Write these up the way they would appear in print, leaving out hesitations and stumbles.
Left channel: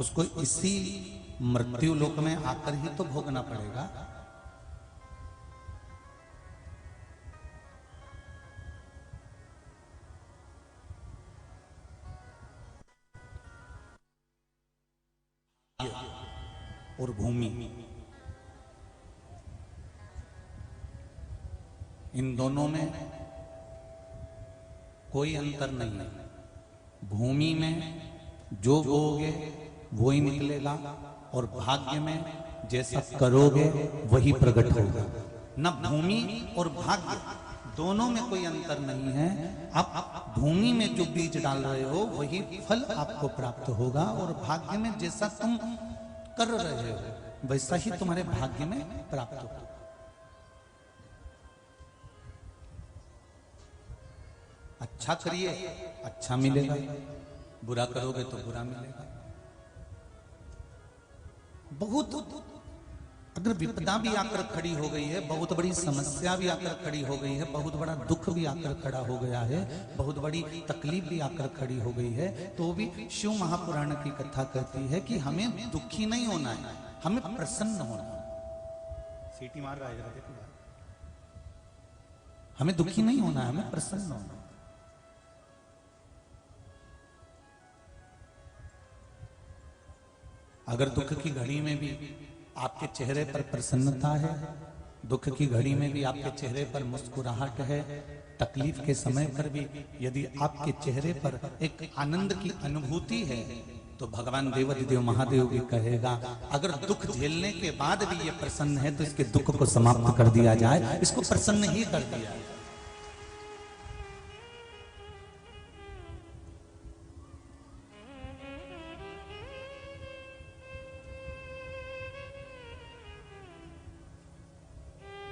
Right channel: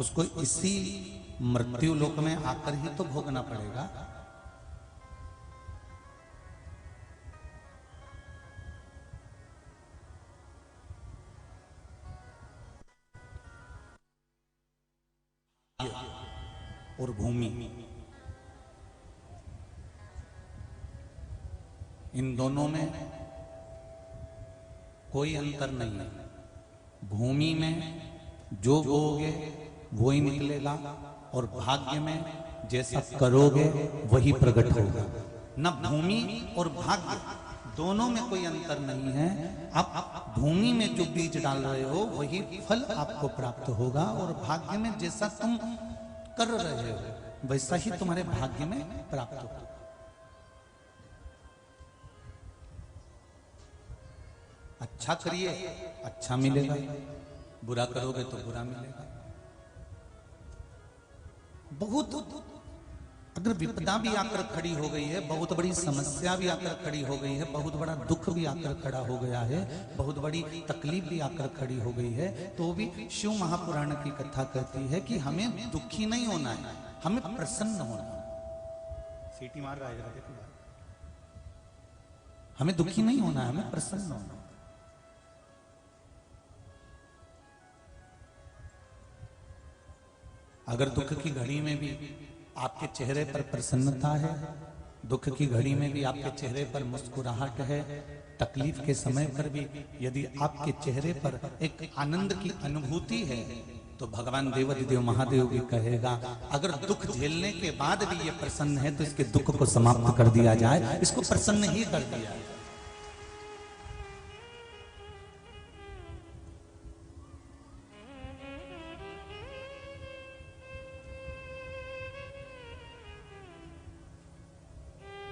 उसको इसी मृत्यु लोक में आकर ही तो भोगना पड़ेगा। और भूमि, इन दोनों में कोई अंतर नहीं है। भूमि में जो बोओगे वो ही निकलेगा और भाग्य में जैसा करोगे वही प्रकट होगा। न भूमि और भाग्य दोनों में कोई अंतर नहीं है। आप भूमि में जो बीज डाल रहे हो वही फल आपको प्राप्त होगा और भाग्य में जैसा तुम कर रहे हो वैसा ही तुम्हारे भाग्य में प्राप्त होगा। अच्छा करिए अच्छा मिलेगा, बुरा करोगे तो बुरा मिलेगा। बहुत अगर विपदा भी आकर खड़ी हो गई है, बहुत बड़ी समस्या भी आकर खड़ी हो गई है, बहुत बड़ा दुख भी आकर खड़ा हो गया है, बहुत बड़ी तकलीफ भी आकर खड़ी हो गई है, तो भी शिव महापुराण की कथा कहती है कि हमें दुखी नहीं होना है, हमें प्रसन्न होना है। सीटी मार रहा है, हमें दुखी नहीं होना है, हमें प्रसन्न होना है। अगर दुख की घड़ी में भी आपके चेहरे पर प्रसन्नता है, दुख की घड़ी में भी आपके चेहरे पर मुस्कुराहट है, तकलीफ के समय पर भी यदि आपके चेहरे पर एक आनंद की अनुभूति है, तो भगवान देवाधिदेव महादेव भी कहेगा अगर दुख झेलने के बाद भी ये प्रसन्न है तो इसके दुख को समाप्त कर दिया जाए, इसको प्रसन्न ही कर दिया जाए।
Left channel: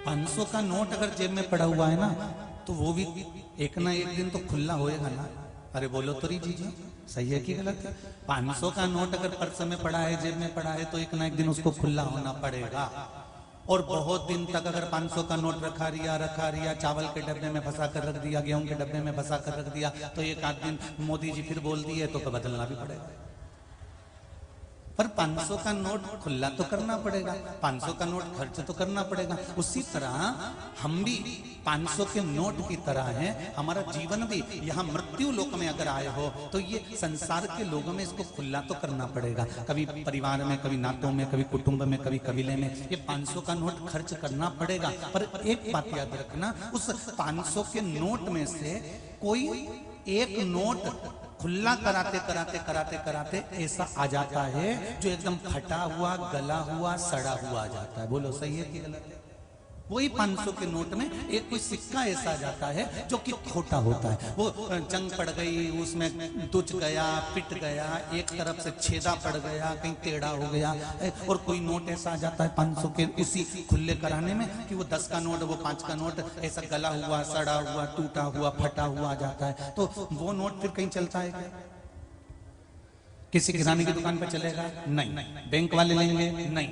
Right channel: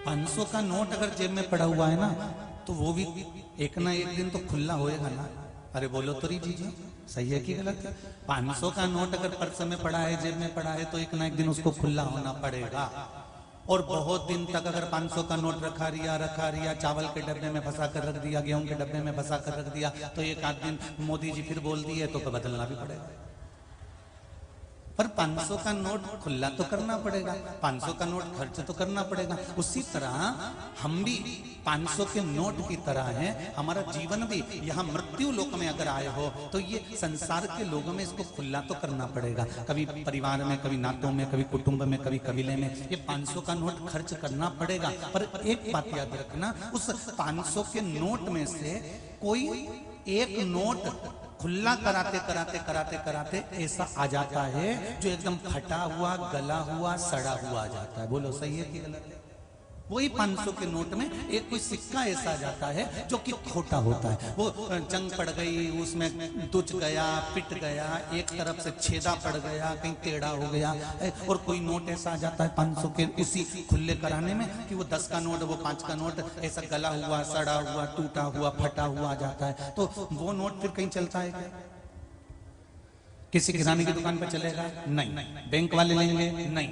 $500 का नोट अगर जेब में पड़ा हुआ है ना, तो वो भी एक ना एक दिन तो खुला होएगा ना। अरे बोलो तो री जीजा, सही है कि गलत है? 500 का नोट अगर पर्स में पड़ा है, जेब में पड़ा है, तो एक ना एक दिन उसको खुला होना पड़ेगा। और बहुत दिन तक अगर 500 का नोट रखा रिया, चावल के डब्बे में फंसा कर रख दिया, गेहूं के डब्बे में फंसा कर रख दिया, तो एक आध दिन मोदी जी फिर बोल दिए तो बदलना भी पड़ेगा। पर 500 का नोट खुला तो करना पड़ेगा, 500 का नोट खर्च तो करना पड़ेगा। उसी तरह हम भी 500 के नोट की तरह हैं। हमारा जीवन भी यहाँ मृत्यु लोक में अगर आए हो तो ये संसार के लोगों में इसको खुला तो करना पड़ेगा। कभी परिवार में, कभी नातों में, कभी कुटुंब में, कभी कबीले में ये 500 का नोट खर्च करना पड़ेगा। पर एक बात याद रखना, उस 500 के नोट में से कोई एक नोट खुला कराते कराते कराते कराते ऐसा आ जाता है जो एकदम फटा हुआ, गला हुआ, सड़ा हुआ आ जाता है। बोलो सही है कि गलत? कोई 500 के नोट में एक कोई सिक्का ऐसा आ जाता है जो कि खोटा होता है। वो जंग पड़ गई, उसमें तुच गया, पिट गया, एक तरफ से छेदा पड़ गया, कहीं टेढ़ा हो गया। और कोई नोट ऐसा आ जाता है 500 के इसी खुले कराने में कि वो 10 का नोट, वो 5 का नोट ऐसा गला हुआ, सड़ा हुआ, टूटा हुआ, फटा हुआ आ जाता है। तो वो नोट फिर कहीं चलता है? किसी किराने की दुकान पर चलेगा? नहीं। बैंक वाले लेंगे? नहीं।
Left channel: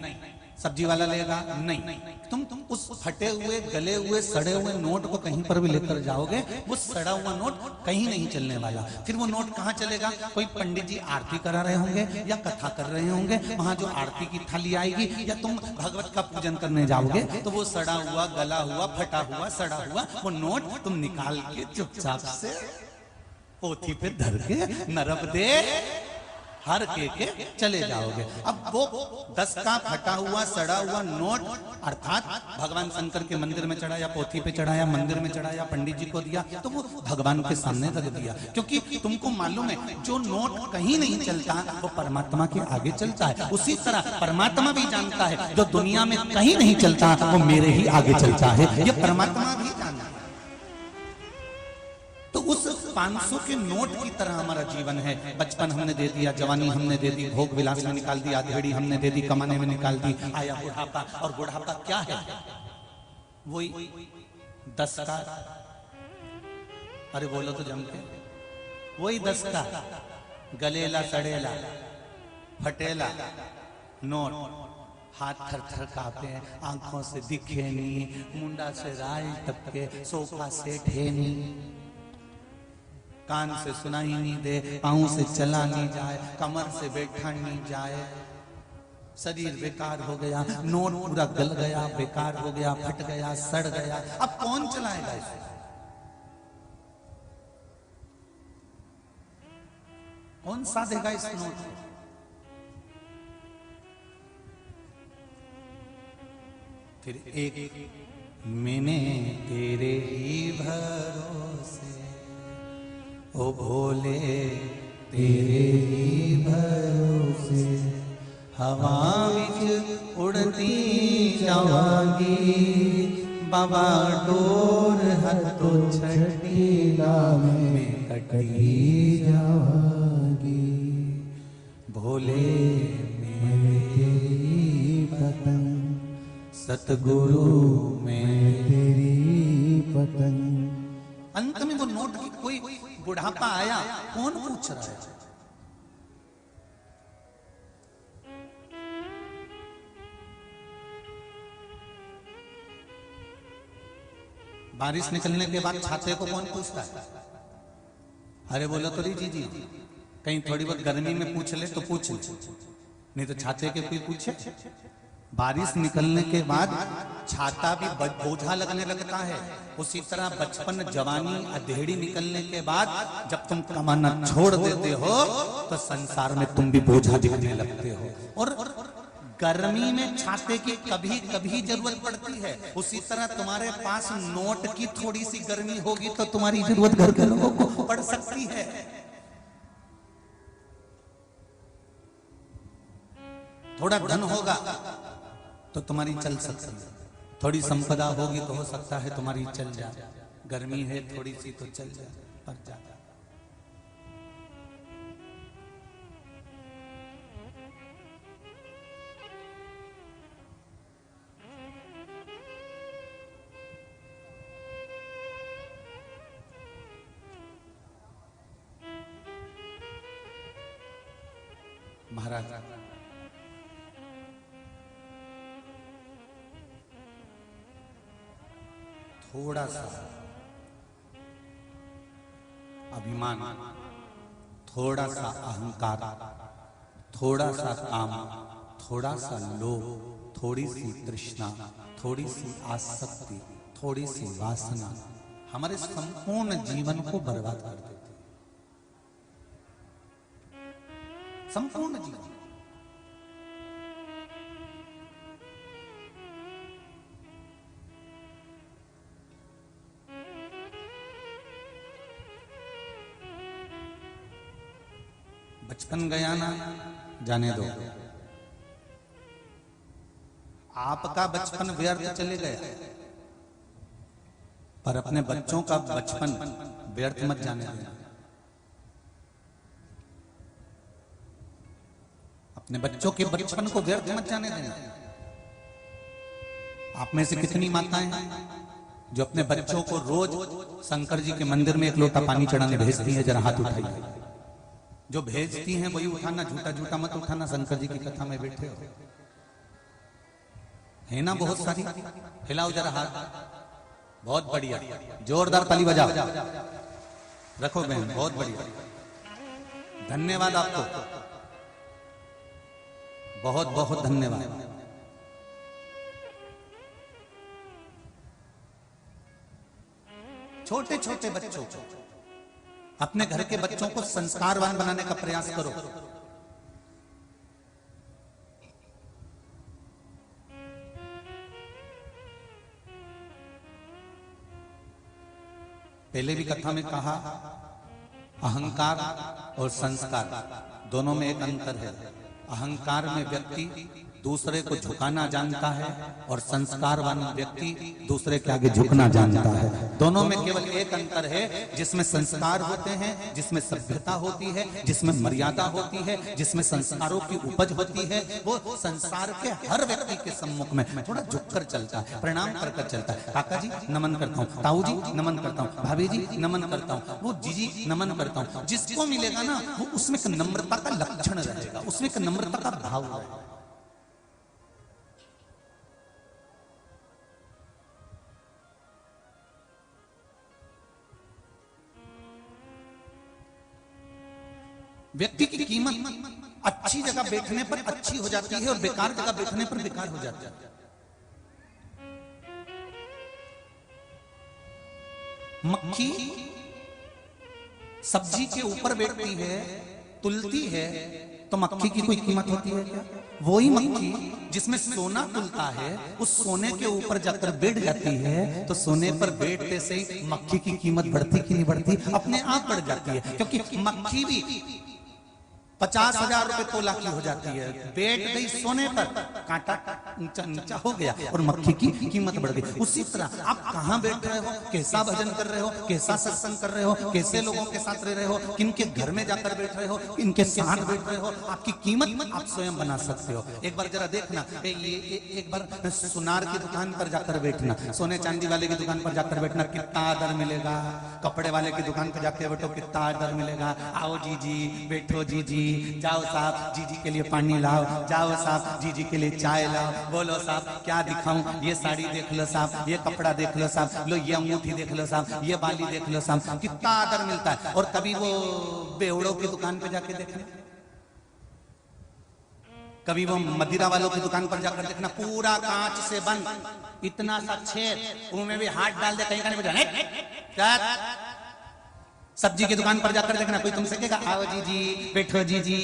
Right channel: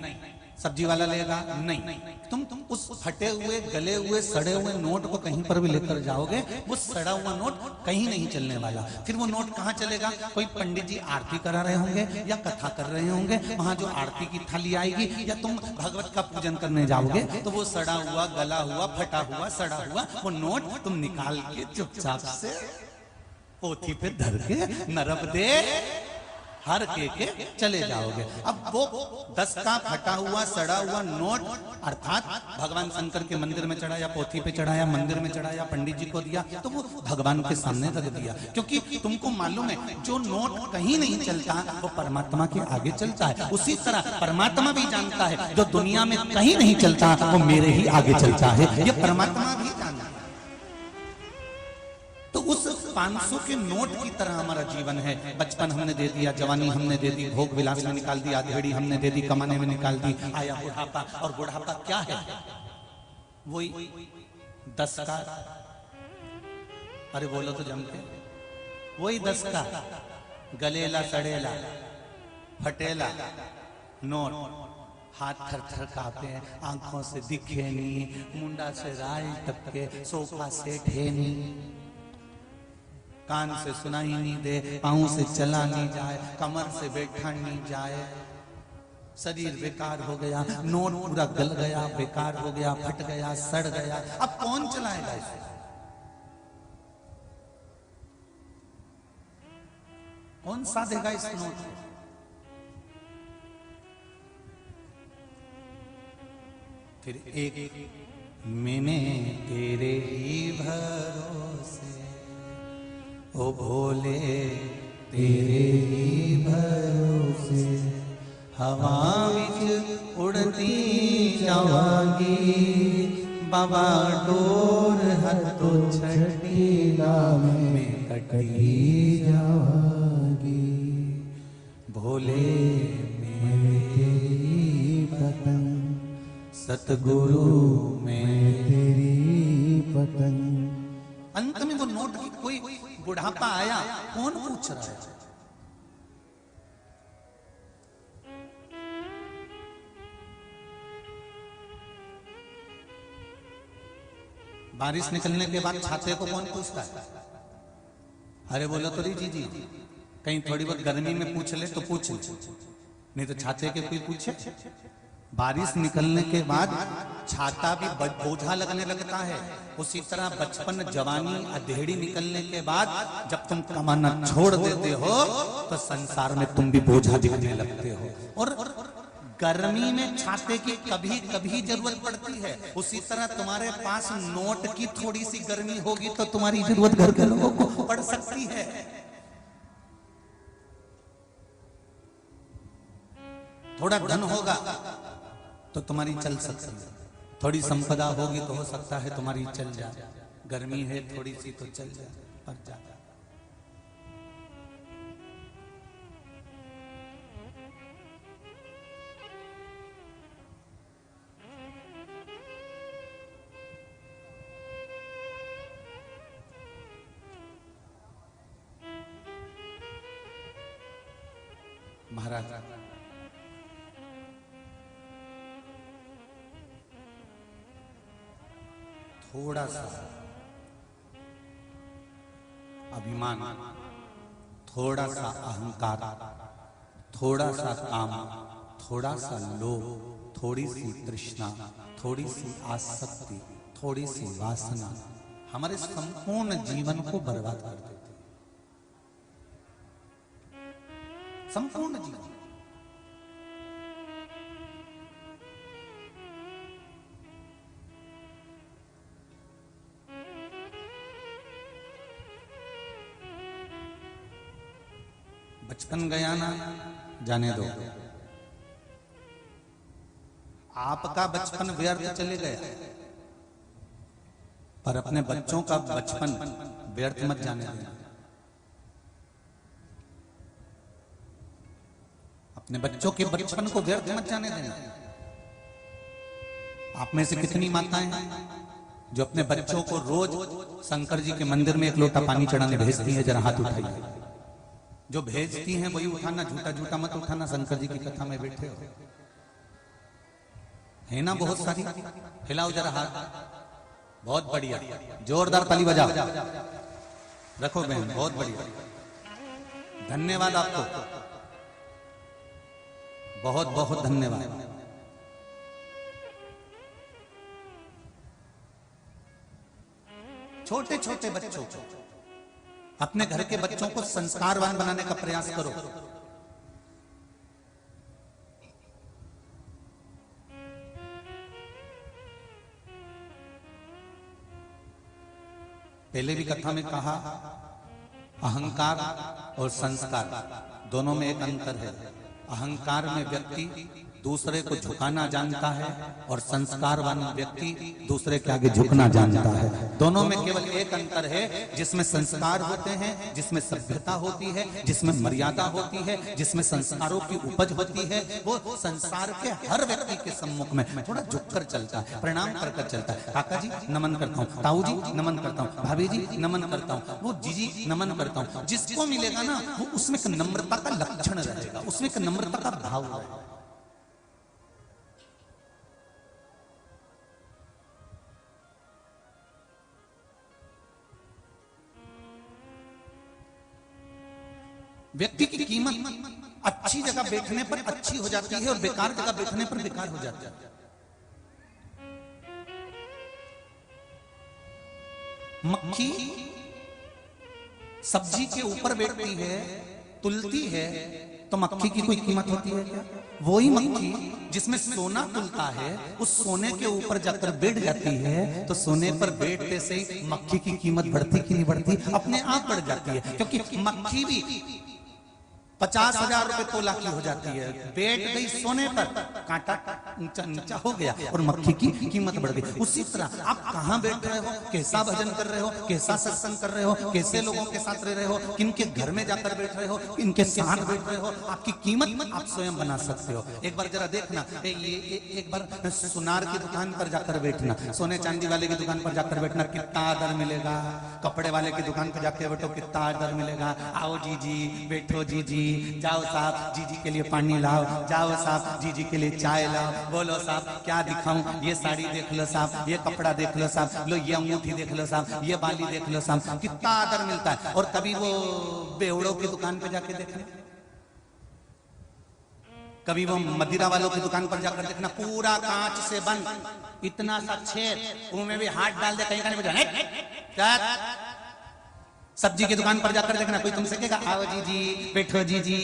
सब्जी वाला लेगा? नहीं। तुम उस फटे हुए, गले हुए, सड़े हुए नोट को कहीं पर भी लेकर जाओगे, वो सड़ा हुआ नोट कहीं नहीं चलने वाला। फिर वो नोट कहाँ चलेगा? कोई पंडित जी आरती करा रहे होंगे या कथा कर रहे होंगे, वहां जो आरती की थाली आएगी, या तुम भगवत का पूजन करने जाओगे तो वो सड़ा हुआ, गला हुआ, फटा हुआ, सड़ा हुआ वो नोट तुम निकाल के चुपचाप से पोथी पे धर के नरम दे हर के चले जाओगे। अब वो 10 का फटा हुआ, सड़ा हुआ नोट अर्थात भगवान शंकर के मंदिर में चढ़ाया, पोथी पे चढ़ाया, मंदिर में चढ़ाया, पंडित जी को दिया, तो वो भगवान के सामने रख दिया। क्योंकि तुमको मालूम है जो नोट कहीं नहीं चलता वो परमात्मा के आगे चलता है। उसी तरह परमात्मा भी जानता है जो दुनिया में कहीं नहीं चलता वो मेरे ही आगे चलता है। ये परमात्मा भी जानता है। तो उस 500 के नोट की तरह हमारा जीवन है। बचपन हमने दे दिया, जवानी हमने दे दी, भोग विलास में निकाल दिया, घड़ी हमने दे दी, कमाने में निकाल दी, आया बुढ़ापा। और बुढ़ापा क्या है? वही 10 का, अरे बोलो तो जमते, वही 10 का गलेला, सड़ेला, फटेला नोट, हाथ थर थर कांपे, आंखों से दिखे नहीं, मुंडा से राई टपके, सोफा से ढेनी। कान से सुनाई नहीं दे, पाँव से चला नहीं जाए, कमर से बैठा नहीं जाए, शरीर बेकार हो गया, नोट पूरा गल गया, बेकार हो गया, फट गया, सड़ गया, अब कौन चलाएगा इसे? कौन सा देगा इस नोट को? फिर एक मैंने तेरे ही भरोसे, ओ भोले तेरे ही भरोसे, हवा विच उड़ती जावांगी, बाबा डोर हथो छठी में कटती जावांगी, भोले मेरे तेरी पतन, सतगुरु मैं तेरी पतन। अंत में वो नोट, कोई बुढ़ापा आया, कौन पूछ रहा है? बारिश निकलने के बाद छाते को कौन पूछता है? अरे बोलो तो जी जी, कहीं थोड़ी बहुत गर्मी में पूछ ले तो पूछ, नहीं तो छाते के कोई पूछे? बारिश निकलने के बाद छाता भी बोझा लगने लगता है। उसी तरह बचपन, जवानी, अधेड़ी निकलने के बाद जब तुम कमाना छोड़ देते हो तो संसार में तुम भी बोझा लगने लगते हो। और गर्मी में छाते की कभी कभी जरूरत पड़ती है। उसी तरह तुम्हारे पास नोट की थोड़ी सी गर्मी होगी तो तुम्हारी जरूरत घर के लोगों को पड़ सकती है। थोड़ा धन होगा तो तुम्हारी चल सकती है, थोड़ी संपदा होगी तो हो सकता है तुम्हारी चल जाए, गर्मी है थोड़ी सी तो चल जाए, पर ज्यादा। महाराज थोड़ा सा अभिमान, थोड़ा सा अहंकार, थोड़ा सा काम, थोड़ा सा लोभ, थोड़ी सी तृष्णा, थोड़ी सी आसक्ति, थोड़ी सी वासना हमारे संपूर्ण जीवन को बर्बाद कर देती है। संपूर्ण जीवन। बचपन गया ना, जाने दो। आपका बचपन व्यर्थ चले गए, पर अपने बच्चों का बचपन व्यर्थ मत जाने देना। अपने बच्चों के बचपन को व्यर्थ मत जाने देना। आप में से कितनी माताएं हैं जो अपने बच्चों को रोज शंकर जी के मंदिर में एक लोटा पानी चढ़ाने भेजती हैं? जरा हाथ उठाइए। जो भेजती हैं वही उठाना, झूठा झूठा मत उठाना। शंकर जी की कथा में बैठे हो है ना बहुत सारी। हिलाओ जरा हाथ, बहुत बढ़िया, जोरदार ताली बजा रखो बहन, बहुत बढ़िया, धन्यवाद आपको, बहुत बहुत धन्यवाद। छोटे छोटे बच्चों, अपने घर के बच्चों को संस्कारवान बनाने का प्रयास करो। पहले भी कथा में कहा, अहंकार और संस्कार दोनों में एक अंतर है। अहंकार में व्यक्ति दूसरे को झुकाना जानता है और संस्कार वाला व्यक्ति दूसरे के आगे झुकना जानता है। दोनों में केवल एक अंतर है, जिसमें संस्कार होते हैं, जिसमें सभ्यता होती है, जिसमें मर्यादा होती है, जिसमें संस्कारों की उपज होती है, वो संसार के हर व्यक्ति के सम्मुख में थोड़ा झुककर चलता है, प्रणाम कर चलता है। काका जी नमन करता हूँ, ताऊ जी नमन करता हूँ, भाभी जी नमन करता हूँ, वो जीजी नमन करता हूँ। जिसको मिलेगा ना वो उसमें एक नम्रता का लक्षण रहेगा, उसमें एक नम्रता का भाव रहेगा। व्यक्ति की कीमत अच्छी जगह बैठने पर अच्छी हो जाती है और बेकार जगह बैठने पर बेकार हो जाती है। मक्खी सब्जी के ऊपर बैठती है, तुलती है, तो मक्खी की कोई कीमत होती है क्या? वही मक्खी जिसमें सोना तुलता है, उस सोने के ऊपर जाकर बैठ जाती है, तो सोने पर बैठते से ही मक्खी की कीमत बढ़ती कि नहीं बढ़ती? अपने आप बढ़ जाती है, क्योंकि मक्खी भी 50,000 रुपए तोला की हो जाती है, बैठ गई सोने पर, कांटा ऊंचा ऊंचा हो गया और मक्खी की कीमत बढ़ गई। उसी तरह आप कहाँ बैठ रहे हो, कैसा भजन कर रहे हो, कैसा सत्संग कर रहे हो, कैसे लोगों के साथ रह रहे हो, किनके घर में जाकर बैठ रहे हो, किनके साथ बैठ रहे हो, आपकी कीमत आप स्वयं बना सकते हो। एक बार जरा देखना, एक बार सुनार की दुकान पर जाकर बैठना, सोने चांदी वाले की दुकान पर जाकर बैठना, कितना आदर मिलेगा। कपड़े वाले की दुकान पर जाकर बैठो, कितना आदर मिलेगा। आओ जी जी, बैठो जी जी, जाओ साहब जी जी के लिए पानी लाओ, जाओ साहब जी जी के लिए चाय लाओ, बोलो साहब क्या दिखाओ, ये साड़ी देख लो साहब, ये कपड़ा देख लो साहब, लो ये अंगूठी देख लो साहब, ये बाली देख लो साहब, कितना आदर मिलता है। और कभी वो बेवड़ों की दुकान पे जाके देखना, कभी वो मदिरा वालों की दुकान पर जाकर देखना, पूरा कांच से बंद, इतना सा छेद, उनमें भी हाथ डाल दे कहीं कहीं। सब्जी की दुकान पर जाकर देखना, कोई तुमसे कहेगा आओ जी जी, बैठो जी जी।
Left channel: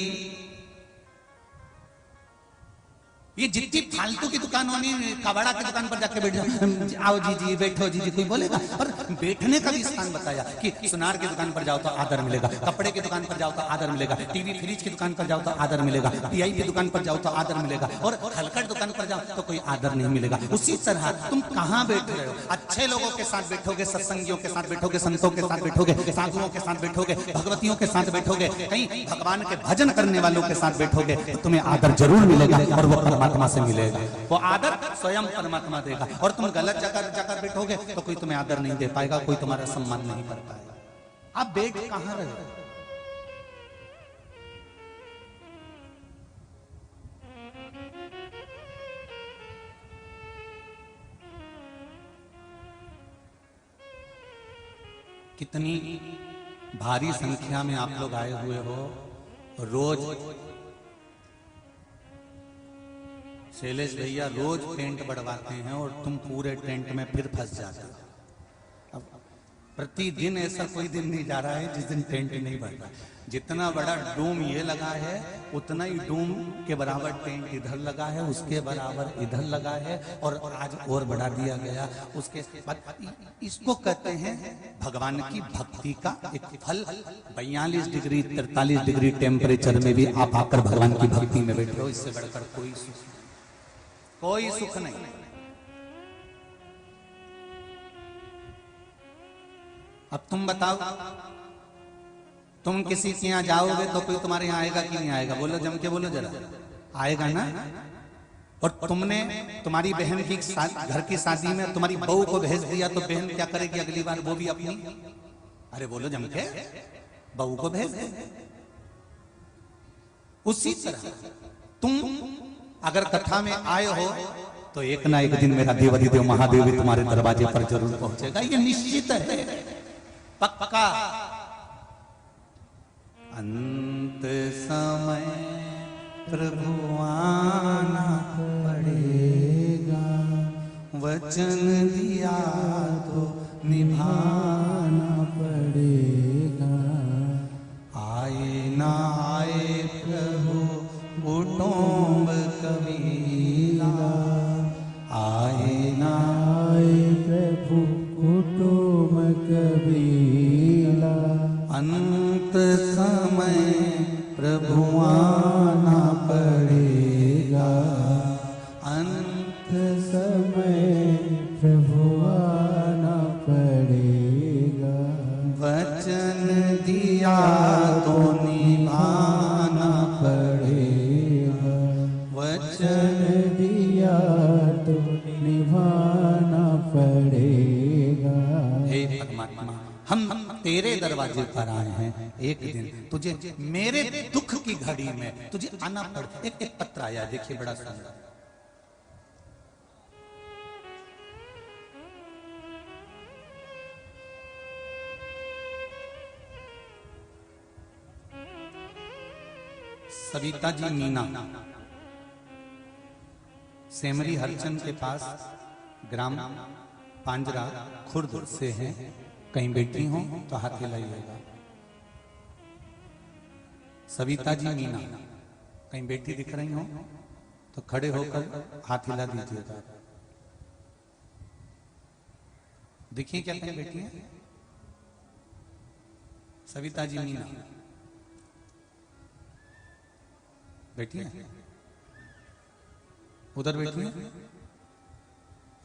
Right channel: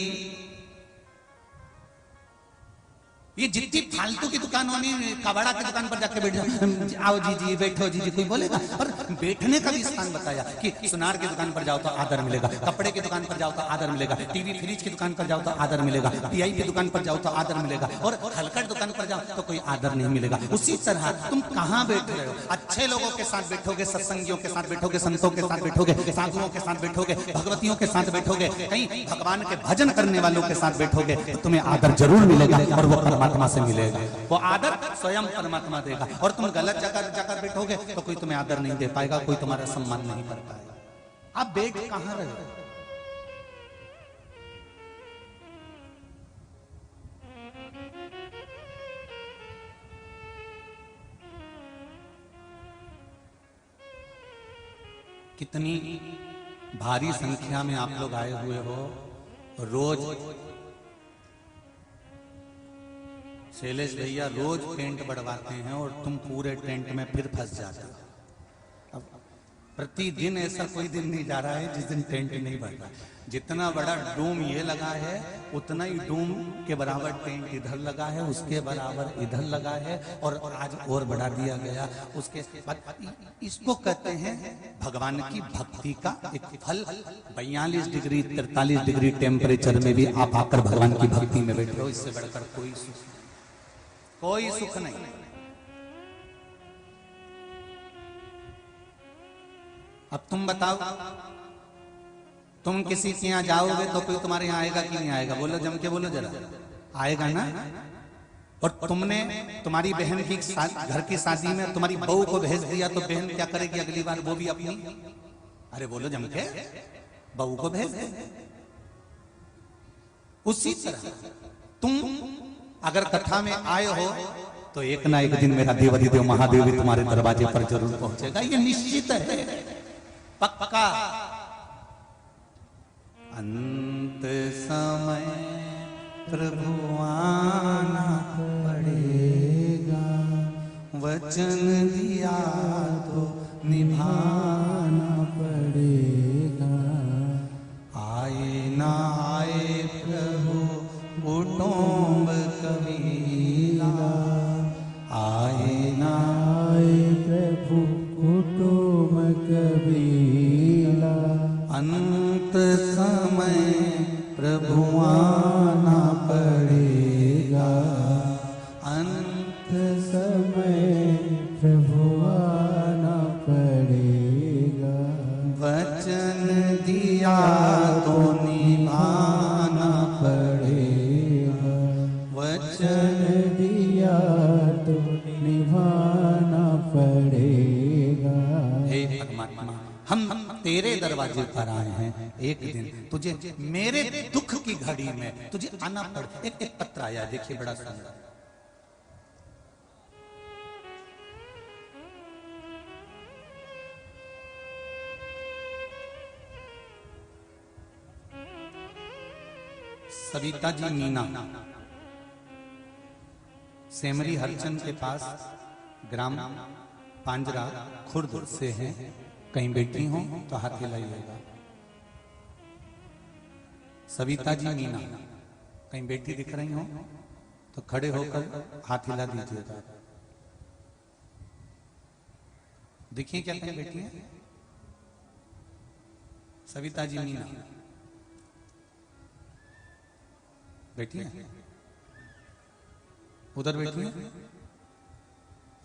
ये जितनी फालतू की दुकान होनी, कबाड़ा की दुकान पर जाकर बैठ जाओ, आओ जी जी, बैठो जी जी, कोई बोलेगा? और बैठने का भी स्थान बताया कि सुनार की दुकान पर जाओ तो आदर मिलेगा, कपड़े की दुकान पर जाओ तो आदर मिलेगा, टीवी फ्रिज की दुकान पर जाओ तो आदर मिलेगा, पीआई की दुकान पर जाओ तो आदर मिलेगा, और हलकट दुकान पर जाओ तो कोई आदर नहीं मिलेगा। उसी तरह तुम कहाँ बैठ रहे हो? अच्छे लोगों के साथ बैठोगे, सत्संगियों के साथ बैठोगे, संतों के साथ बैठोगे, साधुओं के साथ बैठोगे, भगवतियों के साथ बैठोगे, कहीं भगवान के भजन करने वालों के साथ बैठोगे, तुम्हें आदर जरूर मिलेगा और वो परमात्मा से मिलेगा। वो आदर स्वयं परमात्मा देगा। और तुम गलत जगह जाकर बैठोगे तो कोई तुम्हें आदर नहीं दे पाएगा, कोई तुम्हारा सम्मान नहीं कर पाएगा। अब बैठ कहाँ रहे हो? कितनी भारी संख्या में आप लोग आए हुए हो। रोज शैलेश भैया रोज टेंट बढ़वाते हैं और तुम पूरे टेंट में फिर फंस जाते हो। अब प्रतिदिन ऐसा कोई दिन नहीं जा रहा है जिस दिन टेंट नहीं बढ़ता। जितना बड़ा डूम ये लगा है, उतना ही डूम के बराबर टेंट इधर लगा है, उसके बराबर इधर लगा है, और आज और बढ़ा दिया गया। उसके बाद इसको कहते हैं भगवान की भक्ति का एक फल। 42 डिग्री 43 डिग्री टेम्परेचर में भी आप आकर भगवान की भक्ति में बैठो, इससे बढ़कर कोई सुख नहीं। अब तुम बताओ, तुम किसी के यहाँ जाओगे तो कोई तुम्हारे यहाँ आएगा कि नहीं आएगा? बोलो, जम के बोलो जरा, आएगा ना? और तुमने तुम्हारी बहन की घर की शादी में तुम्हारी बहू को भेज दिया तो बहन क्या करेगी अगली बार? वो भी अपनी, अरे बोलो जम के, बहू को भेज दे। उसी तरह तुम अगर कथा में आए हो तो एक ना एक दिन मेरा देवाधिदेव महादेव भी तुम्हारे दरवाजे पर जरूर पहुंचेगा, ये निश्चित है, पक्का। अंत समय प्रभु आना पड़ेगा, वचन दिया तो निभाना पड़ेगा। आए ना आए प्रभु कुटुंब कबीला, आए ना आए प्रभु कुटुंब कबीला। अंत समय प्रभु आना पड़ेगा, अंत समय प्रभु आना पड़ेगा। वचन दिया तो निभाना पड़ेगा, वचन दिया तो निभाना पड़ेगा। हे परमात्मा, हम तेरे दरवाजे पर आए हैं। एक दिन तुझे मेरे दुख की घड़ी में तुझे आना पड़। एक पत्र आया, देखिए बड़ा सुंदर। सविता जी मीना सेमरी हरचंद के पास ग्राम पांजरा खुर्द से हैं। कहीं बैठी हो तो हाथ हिलाइएगा। सविता जी मीना कहीं बैठी दिख रही हो तो खड़े होकर हाथ हिला दीजिएगा। देखिए क्या बैठी है सविता जी मीना बैठी है, उधर बैठी है,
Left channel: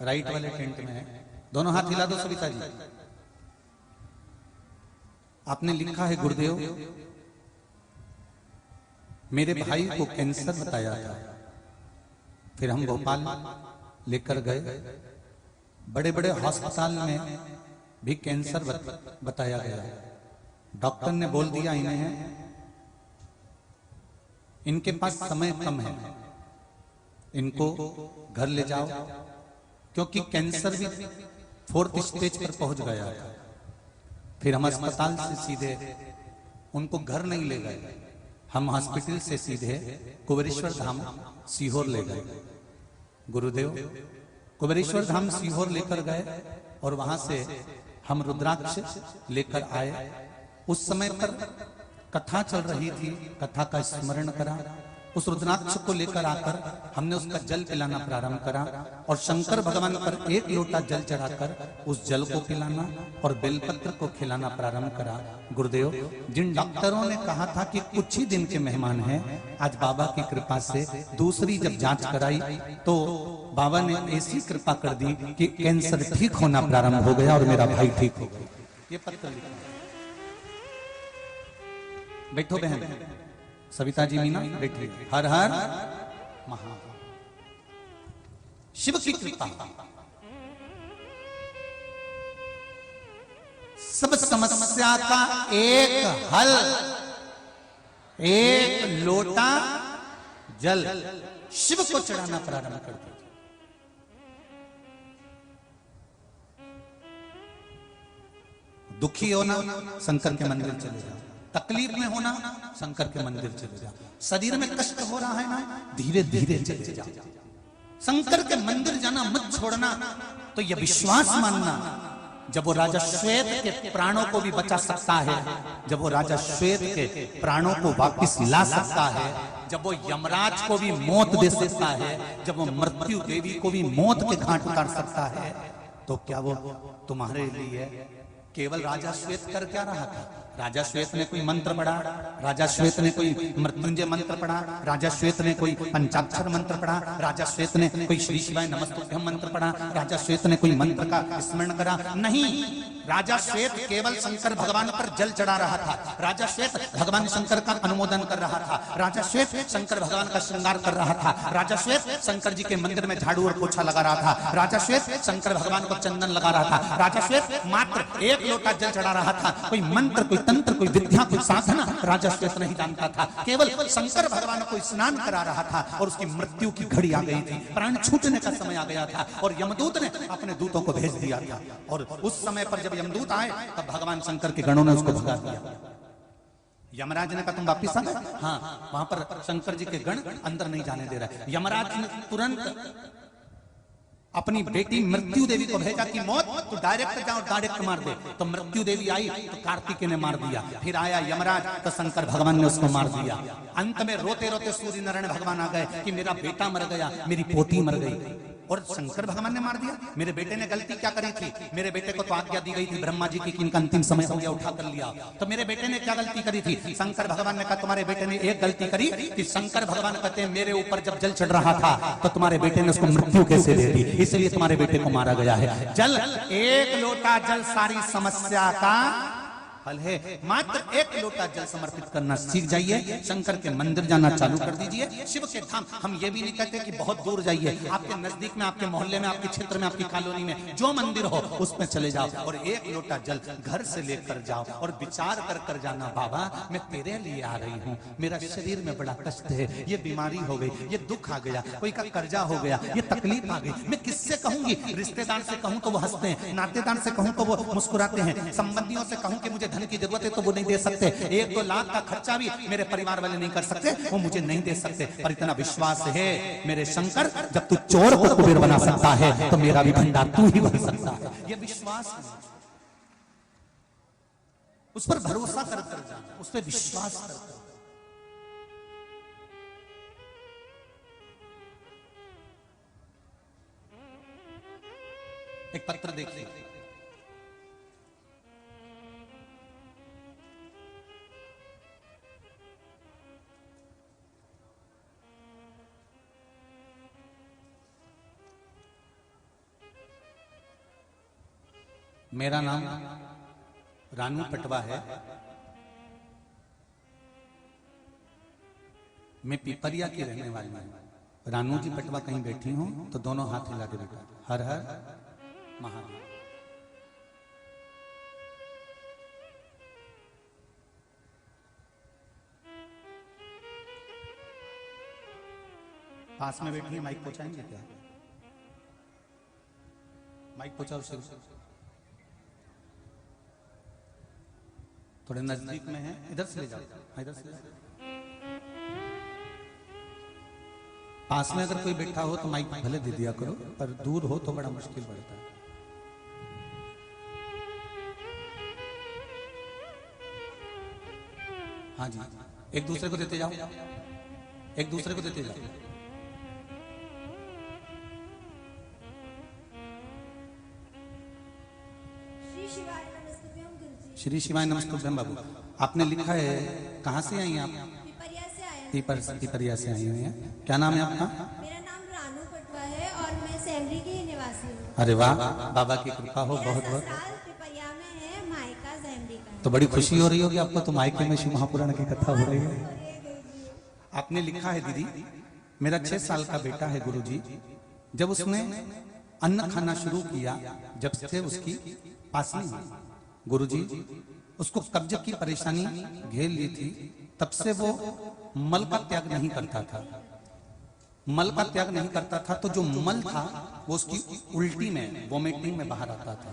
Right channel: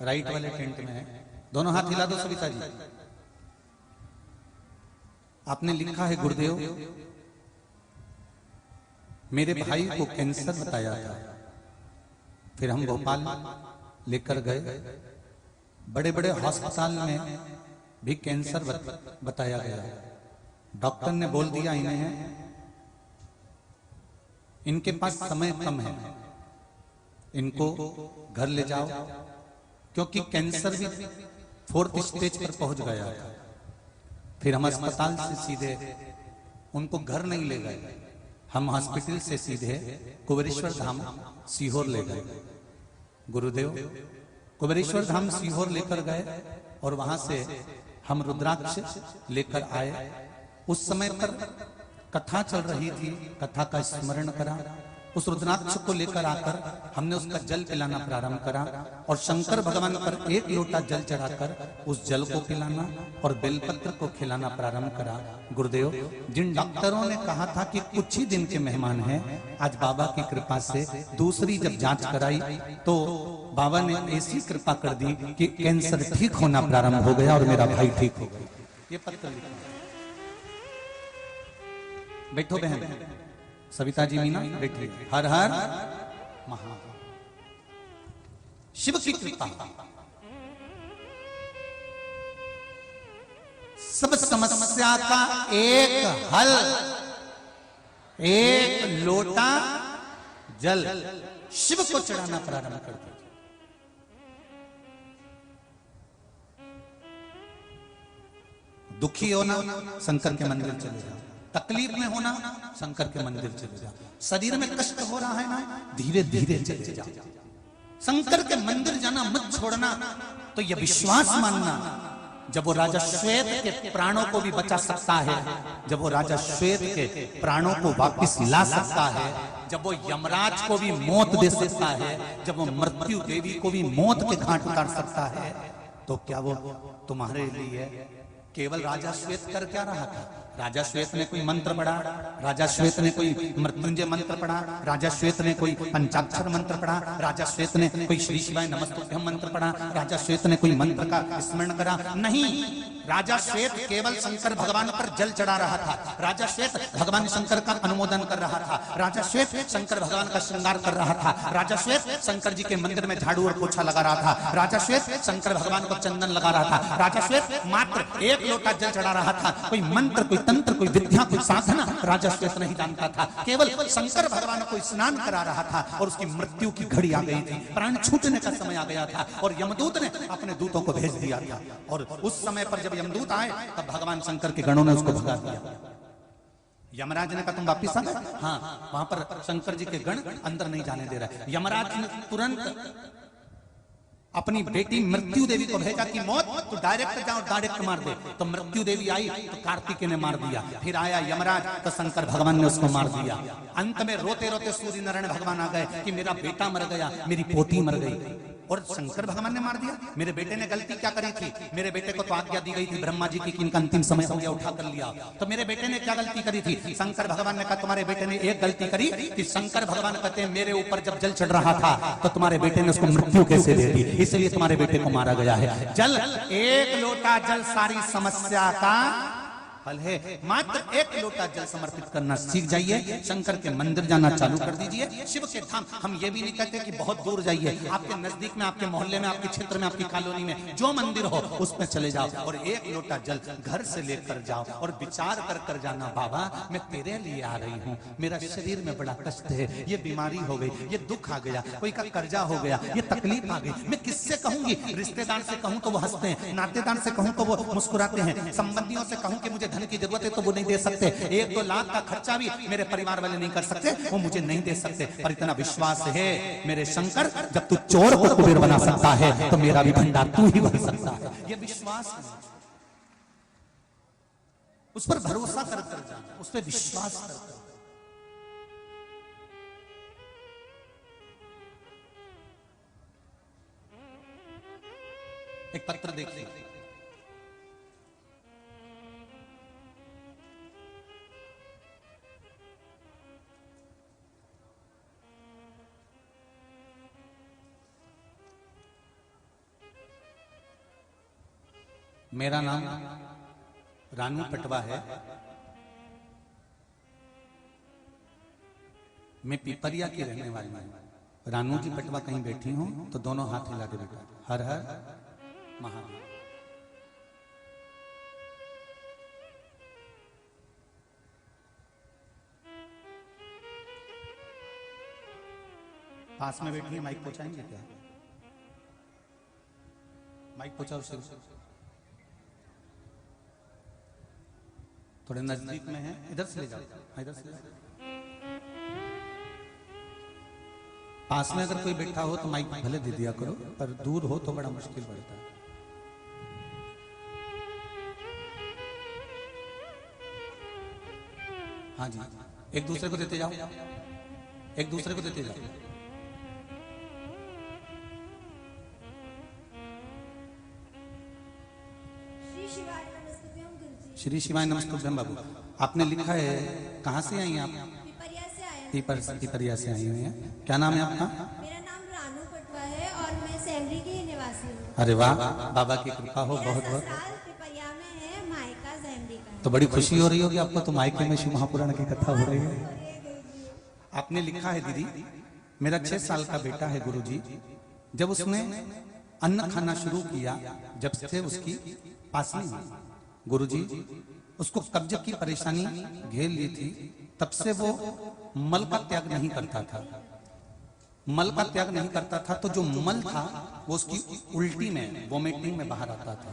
राइट वाले टेंट में है। दोनों हाथ हिला दो सविता जी। आपने लिखा है गुरुदेव मेरे भाई को कैंसर बताया था, फिर हम भोपाल लेकर गए, बड़े बड़े अस्पताल में भी कैंसर बताया गया। डॉक्टर ने बोल दिया इनके पास समय कम है, इनको घर ले जाओ, क्योंकि कैंसर भी 4th स्टेज पर पहुंच गया। फिर हम अस्पताल से सीधे उनको घर नहीं ले गए, हम हॉस्पिटल से सीधे कुबेरेश्वर धाम सीहोर ले गए। गुरुदेव कुबेरेश्वर धाम सीहोर लेकर गए और वहां से हम रुद्राक्ष लेकर आए। उस समय पर कथा चल रही थी, कथा का स्मरण करा, उस रुद्राक्ष को लेकर आकर हमने उसका जल पिलाना प्रारंभ करा और शंकर भगवान पर 1 लोटा जल चढ़ाकर उस जल को पिलाना और बेलपत्र को खिलाना प्रारंभ करा। गुरुदेव जिन डॉक्टरों ने कहा था कि कुछ ही दिन के मेहमान हैं, आज बाबा की कृपा से दूसरी जब जांच कराई तो बाबा ने ऐसी कृपा कर दी कि कैंसर ठीक होना प्रारंभ हो गया और मेरा भाई ठीक हो गया। ये पत्र लिखा। बैठो बहन, सविता जी मीना बैठी। हर हर महा शिव की कृपा, सब समस्या का एक हल, 1 लोटा जल शिव को चढ़ाना प्रारंभ कर दिया। दुखी होना शंकर के मंदिर चले जाओ, तकलीफ में होना शंकर के मंदिर चले जाओ, शरीर में कष्ट हो रहा है ना धीरे धीरे चले जाओ, शंकर के मंदिर जाना मत छोड़ना। तो यह विश्वास मानना जब वो राजा श्वेत के प्राणों को भी बचा सकता है, जब वो राजा श्वेत के प्राणों को वापस ला सकता है, जब वो यमराज को भी मौत दे सकता है, जब वो मृत्यु देवी को भी मौत के घाट उतार सकता है, तो क्या वो तुम्हारे लिए केवल राजा श्वेत कर क्या रहा था? राजा श्वेत ने कोई मंत्र पढ़ा, राजा श्वेत ने कोई मृत्युंजय मंत्र पढ़ा, राजा श्वेत ने कोई पंचाक्षर मंत्र पढ़ा, राजा श्वेत ने कोई श्री शिवाय नमस्तुभ्यम मंत्र पढ़ा, राजा श्वेत ने कोई मंत्र का स्मरण करा? नहीं, राजा श्वेत केवल शंकर भगवान पर जल चढ़ा रहा था, राजा श्वेत भगवान शंकर का अनुमोदन कर रहा था, राजा श्वेत शंकर भगवान का श्रृंगार कर रहा था, राजा श्वेत शंकर जी के मंदिर में झाड़ू और पोछा लगा रहा था, राजा श्वेत शंकर भगवान को चंदन लगा रहा था, राजा श्वेत मात्र 1 लोटा जल चढ़ा रहा था। कोई मंत्र, कोई तंत्र, कोई विद्या, कोई साधना राजा श्वेत नहीं जानता था, केवल शंकर भगवान को स्नान करा रहा था और उसकी मृत्यु की घड़ी आ गई थी, प्राण छूटने का समय आ गया था और यमदूत ने अपने दूतों को भेज दिया था। और उस समय पर जब यमदूत आए तो भगवान शंकर के गणों ने उसको झुका दिया। यमराज ने कहा तुम वापिस आ गए? हाँ, वहां पर शंकर जी के गण अंदर नहीं जाने दे रहे। यमराज ने तुरंत अपनी बेटी मृत्यु देवी को भेजा कि मौत तो डायरेक्ट जाओ, डायरेक्ट मार दे। तो मृत्यु देवी आई तो कार्तिकेय ने मार दिया, फिर आया यमराज तो शंकर भगवान ने उसको मार दिया। अंत में रोते रोते सूर्य नारायण भगवान आ गए कि मेरा बेटा मर गया, मेरी पोती मर गई, और शंकर भगवान ने मार दिया। मेरे बेटे ने गलती क्या करी थी? मेरे बेटे को तो आज्ञा दी गई थी ब्रह्मा जी की कि इनका अंतिम समय हो गया, उठा कर लिया। तो मेरे बेटे ने क्या गलती करी थी? शंकर भगवान ने कहा तुम्हारे बेटे ने एक गलती करी कि शंकर भगवान कहते हैं मेरे ऊपर जब जल चढ़ रहा था तो तुम्हारे बेटे ने उसको मृत्यु कैसे दे दी, इसलिए तुम्हारे बेटे को मारा गया है। जल 1 लोटा जल सारी समस्या का मात्र 1 लोटा जल समर्पित करना सीख जाइए, शंकर के मंदिर जाना चालू कर दीजिए। शिव के धाम, हम ये भी नहीं कहते कि बहुत दूर जाइए, आपके नजदीक में, आपके मोहल्ले में, आपके क्षेत्र में, आपकी कॉलोनी में जो मंदिर हो उसमें चले जाओ और 1 लोटा जल घर से लेकर जाओ और विचार कर जाना, बाबा मैं तेरे लिए आ रही हूँ, मेरा शरीर में बड़ा कष्ट है, ये बीमारी हो गई, ये दुख आ गया, कोई का कर्जा हो गया, ये तकलीफ आ गई, मैं किससे कहूंगी? रिश्तेदार से कहूँ तो वो हंसते हैं, नातेदार से कहूँ तो वो मुस्कुराते हैं, संबंधियों से कहूँ कि मुझे धन की जरूरत है तो वो नहीं दे सकते, 1-2 लाख का खर्चा भी मेरे परिवार वाले नहीं कर सकते, वो मुझे नहीं दे सकते, पर तेरा विश्वास है मेरे शंकर, जब तू चोर को कुबेर बना सकता है तो मेरा भी भंडार तू ही बन सकता है। ये विश्वास है, उस पर भरोसा कर जा, उस पर विश्वास कर। एक पत्र देखिए, मेरा नाम रानू पटवा है, मैं पिपरिया की रहने वाली हूँ। रानू जी पटवा कहीं बैठी हूँ तो दोनों हाथ हिला के बैठा, हर हर महादेव। पास में बैठी है, माइक पहुंचाएंगे क्या? माइक पहुंचाओ सही से, थोड़े नजदीक में है, इधर से ले जाओ, इधर से ले जाओ। पास में अगर कोई बैठा हो तो माइक भले दे दिया करो, पर दूर हो तो बड़ा मुश्किल पड़ता है। हाँ जी, एक दूसरे को देते जाओ, एक दूसरे को देते जाओ। श्री शिवाय नमस्कार बाबू। आपने लिखा है, कहाँ से आई आप? पिपरिया से आए हैं। पिपरिया से आई हुई है। क्या नाम है आपका? मेरा नाम रानू पटवा है और मैं सेमरी की निवासी हूँ। अरे वाह, बाबा की कृपा हो बहुत बहुत। पिपरिया में है, मायका सेमरी का। तो बड़ी खुशी हो रही होगी आपको, तो मायके में शिव महापुराण की कथा हो रही है। आपने लिखा है दीदी, मेरा 6 साल का बेटा है गुरु जी, जब उसने अन्न खाना शुरू किया, जब से उसकी पासनी गुरु जी उसको कब्ज की परेशानी घेर ली थी, तब से वो मल का त्याग नहीं करता था। मल का त्याग नहीं करता था तो जो मल था वो उसकी उल्टी में, वोमिटिंग में बाहर आता था।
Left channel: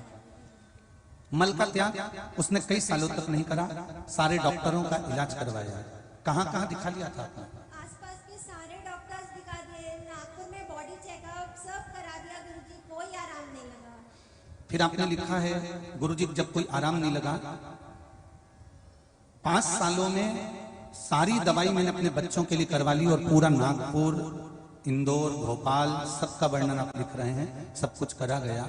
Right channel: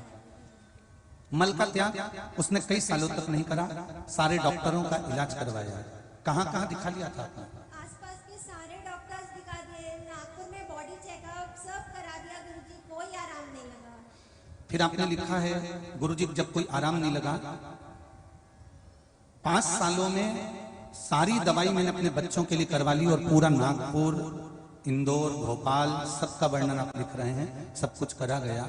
मल का त्याग उसने कई सालों तक नहीं करा, सारे डॉक्टरों का इलाज करवाया। कहाँ कहाँ दिखा लिया था आपने? आसपास के सारे डॉक्टर्स दिखा दिए, नागपुर में बॉडी चेकअप सब करा दिया गुरुजी, कोई आराम नहीं लगा। फिर आपने लिखा है गुरुजी, जब कोई आराम नहीं लगा, 5 सालों में सारी दवाई मैंने अपने बच्चों के लिए करवा ली और पूरा नागपुर, इंदौर, भोपाल सबका वर्णन आप लिख रहे हैं, सब कुछ करा गया।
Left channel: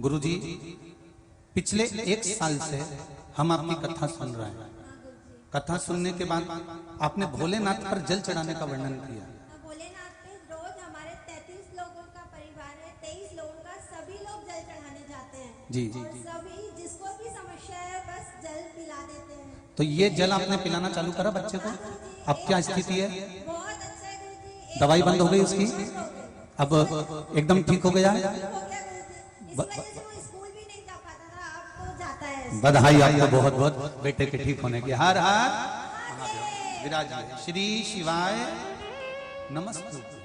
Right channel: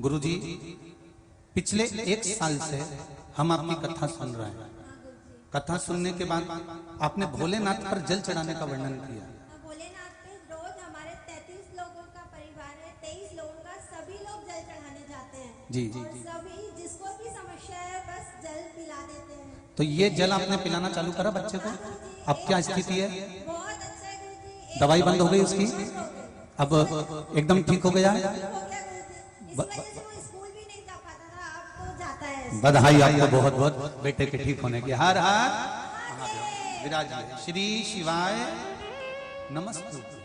गुरुजी पिछले 1 साल से हम आपकी कथा सुन रहे हैं। कथा सुनने के बाद आपने भोलेनाथ पर जल चढ़ाने का वर्णन किया। भोलेनाथ के रोज हमारे 33 लोगों का परिवार है, 23 लोगों का, सभी लोग जल चढ़ाने जाते हैं। जी जी जी। सभी जिसको भी समस्या है बस जल पिला देते हैं। तो ये जल आपने पिलाना चालू करा बच्चे को? अब क्या स्थिति है? बहुत अच्छा है गुरुजी। दवाई बंद हो गई उसकी, अब एकदम ठीक हो गया है। इस वजह से वो स्कूल भी नहीं जा पाता था, अब तो जाता है। बधाई आपको बहुत बहुत बेटे के ठीक होने की। हर हर विराज। श्री शिवाय नमस्ते।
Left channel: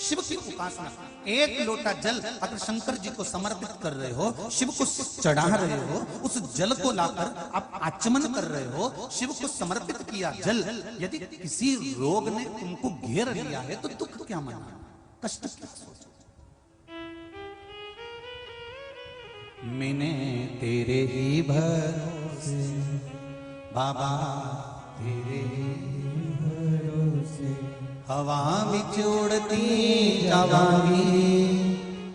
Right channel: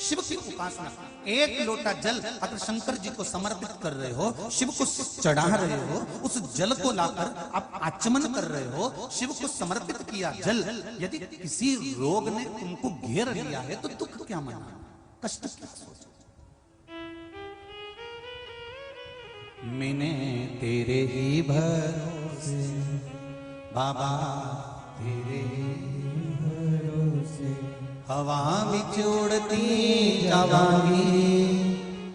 शिव की उपासना, 1 लोटा जल अगर शंकर जी को समर्पित कर रहे हो, शिव को चढ़ा रहे हो, उस जल को लाकर आप आचमन कर रहे हो, शिव को समर्पित किया जल, यदि किसी रोग ने तुमको घेर लिया है तो दुख क्या मना, कष्ट क्या? मैंने तेरे ही भरोसे बाबा, तेरे से हवा बिछोड़ती जावागी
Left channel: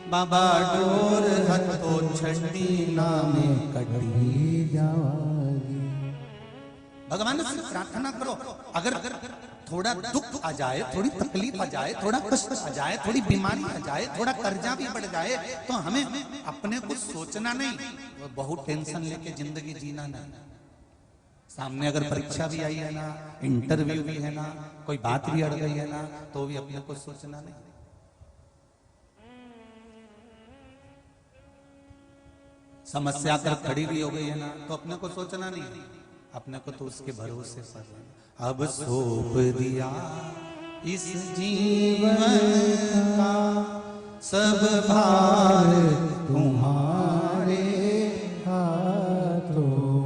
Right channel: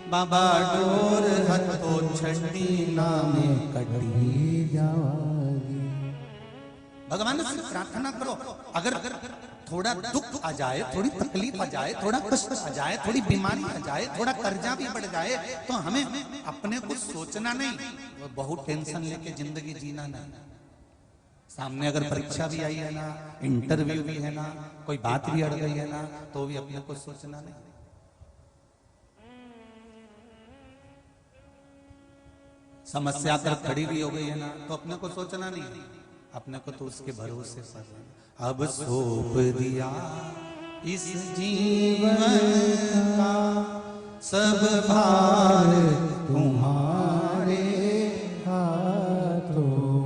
बाबा, दूर मत छड़ी नामे कटी जाए। भगवान से प्रार्थना करो, अगर थोड़ा दुख आ जाए, थोड़ी तकलीफ आ जाए, थोड़ा कष्ट आ जाए, थोड़ी बीमारी आ जाए, थोड़ा कर्जा भी बढ़ जाए, तो हमें अपने को सोचना नहीं, वो बहुत टेंशन लेके जिंदगी जीना नहीं। सामने अगर परीक्षा भी आई है ना, इंटरव्यू भी है ना, कोई बात भी अड़ गई है ना, तो भी अपने को सोचना नहीं। समस्या अगर खड़ी भी हो गई है ना, तो अपने को सोचना नहीं, अपने को तो उसके भरोसे पर अब सौंप दिया इस जीवन का सब भार तुम्हारे हाथों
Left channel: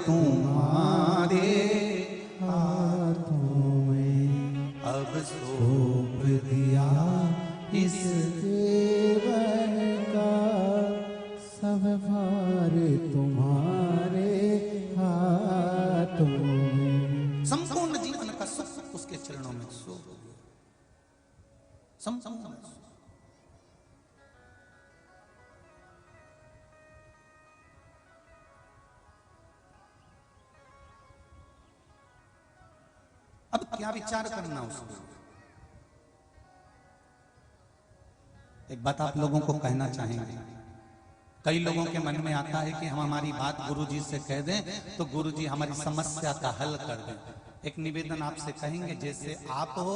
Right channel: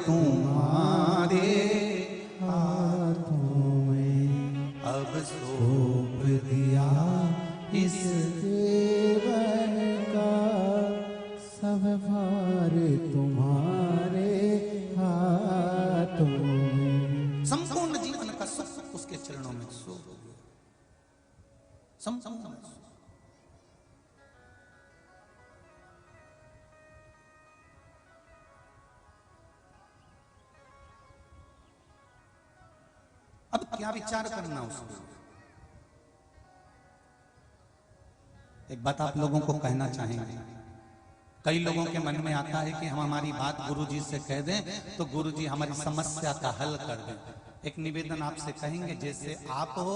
तुम्हारे हाथों में, अब सौंप दिया इस देवर का, सब भार तुम्हारे हाथों में। संपूर्ण जीवन का सुख उसके चरणों में सौंप दिया। संपूर्ण अब क्या विचार करना उसमें। एक बात आप लोगों को कहना चाहेंगे, कई लोगों के मन में आता है कि हम हमारी बात गुरुजी से कह दें तो गुरुजी हमारी समस्या का हल कर दें। एक निवेदन आपसे कहेंगे, जैसे आप हो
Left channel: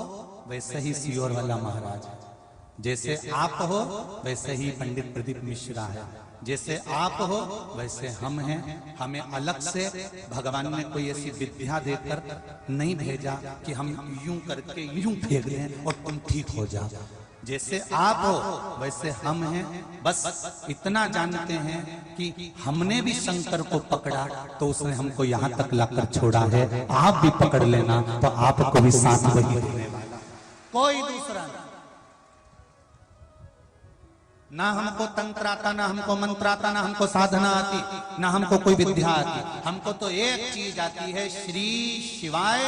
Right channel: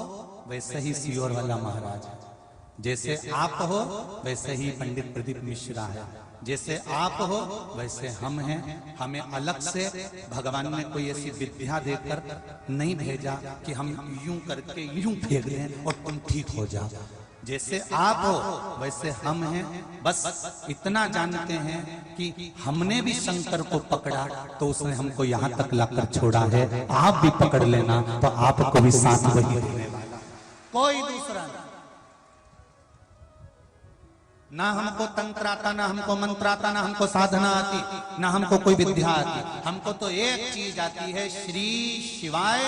वैसे ही सियोरहला महाराज, जैसे आप हो वैसे ही पंडित प्रदीप मिश्रा है, जैसे आप हो वैसे हम हैं। हमें अलग से भगवान ने कोई ऐसी विद्या देकर नहीं भेजा कि हम यूं करके यूं फेंक दें और तुम ठीक हो जाओ। जैसे आप हो वैसे हम हैं। बस इतना जानते हैं कि हमने भी शंकर को पकड़ा तो उसने हमको यहाँ तक लाकर छोड़ा है। आप भी पकड़ लेना तब आपको साथ नहीं देने वाला कोई दूसरा। ना हमको तंत्र आता, ना हमको मंत्र आता, ना हमको साधना आती, ना हमको कोई विद्या आती। हमको तो एक चीज आती है, श्री शिवाय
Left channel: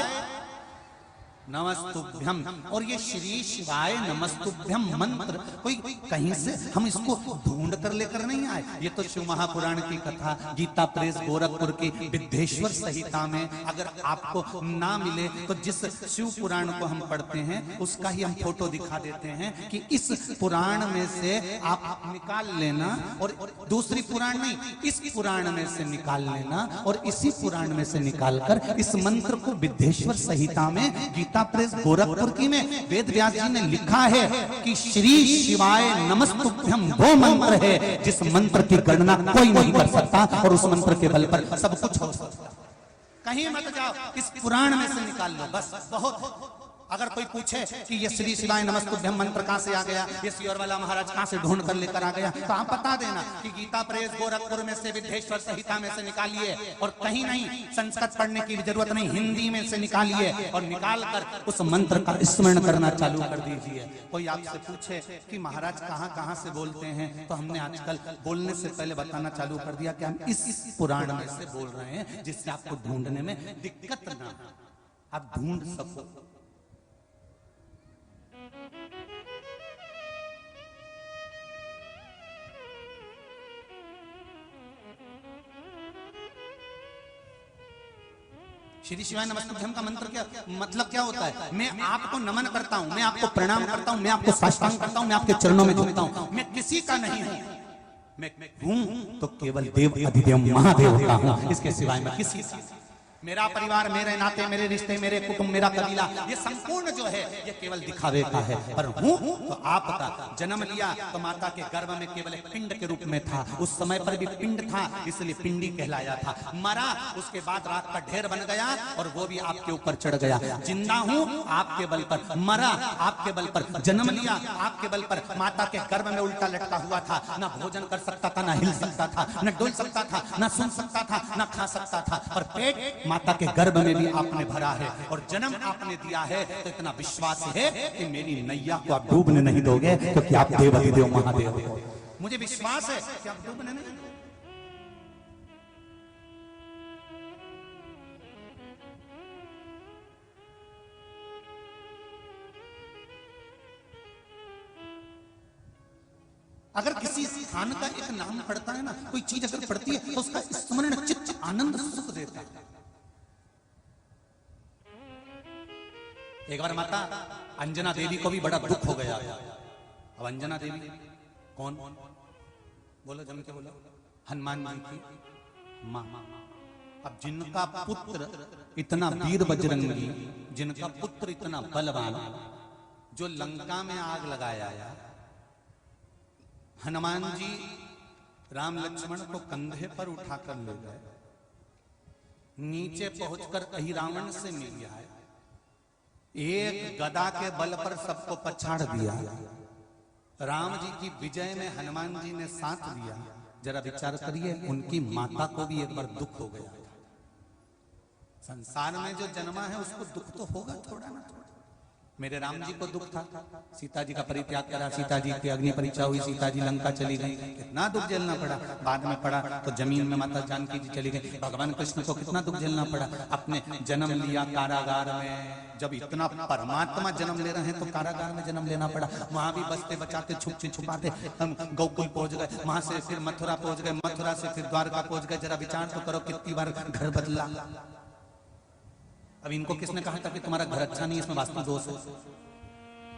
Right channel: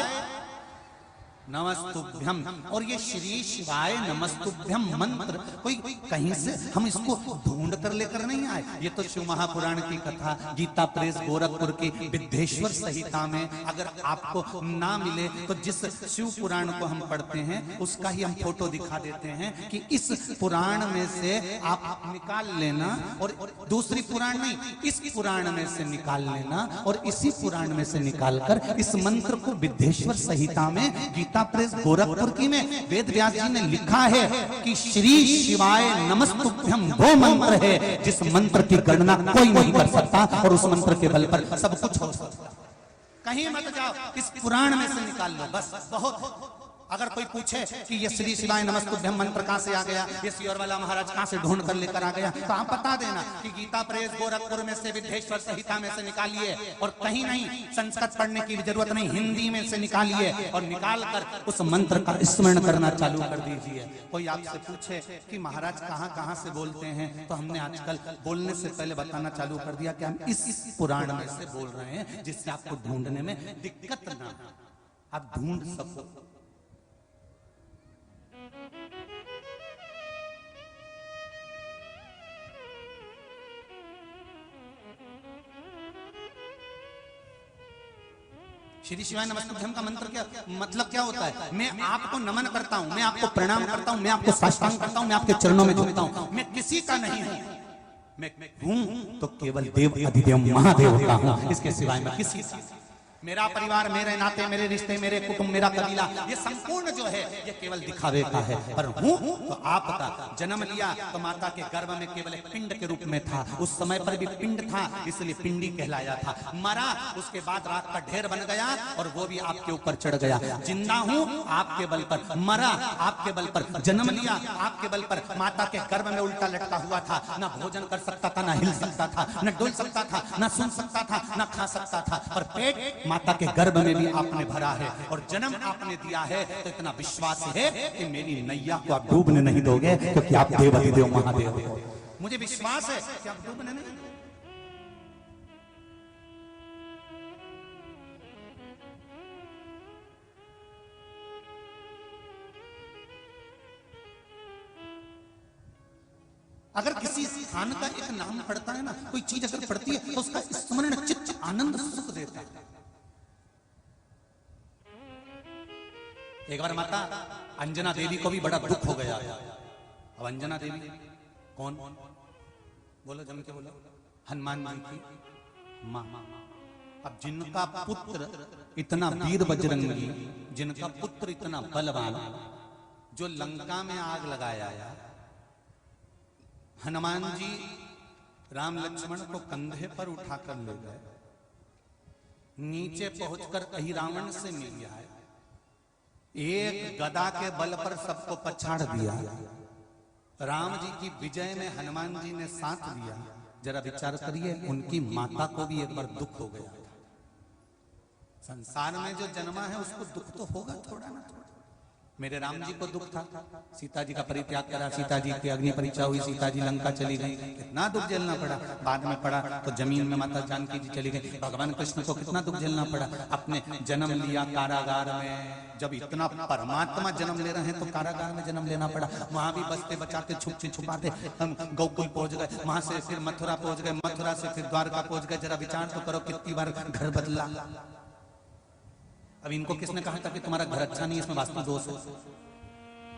नमस्तुभ्यम। और ये श्री शिवाय नमस्तुभ्यम मंत्र कोई कहीं से हम इसको ढूंढ कर लेकर नहीं आए। ये तो शिव महापुराण की कथा, गीता प्रेस गोरखपुर की विद्येश्वर संहिता में अगर आपको ना मिले तो जिस शिव पुराण को हम पढ़ते हैं उसका ही हम फोटो दिखा देते हैं कि इस पुराण में से आप निकाल लेना, और दूसरी पुराण नहीं, इस पुराण में से निकाल लेना, और इसी पुराण में से निकालकर इस मंत्र को विद्येश्वर संहिता में गीता प्रेस गोरखपुर की में वेद व्यास जी ने लिखा है कि श्री शिवाय नमस्तुभ्यम वह मंत्र है जिस मंत्र की गणना कोई नहीं कर सकता, और उस मंत्र के बल पर सब कुछ हो सकता है। कहीं मत जाओ, इस पुराण में से निकाल लो, बस बहुत। अगर कोई पूछे कि ये श्री शिवाय नमस्तुभ्यम मंत्र कहां से आ गया, ये सियोरवाला महाराज कहां से ढूंढ कर लेकर आ गया, तो आप बता देना कि गीता प्रेस गोरखपुर में से विद्येश्वर संहिता में से निकालिए, और कहीं नहीं संस्कृत पढ़ने की जरूरत नहीं, हिंदी में से निकालिए और निकाल कर उस मंत्र का स्मरण करना चालू कर दीजिए। कोई आपसे पूछे कि महाराज कहां कहां से बोलते हैं, तो हमने आजकल बोलने से पहले बताना चालू कर दिया कि हम इस पुराण में से बोल रहे हैं, जिससे आपको ढूंढने में दिक्कत न हो, आप ढूंढ सको। श्री शिवाय नमस्तुभ्यम का मंत्र क्या मतलब क्या होता है? मैं आपको नमन करता हूँ, मैं आपको प्रणाम करता हूँ, मैं आपको साष्टांग करता हूँ, मैं आपके चरणों में झुकता हूँ। मैं किसी का नहीं हूँ, मैं हूँ तो केवल देव अधिदेव महादेव का हूँ, इसके सिवाय मैं किसी का। मेरा परिवार, मेरे नाते, मेरे रिश्ते, मेरे कुटुंब, मेरा कबीला, ये संपूर्ण जो है ये केवल दिखावे का है। पर वो आपका जन्म लिया तो माता के गर्भ में केवल एक पिंड के रूप में था, उस समय पर भी पिंड था इसलिए पिंडी कहलाया था। मरा, उसके बाद रात का ढेर बन गया और वो भी आपके ऊपर चढ़ गया। जिंदा हूँ आपके बल पर, मरा आपके बल पर, जन्म लिया आपके बल पर, माता के गर्भ में उल्टा लटका हुआ था, ना भोजन कर सकता था, ना हिल सकता था, न डोल सकता था, ना सुन सकता था, ना खा सकता था, पर पेट माता के गर्भ में भी आपने भरा है और जन्म आपने दिया है। तो इतना विश्वास है कि मेरी नैया को आप डूबने नहीं दोगे, क्योंकि आप देव अधिदेव महादेव। मुझे विश्वास है कि आप डूबने नहीं दोगे। अगर किसी स्थान का एक नाम पड़ता है ना, कोई चीज अगर पड़ती है तो उसका स्मरण चित्त आनंद सुख देता है। एक बार माता अंजना देवी को भी बड़ा दुख हो गया। अब अंजना देवी कौन? बोलो जम के बोलो। हनुमान जी की माँ। अब जिनका पुत्र इतना वीर बजरंगी, जिनका पुत्र इतना बलवान, जो लंका में आग लगाया, हनुमान जी राम लक्ष्मण को कंधे पर उठाकर ले गए, नीचे पहुंचकर कहीं रावण से मिल गया, एक गदा के बल पर सबको पछाड़ दिया। राम जी की विजय में हनुमान जी ने साथ लिया। जरा विचार करिए, उनकी माता को भी एक बार दुख हो गया, संसार में जो जन्मा है उसको दुख तो होगा थोड़ा ना थोड़ा। मेरे राम जी को दुख था, सीता जी का परित्याग करा, सीता जी की अग्नि परीक्षा हुई, सीता जी लंका चली गई, कितना दुख झेलना पड़ा। बाद में पड़ा तो जमीन में माता जानकी जी चली गई। भगवान कृष्ण को कितना दुख झेलना पड़ा। अपने जन्म लिया कारागार में, जब इतना परमात्मा जन्म ले रहे हैं तो कारागार में जन्म लेना पड़ा। वहां भी बचते बचाते छुपते छुपाते हम गोकुल पहुंच गए, वहां से फिर मथुरा पहुंच गए, मथुरा से फिर द्वारका पहुंच गए। जरा विचार तो करो कितनी बार घर बदला। अब इनको किसने कहा था कि तुम्हारा घर अच्छा नहीं है, इसमें वास्तु दोष है,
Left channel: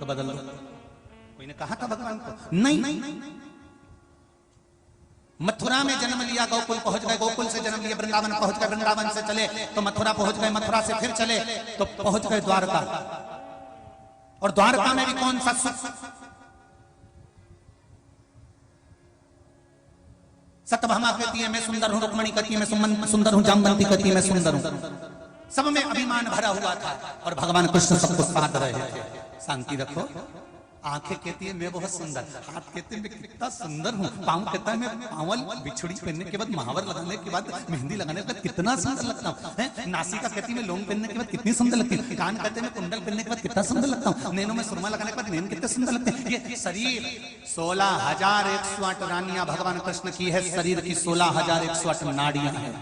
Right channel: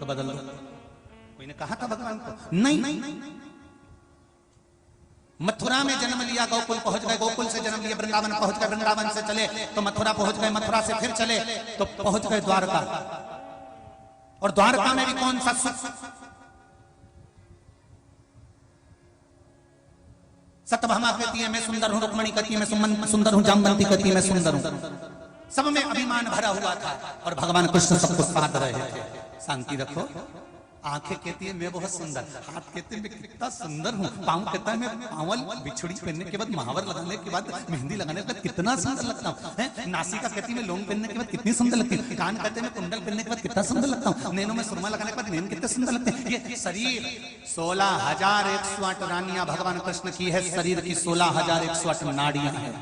तो बदल दो? कोई ने कहा था भगवान को? नहीं। मथुरा में जन्म लिया, गोकुल पहुंच गए, गोकुल से जन्म लिया, वृंदावन पहुंच गए, वृंदावन से चले तो मथुरा पहुंच गए, मथुरा से फिर चले तो पहुंच गए द्वारका। और द्वारका में भी कौन सा सुख? सत्यभामा कहती है मैं सुंदर हूं, रुक्मणी कहती है मैं सुंदर हूं, जामवंती कहती है मैं सुंदर हूं। सब में अभिमान भरा हुआ था और भगवान कृष्ण सब कुछ पाता है। शांति रखो। आंखें कहती है मैं बहुत सुंदर, हाथ कहते हैं मैं कितना सुंदर हूँ, पाँव कहते हैं मैं पावल बिछड़ी पहनने के बाद, महावर लगाने के बाद, मेहंदी लगाने के बाद कितना सुंदर लगता हूँ। नासिका कहती है मैं लौंग पहनने के बाद कितनी सुंदर लगती है, कान कहते हैं मैं कुंडल पहनने के बाद कितना सुंदर लगता हूँ, नैनों में सुरमा लगाने के बाद नैन कितने सुंदर लगते हैं। ये शरीर 16,108 रानियां भगवान कृष्ण की है, शरीर की 16,108 नाड़ियां है।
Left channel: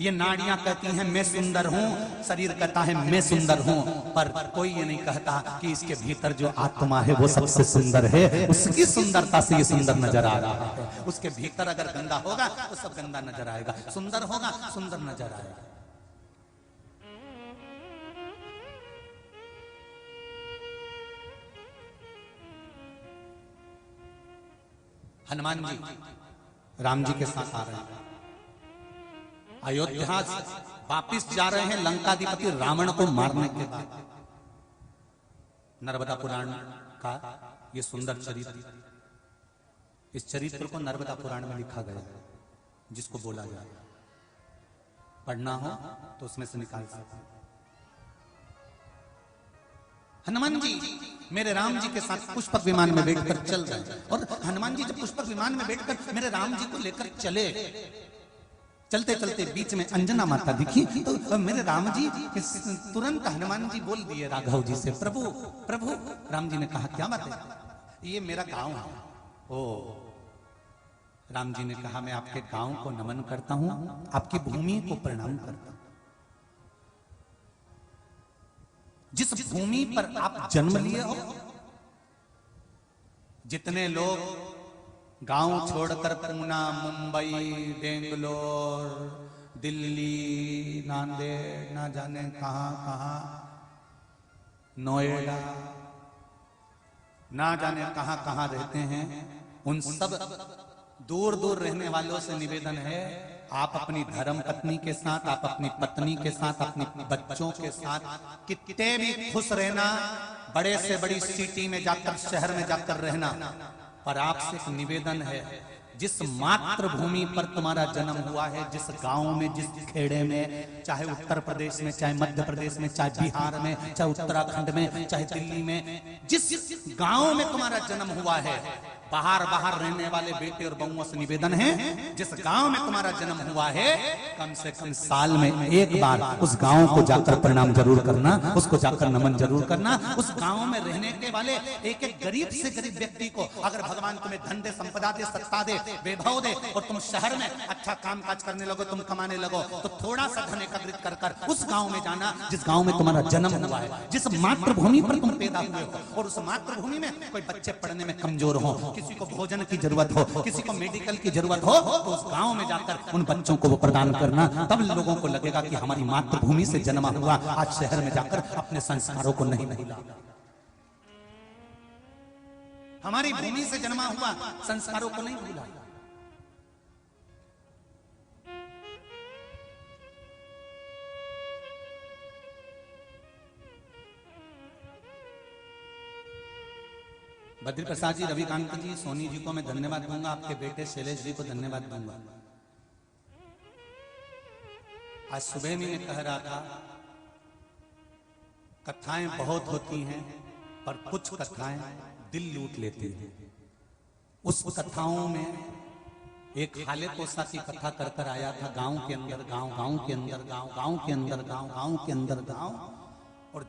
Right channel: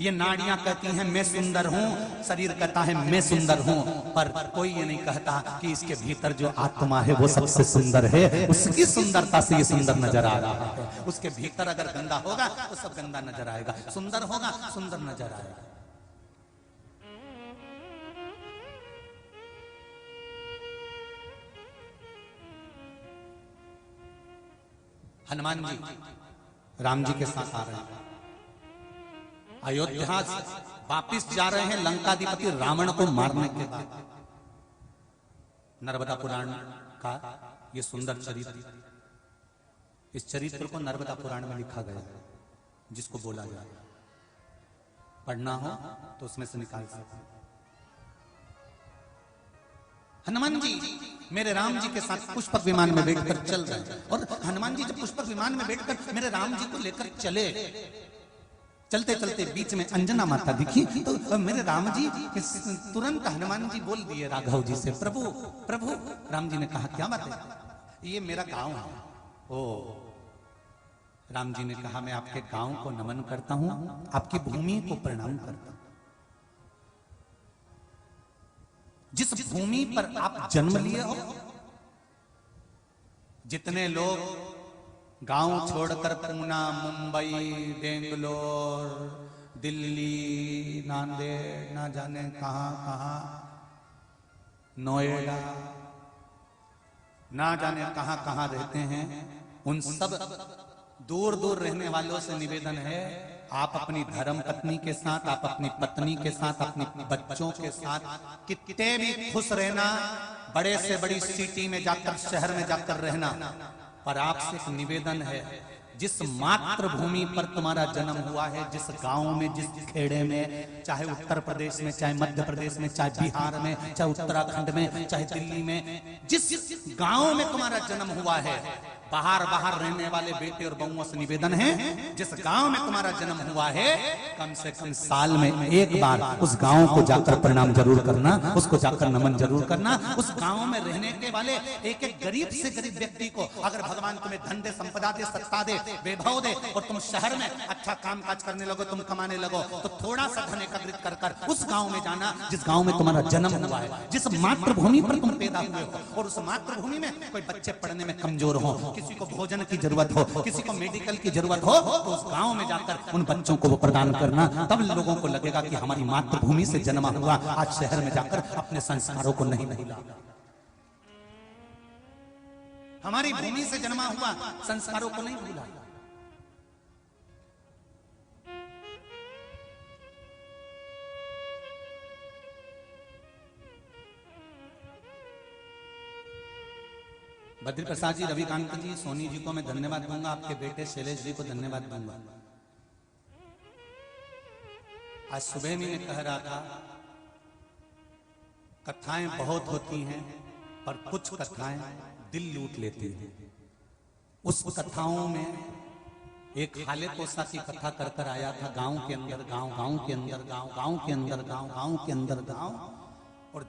ये नाड़ियां कहती हैं मैं सुंदर हूं, शरीर कहता है मैं सुंदर हूं, पर कोई ये नहीं कहता कि इसके भीतर जो आत्मा है वो सबसे सुंदर है, उसकी सुंदरता से ये सुंदर नजर आ रहा है। उसके भीतर अगर गंदा होगा तो सब गंदा नजर आएगा, सुंदर होगा सुंदर नजर आएगा। हनुमान जी राम जी के साथ आ रहे हैं, अयोध्या से वापिस जा रहे हैं लंकाधिपति रावण को मारने के बाद। नर्मदा पुराण का ये सुंदर चरित्र, इस चरित्र को नर्मदा पुराण में लिखा गया, जिसको बोला गया पढ़ना हो तो उसमें से निकाल सकते। हनुमान जी मेरे राम जी के साथ पुष्पक विमान में बैठकर चल रहे, और हनुमान जी जब पुष्पक विमान में बैठकर मेरे राम जी को लेकर चले, चलते चलते बीच में अंजना माता दिखी तो मेरे राम जी तुरंत हनुमान जी बोल दिए राघव जी से, प्रभु प्रभु। राम जी ने कहा क्या बात है? ये मेरा गांव है। ओ राम जी ने कहा मैं आपके गांव को नमन करता हूं, आपकी भूमि को प्रणाम करता हूं। जिस भूमि पर आप जन्म लिए हो, जितने लोग गांव छोड़कर पूना, मुंबई, बेंगलोर, दिल्ली, नांदेड़, ना जाने कहां, नोएडा, ना जाने कहां रहते हैं, उन सब दूर दूर रहने वालों से निवेदन है आप अपनी धर्म पत्नी के साथ, आप अपनी पत्नी के साथ, अपने बच्चों के साथ कितने भी खुश रहना, बड़े से बड़ी सिटी में जाकर, शहर में जाकर रहना, पर आपसे निवेदन है जिस मातृभूमि पर तुम्हारा जन्म हुआ है, जिस गांव में, जिस खेड़े में, चाहे उत्तर प्रदेश में, चाहे मध्य प्रदेश में, चाहे बिहार में, चाहे उत्तराखंड में, चाहे दिल्ली में, जिस गांव में तुम्हारा जन्म हुआ है, बाहर बाहर रहने वाले बेटे और बहुओं से निवेदन है जिस गांव में तुम्हारा जन्म हुआ है, कम से कम साल में एक बार उस गांव को जाकर प्रणाम जरूर करना, उसको जाकर नमन जरूर करना। उस गांव में रहने के वाले एक एक गरीब से गरीब व्यक्ति को अगर भगवान तुम्हें धन दे, संपदा दे, सत्ता दे, वैभव दे, और तुम शहर में अच्छा काम काज करने लगो, तुम कमाने लगो, तो थोड़ा सा धन एकत्रित कर कर उस गांव में जाना जिस गांव में तुम्हारा जन्म हुआ है, जिस मातृभूमि पर तुम पैदा हुए हो, और उस मातृभूमि में कोई बच्चे पढ़ने में कमजोर हो, किसी को भोजन की जरूरत हो, किसी को मेडिकल की जरूरत हो, तो उस गांव में जाकर उन बच्चों को प्रदान करना। तब लोगों को लगेगा कि हमारी मातृभूमि से जन्म हुआ, आज शहर में जाकर अपने संस्कारों को नहीं भूला, हमारी भूमि से जन्मा हुआ संस्कारों को नहीं भूला। बद्री प्रसाद जी, रविकांत जी, सोनी जी को मैं धन्यवाद दूंगा, आपके बेटे शैलेश जी को धन्यवाद दूंगा। आज सुबह में मैं कह रहा था कथाएं बहुत होती हैं पर कुछ कथाएं दिल लूट लेती हैं। उस कथाओं में एक हाले कोसा की कथा कर कर आया था, गांव के अंदर गांव, गांव के अंदर गांव, गांव के अंदर गांव, गांव के अंदर गांव, और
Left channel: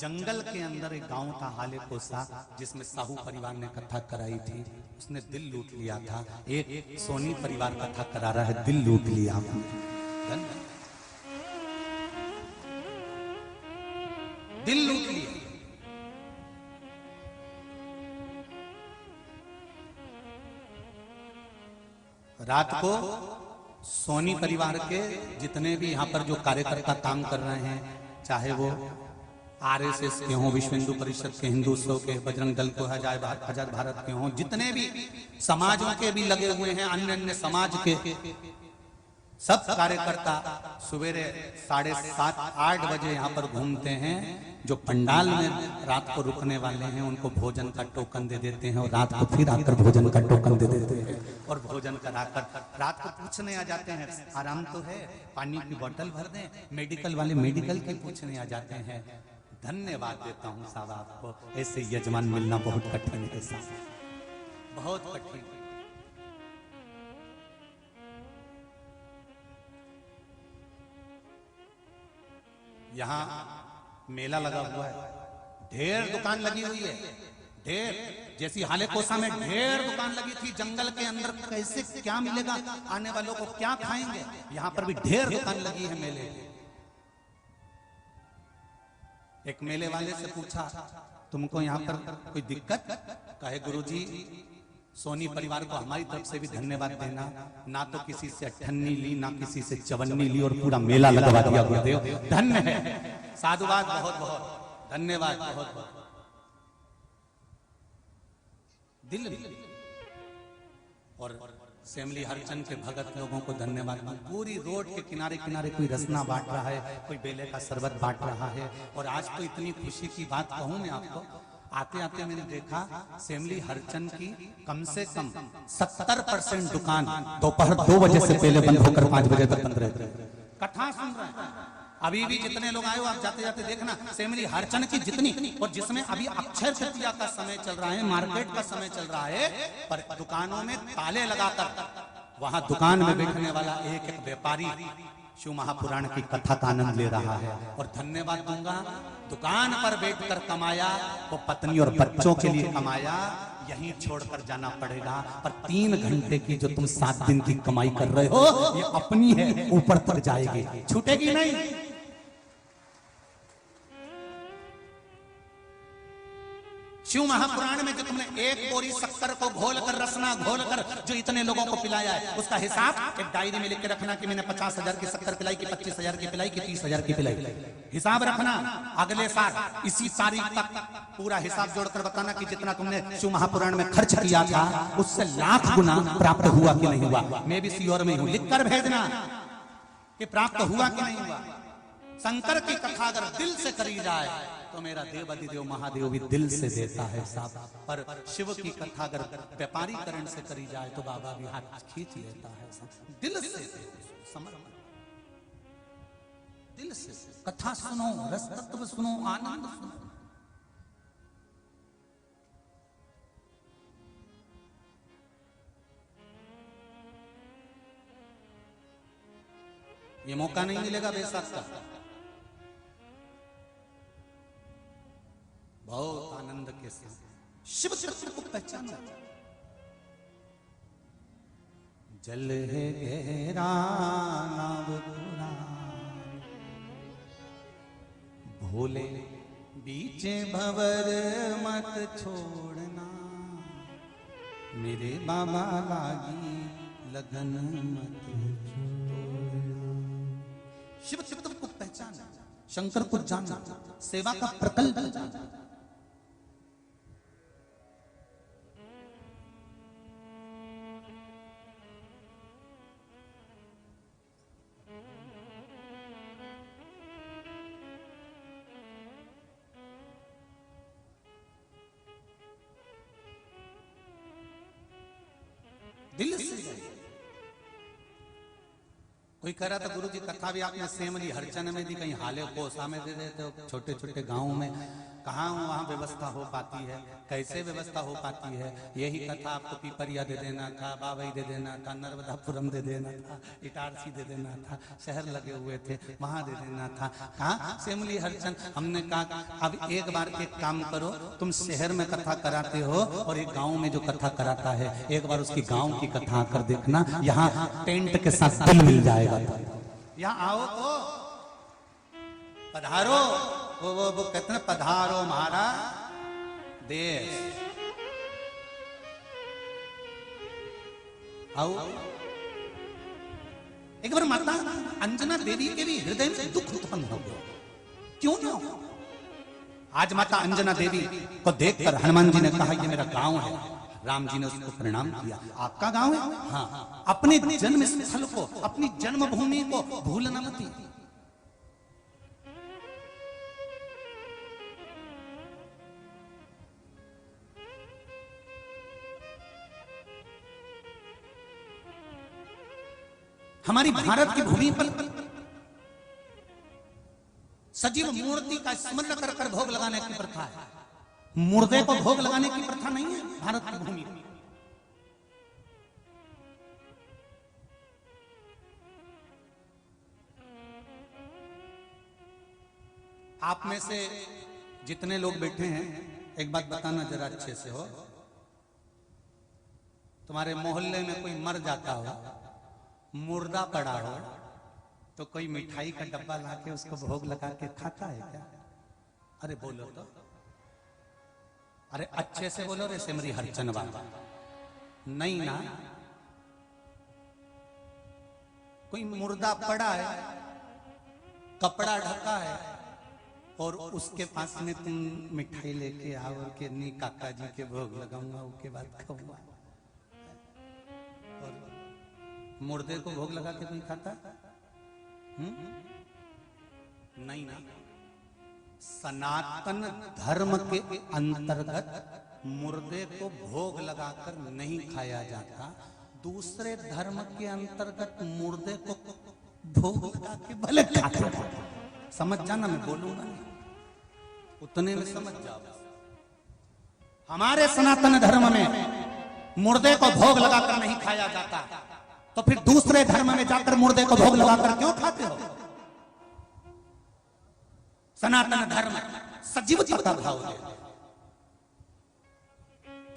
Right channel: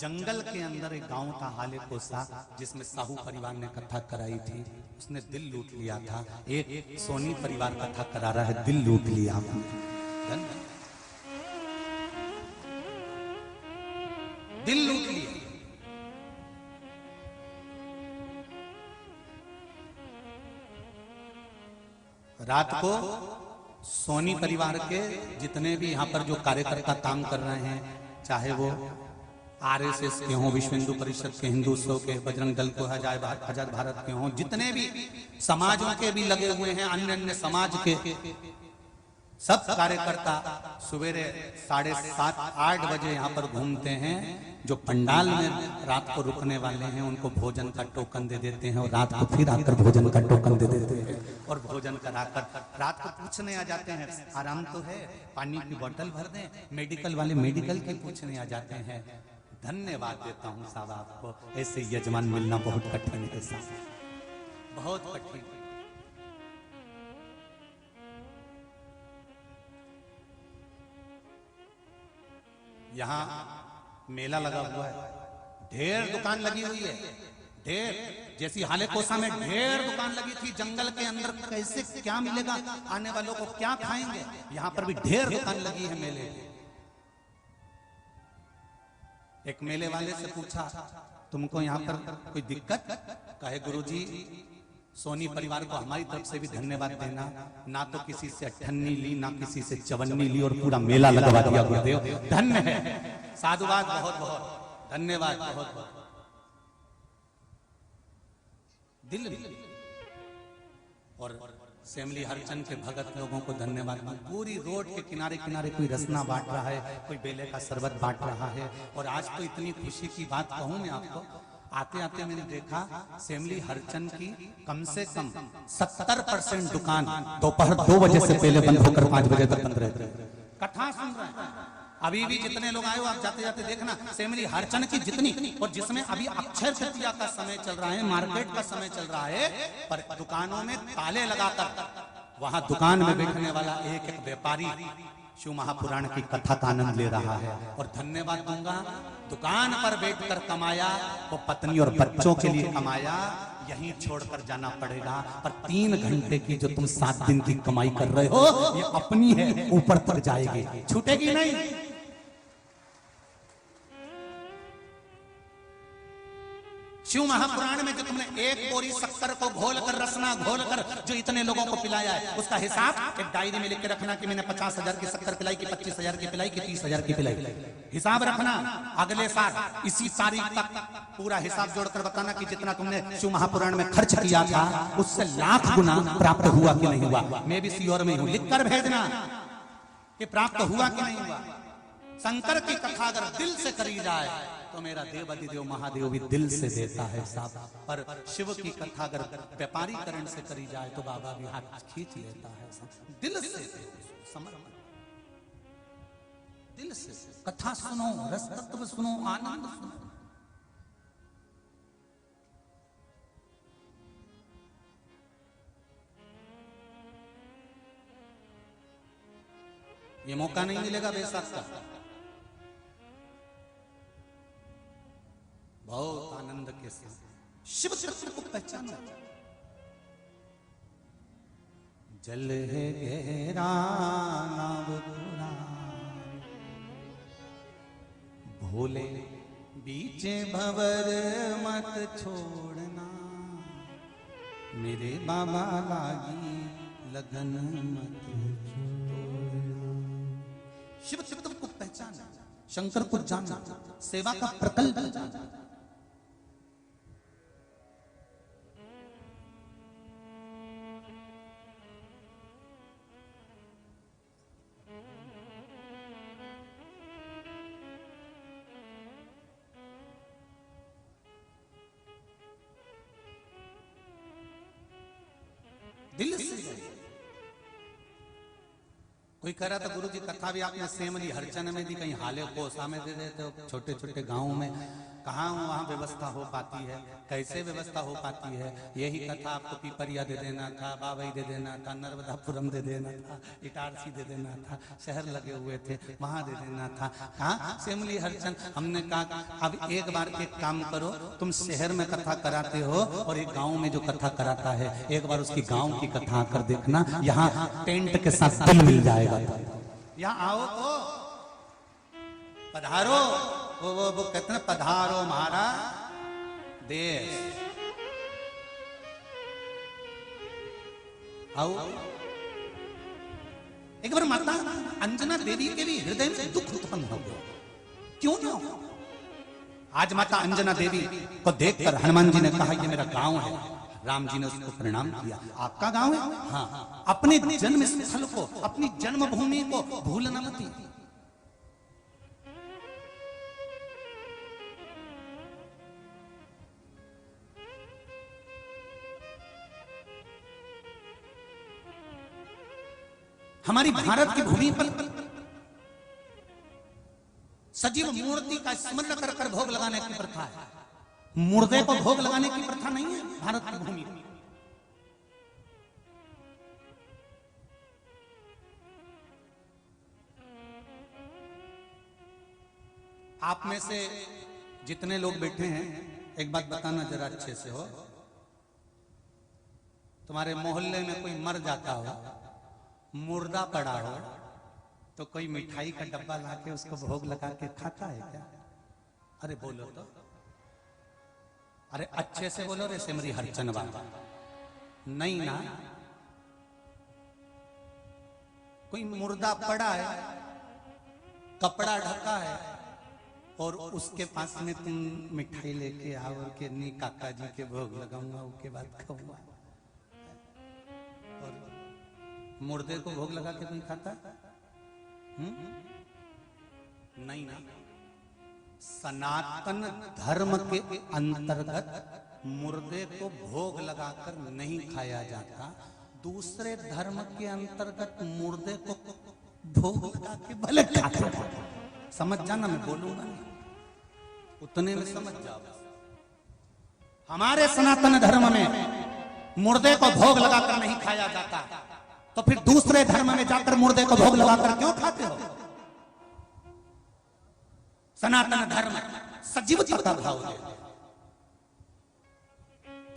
जंगल के अंदर एक गांव था हाले कोसा, जिसमें साहू परिवार ने कथा कराई थी। उसने दिल लूट लिया था। एक सोनी परिवार कथा करा रहा है, दिल लूट लिया, दिल लूट लिया। रात को सोनी परिवार के जितने भी यहाँ पर जो कार्यकर्ता काम कर रहे हैं, चाहे वो आरएसएस के हों, विश्व हिंदू परिषद के, हिंदुत्व के, बजरंग दल के, आजाद भारत के हों, जितने भी समाजों के भी लगे हुए हैं, अन्य अन्य समाज के सब कार्यकर्ता सवेरे 7:30-8 बजे यहाँ पर घूमते हैं। जो पंडाल में रात को रुकने वाले हैं उनको भोजन का टोकन दे देते हैं, और रात को फिर आकर भोजन का टोकन दे देते हैं, और भोजन कराकर रात को पूछने आ जाते हैं, आराम तो है, पानी की बोतल भर दें, मेडिकल वाले मेडिकल के पूछने आ जाते हैं। धन्यवाद देता हूँ साहब आपको, ऐसे यजमान मिलना बहुत कठिन है साहब, बहुत कठिन। यहाँ मेला लगा हुआ है, ढेर दुकान लगी हुई है, ढेर, जैसे हाले कोसा में ढेर दुकान लगी थी जंगल के अंदर, कैसे क्या मिलेगा, आने वालों को क्या खाएंगे, यहाँ पर भी ढेर दुकान लगी है मेले। एक मेले वाले से पूछा, तुमको यहाँ पर कोई दिक्कत? कहे गुरुजी, सोनी परिवार को हमारी तरफ से भी धन्यवाद देना, ना तो किसी से अठन्नी ली, ना किसी से चवन्नी ली, और पूरा मेला लगा दिया गुरुदेव, धन्य, साधुवाद, बहुत बहुत धन्यवाद, बहुत बहुत दिल भी। और सेमली हरचंद के भगत लोगों को धन्यवाद। पूरी रोड के किनारे किनारे कोई रसना बांट रहा है, कोई बेले का शरबत बांट रहा है। और आज तो इतनी खुशी की बात कहूँ मैं आपको, आते आते मैंने देखा सेमली हरचंद की कम से कम 70% दुकान दोपहर 2 बजे से पहले बंद होकर 5 बजे तक बंद रहते हैं। कथा सुन रहे हैं। अभी भी जितने लोग आए हो आप जाते जाते देखना, सेमली हरचंद की जितनी, और जिसमें अभी अक्षय तृतीया का समय चल रहा है, मार्केट का समय चल रहा है, पर दुकानों में ताले लगाकर वहां दुकान में देखने वाला एक एक व्यापारी शिव महापुराण की कथा का आनंद ले रहा है। और धन्यवाद दूंगा, दुकान पर बैठकर कमाया तो पत्नी और बच्चों के लिए कमाया, यहीं छोड़कर जाना पड़ेगा। पर 3 घंटे की जो तुम 7 दिन की कमाई कर रहे हो, ये अपनी है, ऊपर तक जाएगी, छूटेगी नहीं। शिव महापुराण में जो तुमने एक बोरी शक्कर को घोलकर, रसना घोलकर जो इतने लोगों को पिलाया, उसका हिसाब एक डायरी में लिख के रखना कि मैंने 50,000 की शक्कर पिलाई, कि 25,000 की पिलाई, कि 30,000 की पिलाई। हिसाब रखना, अगले साल इसी तारीख तक पूरा हिसाब जोड़कर बताना कि जितना तुमने शिव महापुराण में खर्च किया था उससे लाख गुना प्राप्त हुआ कि नहीं हुआ। मैं भी श्योर में हूँ, लिखकर भेजना कि प्राप्त हुआ कि नहीं हुआ। शंकर की कथा अगर दिल से करी जाए तो मेरा देव अधिदेव महादेव भी दिल से देता है साहब। पर शिव की कथा अगर व्यापारीकरण से करी जाए तो बाबा भी हाथ खींच लेता है दिल से। दिल से कथा सुनो, रस तत्व सुनो, आनंद सुनो। ये मौका नहीं मिलेगा बेशक का। बहुत आनंद के साथ शिव तत्व को पहचाना। जल है गहरा नाव पूरा, भोले बीच भंवर मत छोड़ना, मेरे बाबा लगन शिव चित्र को पहचाना, शंकर को जाना, सेवा का प्रकल्प जाना। दिल से कोई कह रहा था गुरुजी कथा भी आपने सेमली हरचंद में दी, कहीं हाले कोसा में दे देते हो, छोटे छोटे गांव में कहाँ वहाँ व्यवस्था हो पाती है, कैसे व्यवस्था हो पाती है। यही कथा आपको पिपरिया दे देना था, बावई दे देना था, नर्मदापुरम दे देना था, इटारसी दे देना था, शहर लगे हुए थे वहाँ दे देना था। कहाँ सेमली हरचंद। हमने कहा अब एक बार एक काम करो, तुम शहर में कथा कराते हो और एक गाँव में जो कथा कराता है, एक बार उसकी गाँव की कथा कर देखना, यहाँ टेंट के साथ दिल मिल जाएगा। यहाँ आओ तो पधारो, वो कहता पधारो हमारा देश। आओ एक बार माता अंजना देवी के भी हृदय में दुख उत्पन्न हो गया। क्यों ना? आज माता अंजना देवी को देखकर हनुमान जी ने कहा ये मेरा गांव है। राम जी ने उसको प्रणाम किया। आपका गांव है? हाँ। अपने जन्म स्थल को, अपनी जन्मभूमि को भूलना मत। हमारी भारत की भूमि पर सजीव मूर्ति का स्मरण कर कर भोग लगाने की प्रथा है। मुर्दे को भोग लगाने की प्रथा नहीं है भारत की भूमि पर। आप में से जितने लोग बैठे हैं, एक बात बताना जरा अच्छे से हो, तुम्हारे मोहल्ले में कोई मर जाता हो, मुर्दा पड़ा हो, तो कोई मिठाई का डब्बा लाके उसको भोग लगा के खाता है क्या? अरे बोलो तो, अरे अच्छे से बोलो रे सिमरी हरचन बाबा। नहीं ना, कोई मुर्दा पड़ा है, कपड़ा ढका है और उसके पास में तुम मिठाई लेके आओ के नहीं काका जी के भोग लगाऊंगा, उनके बाद खाऊंगा। और मुर्दे को भोग लगा के कोई खाता? नहीं ना। सनातन धर्म के अंतर्गत मुर्दे को भोग लगाकर नहीं खाया जाता। दूसरे धर्म के अंतर्गत मुर्दे को भोग लगा के भले खाता। समझ जाना, मैं बोलूंगा उतने में समझ जाओ। हमारे सनातन धर्म में मुर्दे को भोग लगाकर नहीं खाया जाता, तो फिर दूसरे धर्म में जाकर मुर्दे को भोग लगाकर क्यों खाते हो? सनातन धर्म सजीवता का भाव है।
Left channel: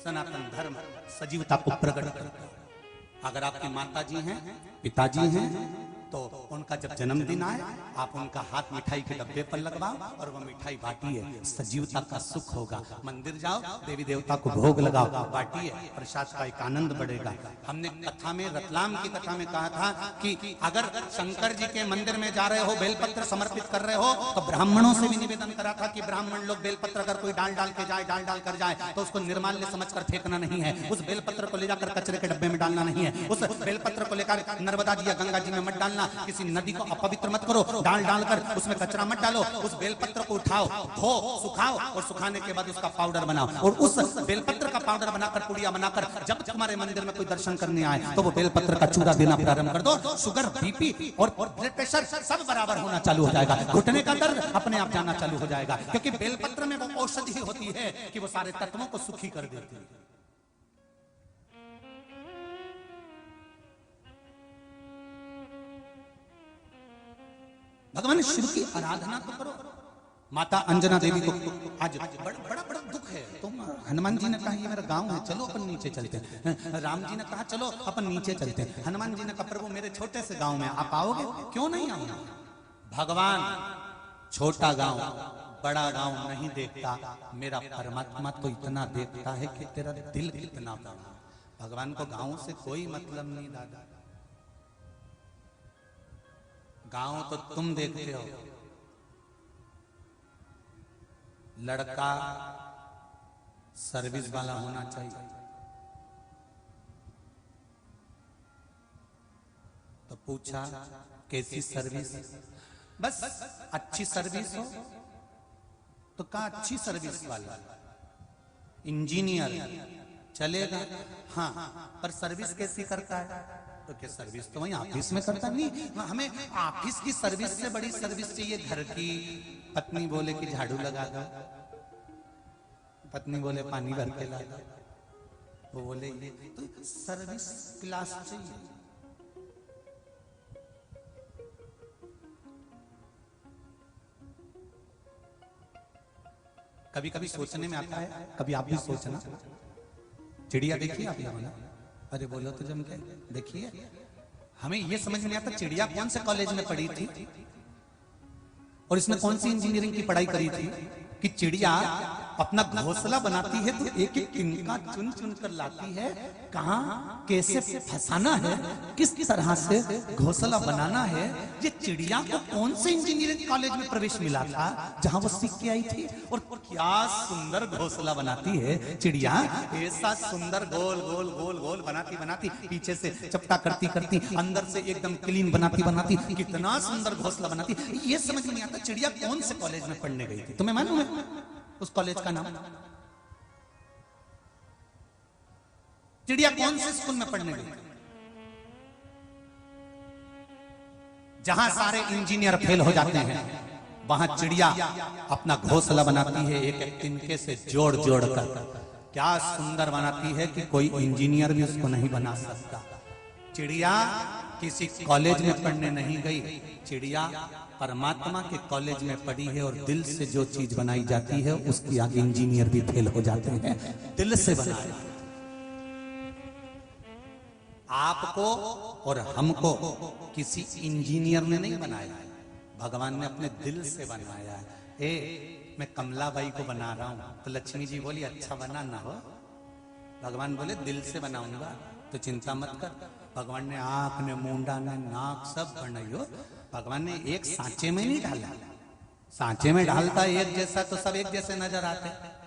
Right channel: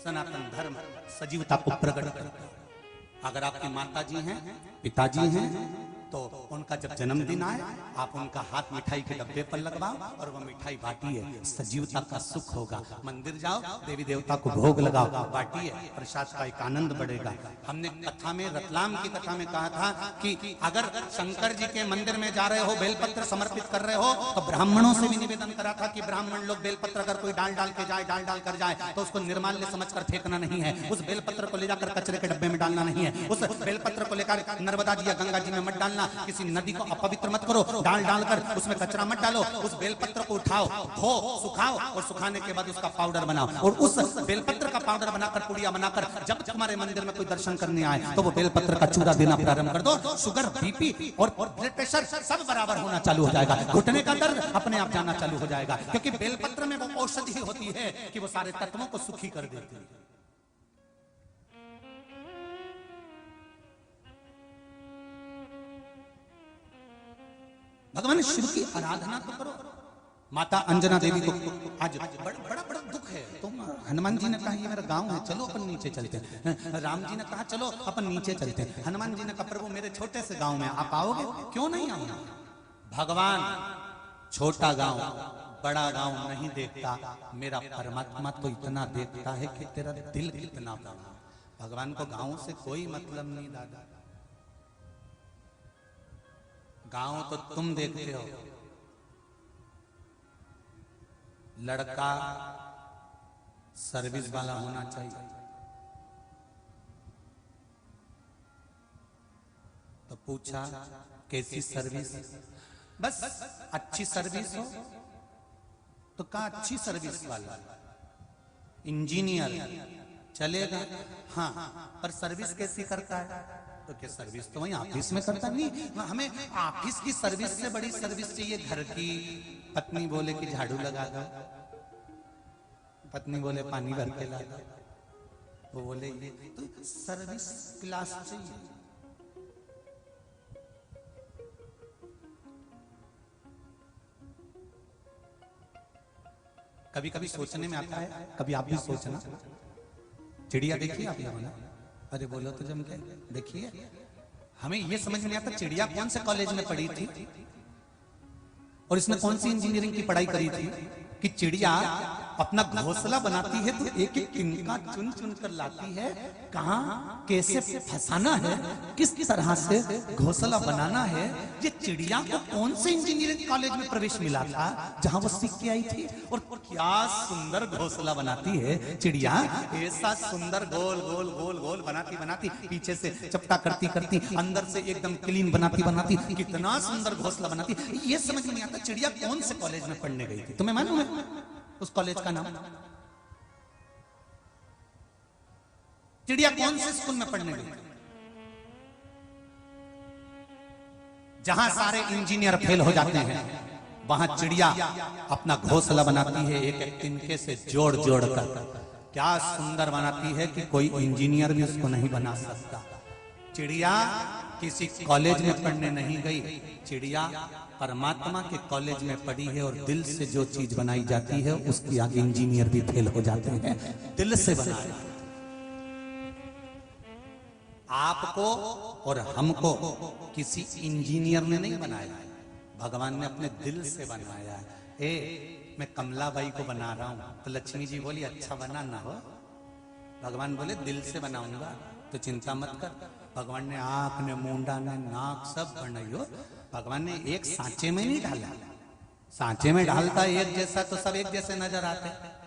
सनातन धर्म सजीवता को प्रकट करता है। अगर आपकी माता जी हैं, पिताजी हैं, तो उनका जब जन्मदिन आए आप उनका हाथ मिठाई के डब्बे पर लगवाओ और वो मिठाई बांटिए, सजीवता का सुख होगा। मंदिर जाओ, देवी देवता को भोग लगाओ, बांटिए, प्रसाद का एक आनंद बढ़ेगा। हमने कथा में, रतलाम की कथा में कहा था कि अगर शंकर जी के मंदिर में जा रहे हो, बेलपत्र समर्पित कर रहे हो, तो ब्राह्मणों से भी निवेदन करा था कि ब्राह्मण लोग बेलपत्र अगर कोई डाल डाल कर जाए तो उसको निर्माल्य समझकर फेंकना नहीं है। उस बेलपत्र को ले जाकर कचरे के डब्बे में डालना नहीं है। उस बेलपत्र को लेकर नर्मदा जी या गंगा जी में मत डालना, किसी नदी को अपवित्र मत करो, डाल डालकर उसमें कचरा मत डालो। उस बेलपत्र को उठाओ, धो, सुखाओ और सुखाने के बाद उसका पाउडर बनाओ और उस बेलपत्र का पाउडर बनाकर, पुड़िया बनाकर जब तुम्हारे मंदिर में कोई दर्शन करने आए तो वो बेलपत्र का चूरा देना प्रारंभ कर दो। शुगर, बीपी और ब्लड प्रेशर सब बराबर होना चालू हो जाएगा। घुटने का दर्द अपने आप जाना चालू हो जाएगा, क्योंकि बेलपत्र में वो औषधि होती है कि वो सारे तत्वों को सुखी कर देती है। भगवान शिव की आराधना तो करो। माता अंजना देवी को आज बड़ा दुख है। तो हनुमान जी ने कहा ये मेरा गांव है, चलो अपन नीचे चलते हैं। राम जी ने कहा चलो अपन नीचे चलते हैं। हनुमान जी ने कहा प्रभु मेरे छोटे से गांव में आप आओगे? क्यों नहीं आओगे? भगवान छोटा गांव बड़ा गांव नहीं देखता, मेरा परमात्मा तो इतना देखता है कि तेरा दिल कितना बड़ा। भगवान को गांव से कोई मतलब नहीं दादा। गांव तो तुम देखते हो। लड़का सर्विस वाला होना चाहिए, तो पूछा कैसी सर्विस? बस अच्छी सर्विस हो तो कहा अच्छी सर्विस वाला। इंजीनियर चलेगा, हाँ, पर सर्विस कैसी करता है? तो क्या सर्विस तो वही ऑफिस में करता नहीं? हमें ऑफिस की सर्विस से बड़ी सर्विस चाहिए घर की। पत्नी बोले कि झाड़ू लगा दो, पत्नी बोले पानी भर के ला, वो बोले तो सर्विस क्लास चाहिए। कभी कभी सोचने में आता है, कभी आप भी सोचना, चिड़िया देखिए आप लोगों ने? अरे बोलो तो जम के देखिए। हमें ये समझ नहीं आता चिड़िया कौन से कॉलेज में पढ़ी थी और इसमें कौन सी इंजीनियरिंग की पढ़ाई करी थी कि चिड़िया अपना घोंसला बनाती है तो एक एक तिनका चुन चुन कर लाती है, कहाँ कैसे फंसाना है, किस तरह से घोंसला बनाना है। ये चिड़िया को कौन से इंजीनियरिंग कॉलेज में प्रवेश मिला था जहां वो सीख के आई थी? और क्या सुंदर घोंसला बनाती है चिड़िया, ऐसा सुंदर गोल गोल गोल गोल बनाती बनाती, पीछे से चपटा करती करती, अंदर से एकदम क्लीन बनाती बनाती, कितना सुंदर घोंसला बनाती। ये समझ में नहीं आता चिड़िया कौन से कॉलेज में पढ़ने गई थी? तुम्हें मालूम है उस कॉलेज का नाम? चिड़िया कौन से स्कूल में पढ़ने गई थी जहां सारे इंजीनियर फेल हो जाते हैं, वहां चिड़िया अपना घोंसला बनाती है एक एक तिनके से जोड़ जोड़ कर। क्या सुंदर बनाती है कि कोई इंजीनियर भी उसको नहीं बना सकता। चिड़िया किसी कॉलेज में पढ़ने नहीं गई, चिड़िया परमात्मा के कॉलेज में पढ़ी है और दिल से जो चीज बनाई जाती है उसकी आगे इंजीनियर भी फेल हो जाते हैं। दिल से बनाया आपको और हमको किसी इंजीनियर ने नहीं बनाया, भगवान ने अपने दिल से बनाया है। मैं कमलाबाई को बना रहा हूं तो लक्ष्मी जी बोली अच्छा बना ना हो, भगवान बोले दिल से बनाऊंगा तो चिंता मत कर। भगवान ने आंख ने मुंडा ने नाक सब बनाई, भगवान ने एक सांचे में नहीं डाला। सांचे में डालता एक जैसा तो सब एक जैसे नजर आते।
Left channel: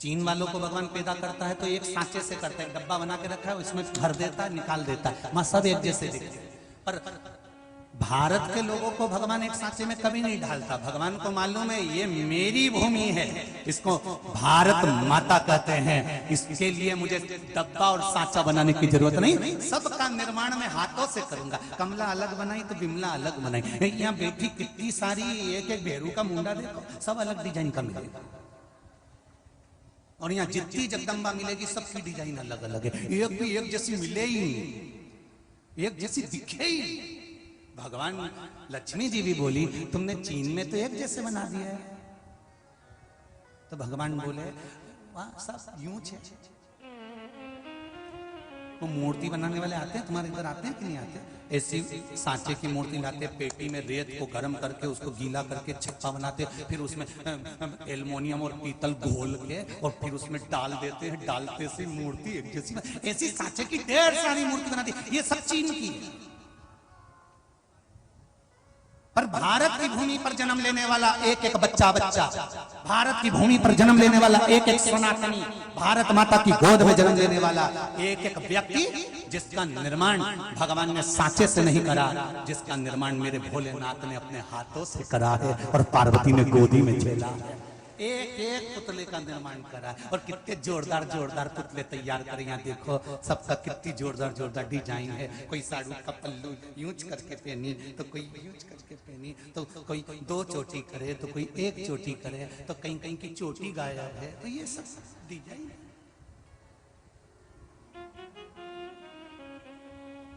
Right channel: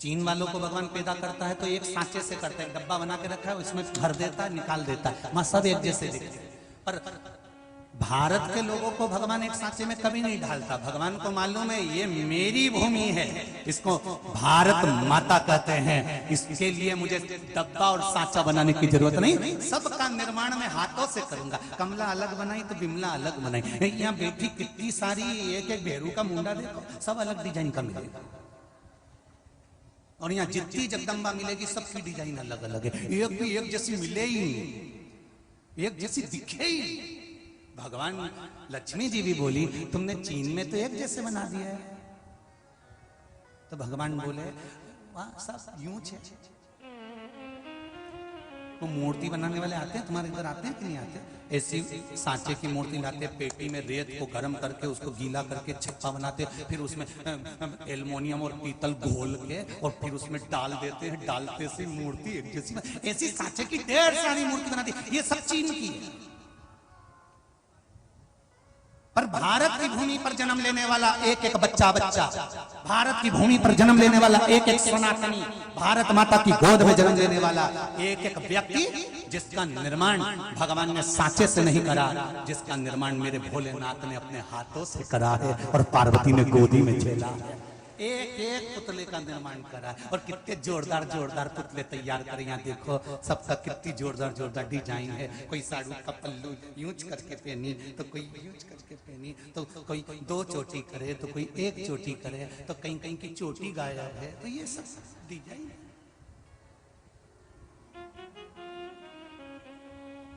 चीन वालों को भगवान पैदा करता है तो एक सांचे से करता है, डब्बा बना के रखा है उसमें भर देता है निकाल देता है, वहां सब एक जैसे दिखते। पर भारत के लोगों को भगवान एक सांचे में कभी नहीं डालता। भगवान को मालूम है ये मेरी भूमि है, इसको भारत माता कहते हैं, इसके लिए मुझे डब्बा और सांचा बनाने की जरूरत नहीं, सबका निर्माण मैं हाथों से करूंगा। कमला अलग बनाई तो बिमला अलग बनाई, यहाँ बेटी कितनी सारी, एक एक भेड़ू का मुंडा देखो सब अलग डिजाइन का मिलेगा। और यहाँ जितनी जगदम्बा मिलेगी सबकी डिजाइन अलग अलग है, एक भी एक जैसी मिले ही, एक जैसी दिखे ही। भगवान लक्ष्मी जी भी बोली तुमने चीन में तो एक जैसे बना दिया, तो भगवान बोले सब यूं है। तो मूर्ति बनाने वाले आते हैं तुम्हारे इधर, आते हैं कि नहीं आते? ऐसी सांचे की मूर्ति लाते, पेटी में रेत को गर्म करके उसको गीला करके छप्पा बनाते, फिर उसमें एल्युमिनियम और पीतल घोल के और फिर उसमें डाल देते हैं, डालते से मूर्ति एक जैसी। ऐसी सांचे की ढेर सारी मूर्ति बनाती, ये सब चीन की है। भारत की भूमि पर जन्म लेने वाला एक एक बच्चा, भारत की भूमि पर जन्म लेने वाला एक एक सनातनी, भारत माता की गोद में जन्म लेने वाला एक एक व्यक्ति, जिसका निर्माण भगवान ने सांचे से नहीं करा, जिसका निर्माण मेरे भोलेनाथ ने अपने हाथों से करा है और पार्वती ने गोदी में झेला है। एक एक पुतले का निर्माण करा और कितने जोरदार जोरदार पुतले तैयार करे। यहाँ देखो सबका कितनी जोरदार जोरदार डिजाइन है, कोई साजा का पल्लू यूज करके पहने तो कोई करके पहनी, तो कोई दो चोटी करे तो कोई एक चोटी करे, तो कहीं कहीं की चोटी गायब है, तो ये सब डिजाइन।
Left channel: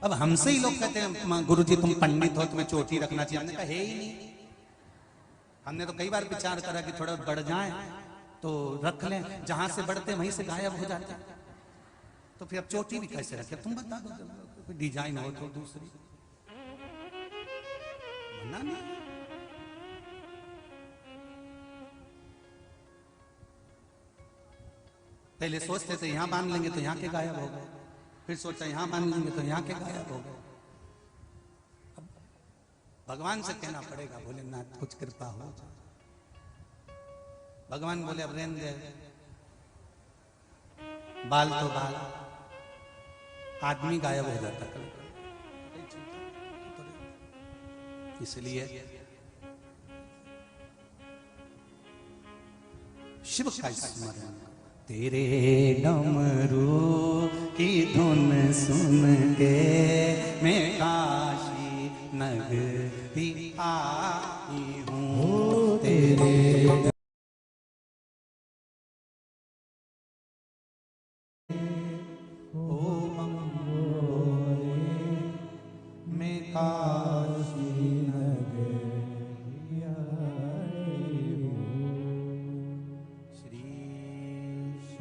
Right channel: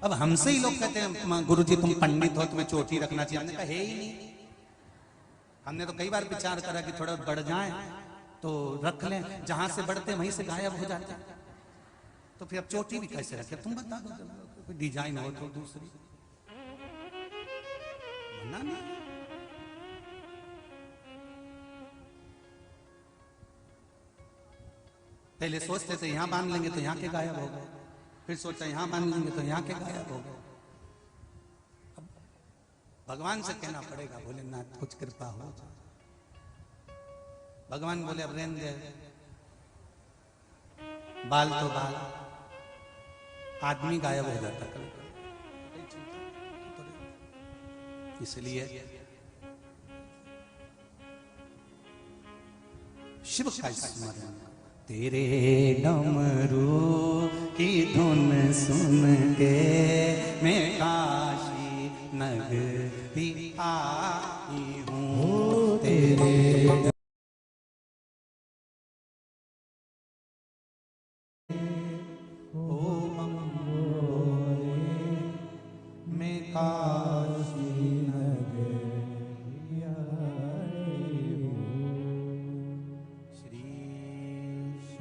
अब हमसे ही लोग कहते हैं गुरुजी तुम पंडित हो तुम्हें चोटी रखना चाहिए, हमने कहा है ही नहीं। हमने तो कई बार विचार करा कि थोड़ा बढ़ जाए तो रख लें, जहां से बढ़ते वहीं से गायब हो जाते, तो फिर अब चोटी भी कैसे रखे तुम बता दो, डिजाइन हो तो दूसरी। पहले सोचते थे यहाँ बांध लेंगे तो यहाँ के गायब हो, फिर सोचते यहाँ बांध लेंगे तो यहाँ के गायब हो। भगवान से कहना पड़ेगा भोलेनाथ कुछ कृपा हो। भगवान बोले अब रहने बाल तो बाल, आदमी गायब हो जाता था, इसलिए शिव का स्मरण। तेरे डमरू की धुन सुन के मैं काशी नगरी आई हूँ। तेरे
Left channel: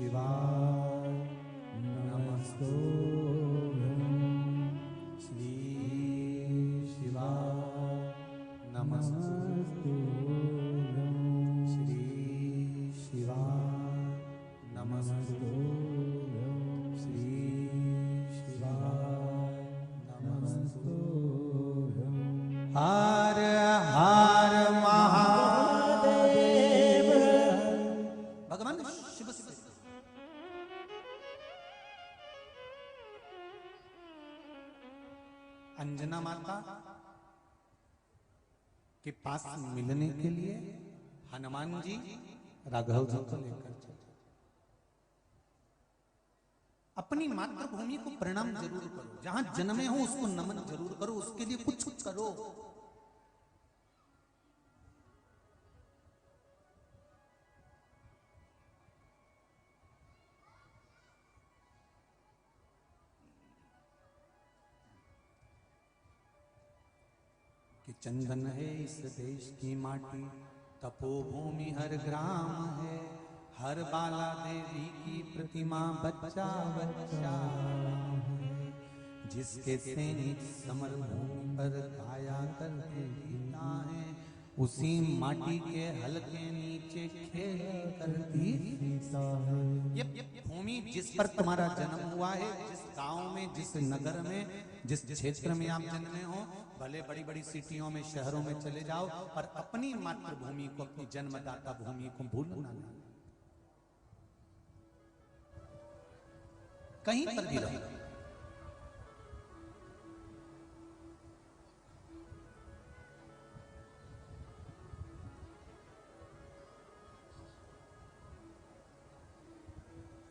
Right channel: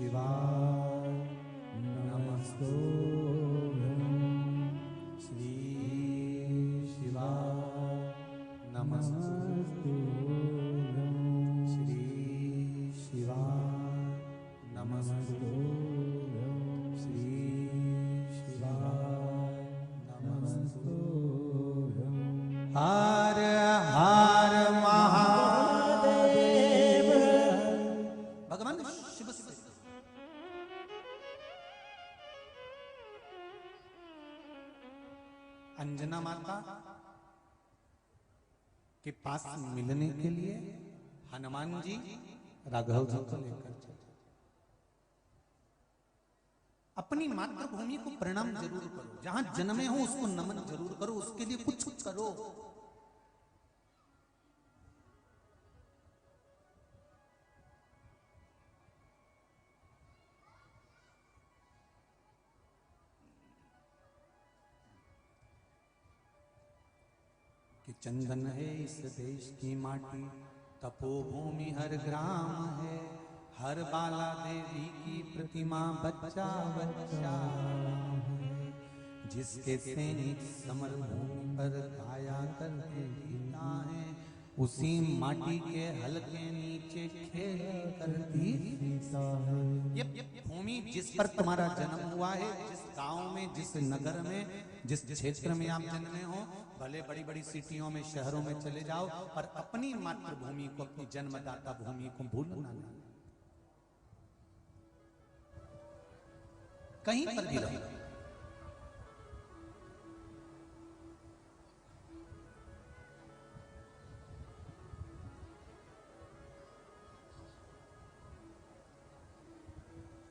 शिवाय नमस्तोऽहम् श्री शिवाय नमस्तोऽहम् श्री शिवाय नमस्तोऽहम् श्री शिवाय नमस्तोऽहम् हर हर महादेव भगवान अंजना माता के पास मिलने के लिए हनुमान जी राघव जी को लेकर अपनी मातृभूमि को प्रणाम जरूर करो, जहां जन्मे हो उसको नमन जरूर करो, उसके लिए कुछ करो। कि चंदन है इस देश की माटी, तपोभूमि हर ग्राम है, हर बाला देवी की प्रतिमा बच्चा बच्चा, जिसके फेरे समय पर आया करके जीता है, उसी माटी के हल्के नीचे खेल करती जीता है। ये भूमि जिस पर तुम्हारा जन्म हुआ है, जिस गांव में, जिस नगर में, जिस क्षेत्र में आप जन्मे हो, भले बड़ी बड़ी सिटियों में, शहरों में चले जाओ, और अपनी मातृभूमि को, अपने जन्मदाता भूमि को भूलना नहीं। कहीं पर भी रहो,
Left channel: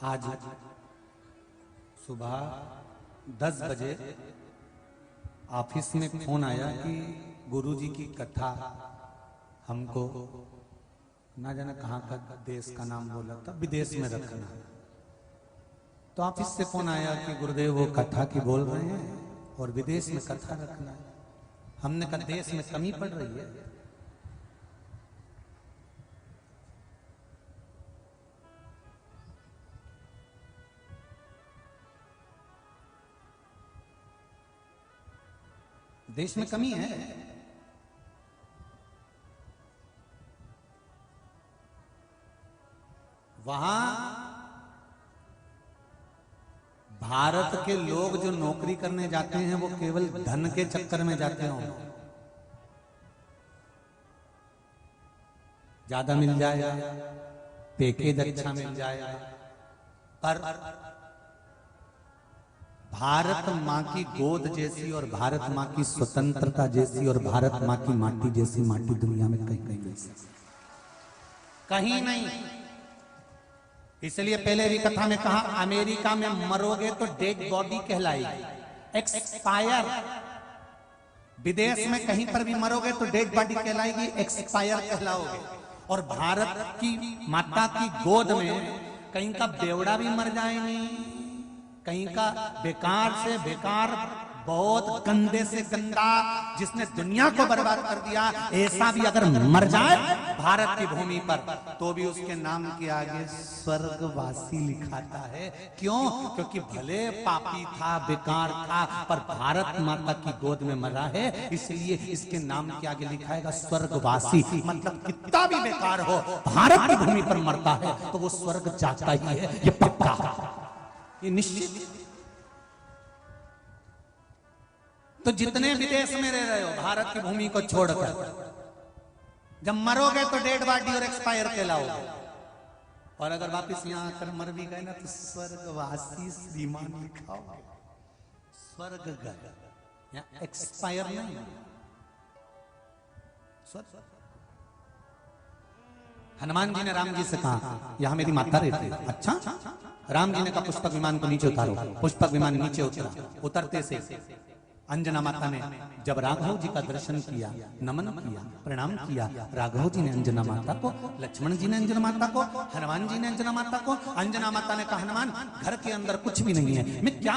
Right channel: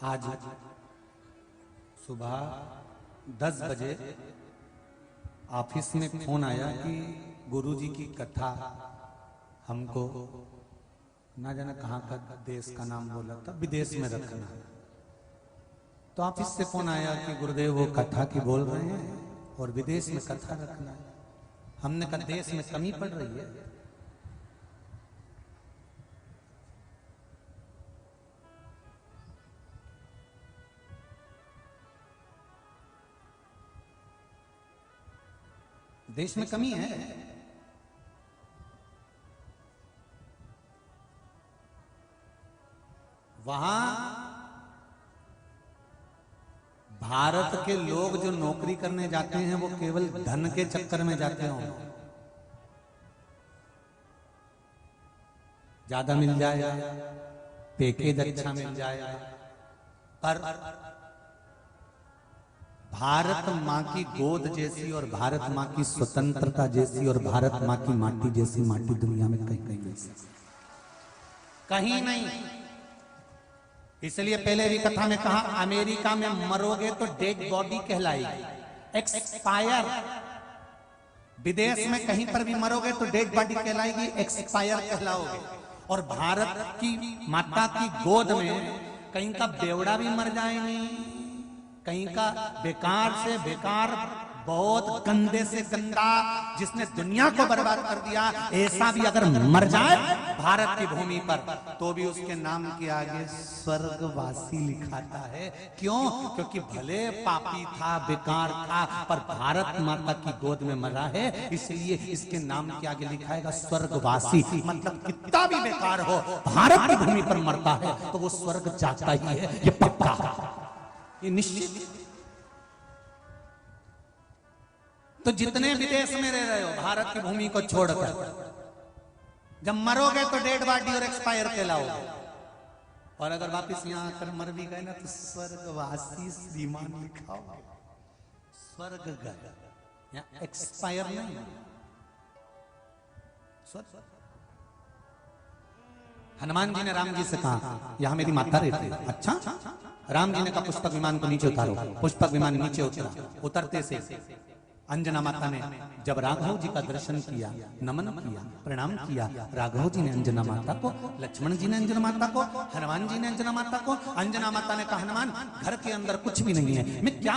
आज सुबह 10 बजे ऑफिस में फोन आया कि गुरुजी की कथा हमको ना जाने कहाँ का देश का नाम बोला था, विदेश में रखा। तो ऑफिस से फोन आया कि गुरुदेव वो कथा की बोल रहे हैं और विदेश में कथा रखना। हमने कहा देश में कमी पड़ रही है। देश में कमी है। वहां भारत के लोग जो नौकरी करने जाते हैं वो केवल धन के चक्कर में जाते हों, ज्यादा मिल जाए, पैकेज अच्छा मिल जाए, पर भारत माँ की गोद जैसी और भारत माँ की स्वतंत्रता जैसी और भारत माँ की माटी जैसी माटी दुनिया में कहीं कहीं मिल सकती, कहीं नहीं। इसलिए पहले ही कथा में कहा, अमेरिका में मरोगे तो डेड बॉडी कहलाएगी, एक्सपायर। विदेश में कहीं पर भी मरोगे तो डेड बॉडी कहलाएगी, एक्सपायर कहलाओगे। और भारत की माता की गोद में कहीं का बेवड़ा भी मर जाएंगे, कहीं का बेकार से बेकार, बहुत गंदे से गंदा, जिसने दुनिया को बर्बाद कर दिया, ऐसा भी अगर मर जाए भारत की भूमि पर, तो भी उसके नाम के आगे स्वर्गवासी लिखाता है। क्यों? क्योंकि भले पापी था, बेकार था, पर भारत माता की गोद में मरा है, इसलिए इसके नाम के आगे लिखाएगा स्वर्गवासी। मतलब कितना भी बेकार हो, भारत की भूमि पर मरता है तो वो स्वर्ग जाता ही है, ये पक्का, ये निश्चित। तो जितने विदेश में रह रहे हो भारत की भूमि को छोड़कर, जब मरोगे तो डेड बॉडी और एक्सपायर कहलाओगे, और अगर वापस यहाँ आकर मर भी गए ना तो स्वर्गवासी श्रीमान लिखाओगे, स्वर्ग गए, एक्सपायर नहीं। हनुमान जी ने राम जी से कहा, यहाँ मेरी माता रहती है। अच्छा, राम जी ने कहा पुष्पक विमान को नीचे उतारो। पुष्पक विमान नीचे उतरते से अंजना माता ने जब राघव जी का दर्शन किया, नमन किया, प्रणाम किया। राघव जी ने अंजना माता को, लक्ष्मण जी ने अंजना माता को, हनुमान जी ने अंजना माता को। अंजना माता ने कहा हनुमान घर के अंदर कुछ भी नहीं है, मैं क्या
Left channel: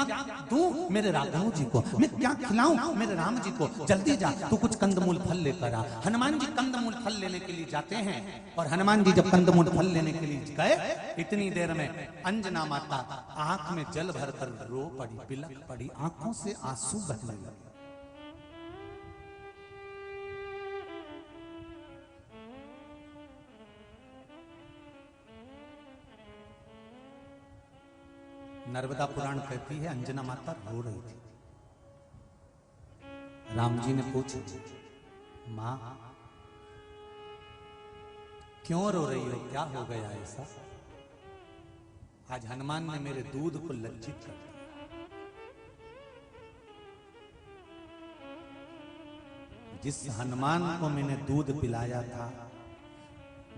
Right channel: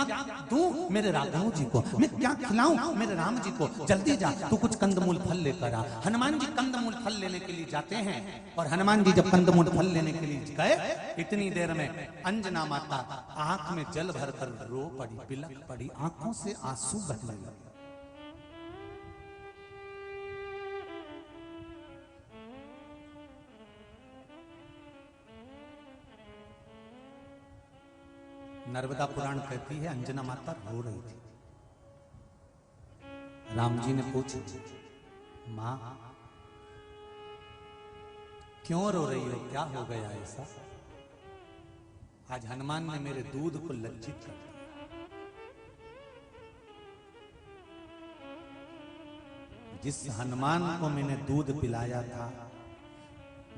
दूं मेरे राघव जी को, मैं क्या खिलाऊं मेरे राम जी को, जल्दी जा तो कुछ कंदमूल फल लेकर आ। हनुमान जी कंदमूल फल लेने के लिए जाते हैं और हनुमान जी जब कंदमूल फल लेने के लिए गए इतनी देर में अंजना माता आंख में जल भरकर रो पड़ी, बिलख पड़ी, आंखों से आंसू बहने लगे। नर्मदा पुराण कहती है अंजना माता रो रही थी। राम जी ने पूछा माँ क्यों रो रही हो, क्या हो गया ऐसे? आज हनुमान ने मेरे दूध को लज्जित कर दिया। जिस हनुमान को मैंने दूध पिलाया था,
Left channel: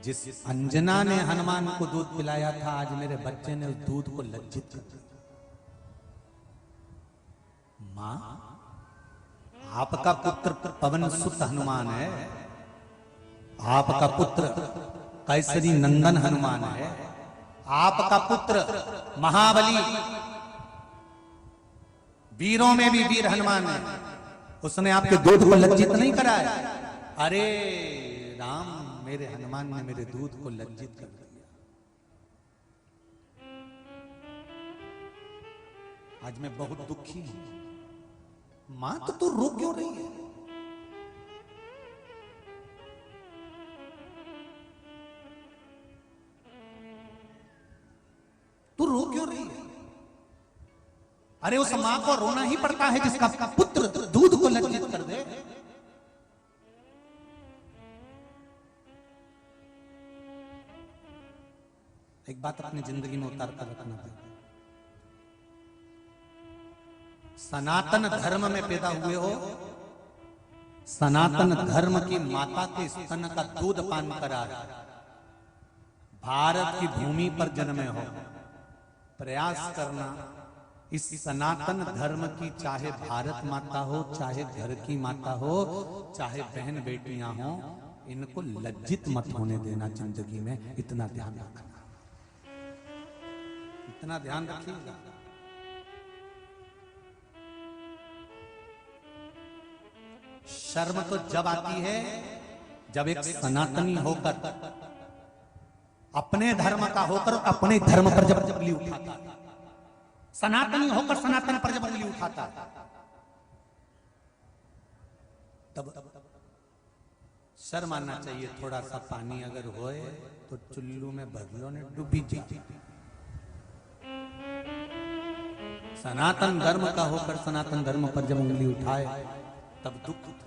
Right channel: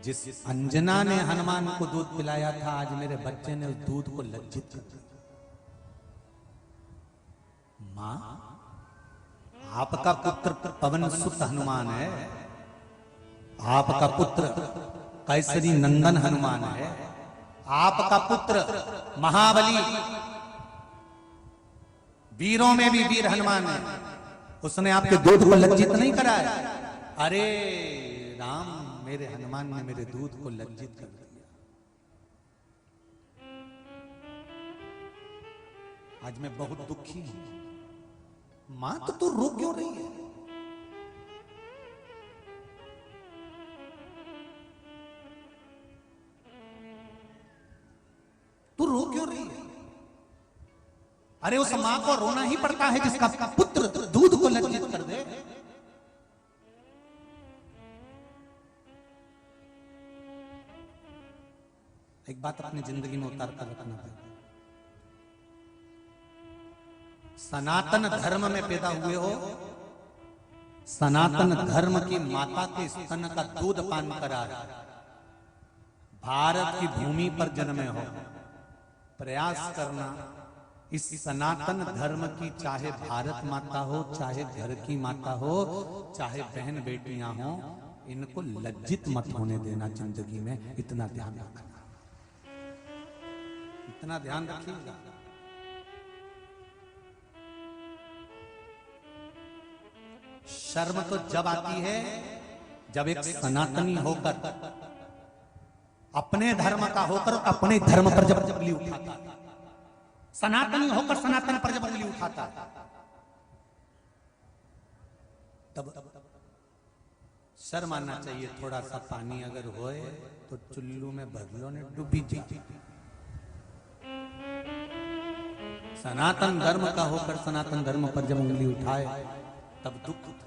जिस अंजना ने हनुमान को दूध पिलाया था, आज मेरे बच्चे ने उस दूध को लज्जित कर दिया। मां आपका पुत्र पवन सुत हनुमान है, आपका पुत्र ऐश्वरी नंदन हनुमान है, आपका पुत्र महाबली वीरों में भी वीर हनुमान है, उसने आपके दूध को लज्जित नहीं कराया। अरे राम मेरे हनुमान ने मेरे दूध को लज्जित कर दिया। आज मैं बहुत दुखी हूं। मां तो रो क्यों रही है? तो रो क्यों रही है? अरे उस मां को रोना ही पड़ता है जिसका पुत्र दूध को लज्जित कर दे। एक बात अपनी जिंदगी में उतार कर रखना है। सनातन धर्म में पैदा हुए हो, सनातन धर्म की माता के स्तन का दूध पान करा भारत की भूमि पर जन्मे हो, प्रयास करना इस सनातन धर्म की, चाहे भारत माता हो, चाहे घर की माता हो, चाहे बहन बेटियां हो, इनको लज्जित मत होने देना जिंदगी में। इतना ध्यान रखना, इतना ध्यान रखिएगा। शर्म तो जब आती है जब एक सनातनी होकर, अपने धर्म का होकर अपने धर्म पर जब जबली उठाता, सनातनी होकर सनातन पर जबली उठाता, तब शर्म आना चाहिए। थोड़ा सा पानी अगर होए तो चुल्लू में भगलो ने डूबी जाए। सनातन धर्म का होकर सनातन धर्म पर जब उंगली उठाए तब दुख उठा।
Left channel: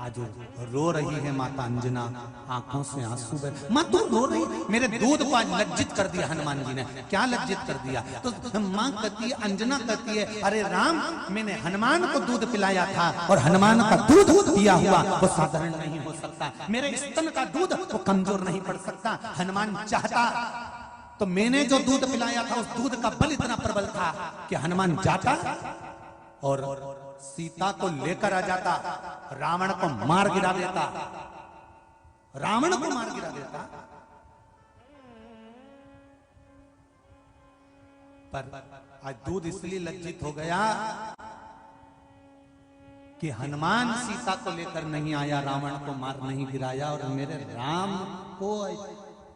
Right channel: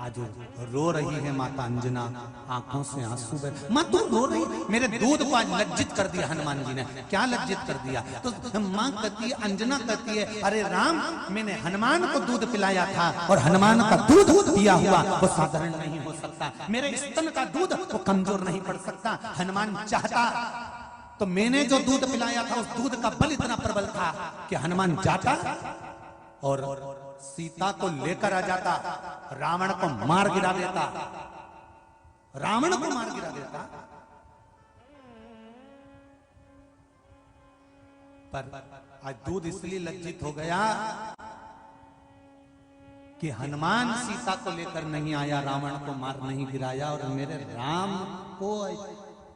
आज रो रही है माता अंजना, आंखों से आंसू बह। मां तू रो रही, मेरे दूध को आज लज्जित कर दिया हनुमान जी ने। क्या लज्जित कर दिया? तो मां कहती है, अंजना कहती है, अरे राम मैंने हनुमान को दूध पिलाया था और हनुमान का दूध पिया हुआ वो साधारण नहीं हो सकता। मेरे स्तन का दूध वो कमजोर नहीं पड़ सकता। हनुमान चाहता तो मैंने जो दूध पिलाया था उस दूध का बल इतना प्रबल था कि हनुमान जाता और सीता को लेकर आ जाता, रावण को मार गिरा देता, रावण को मार गिरा देता। पर दूध इसलिए लज्जित हो गया कि हनुमान सीता को लेकर नहीं आया, रावण को मार नहीं गिराया, और मेरे राम को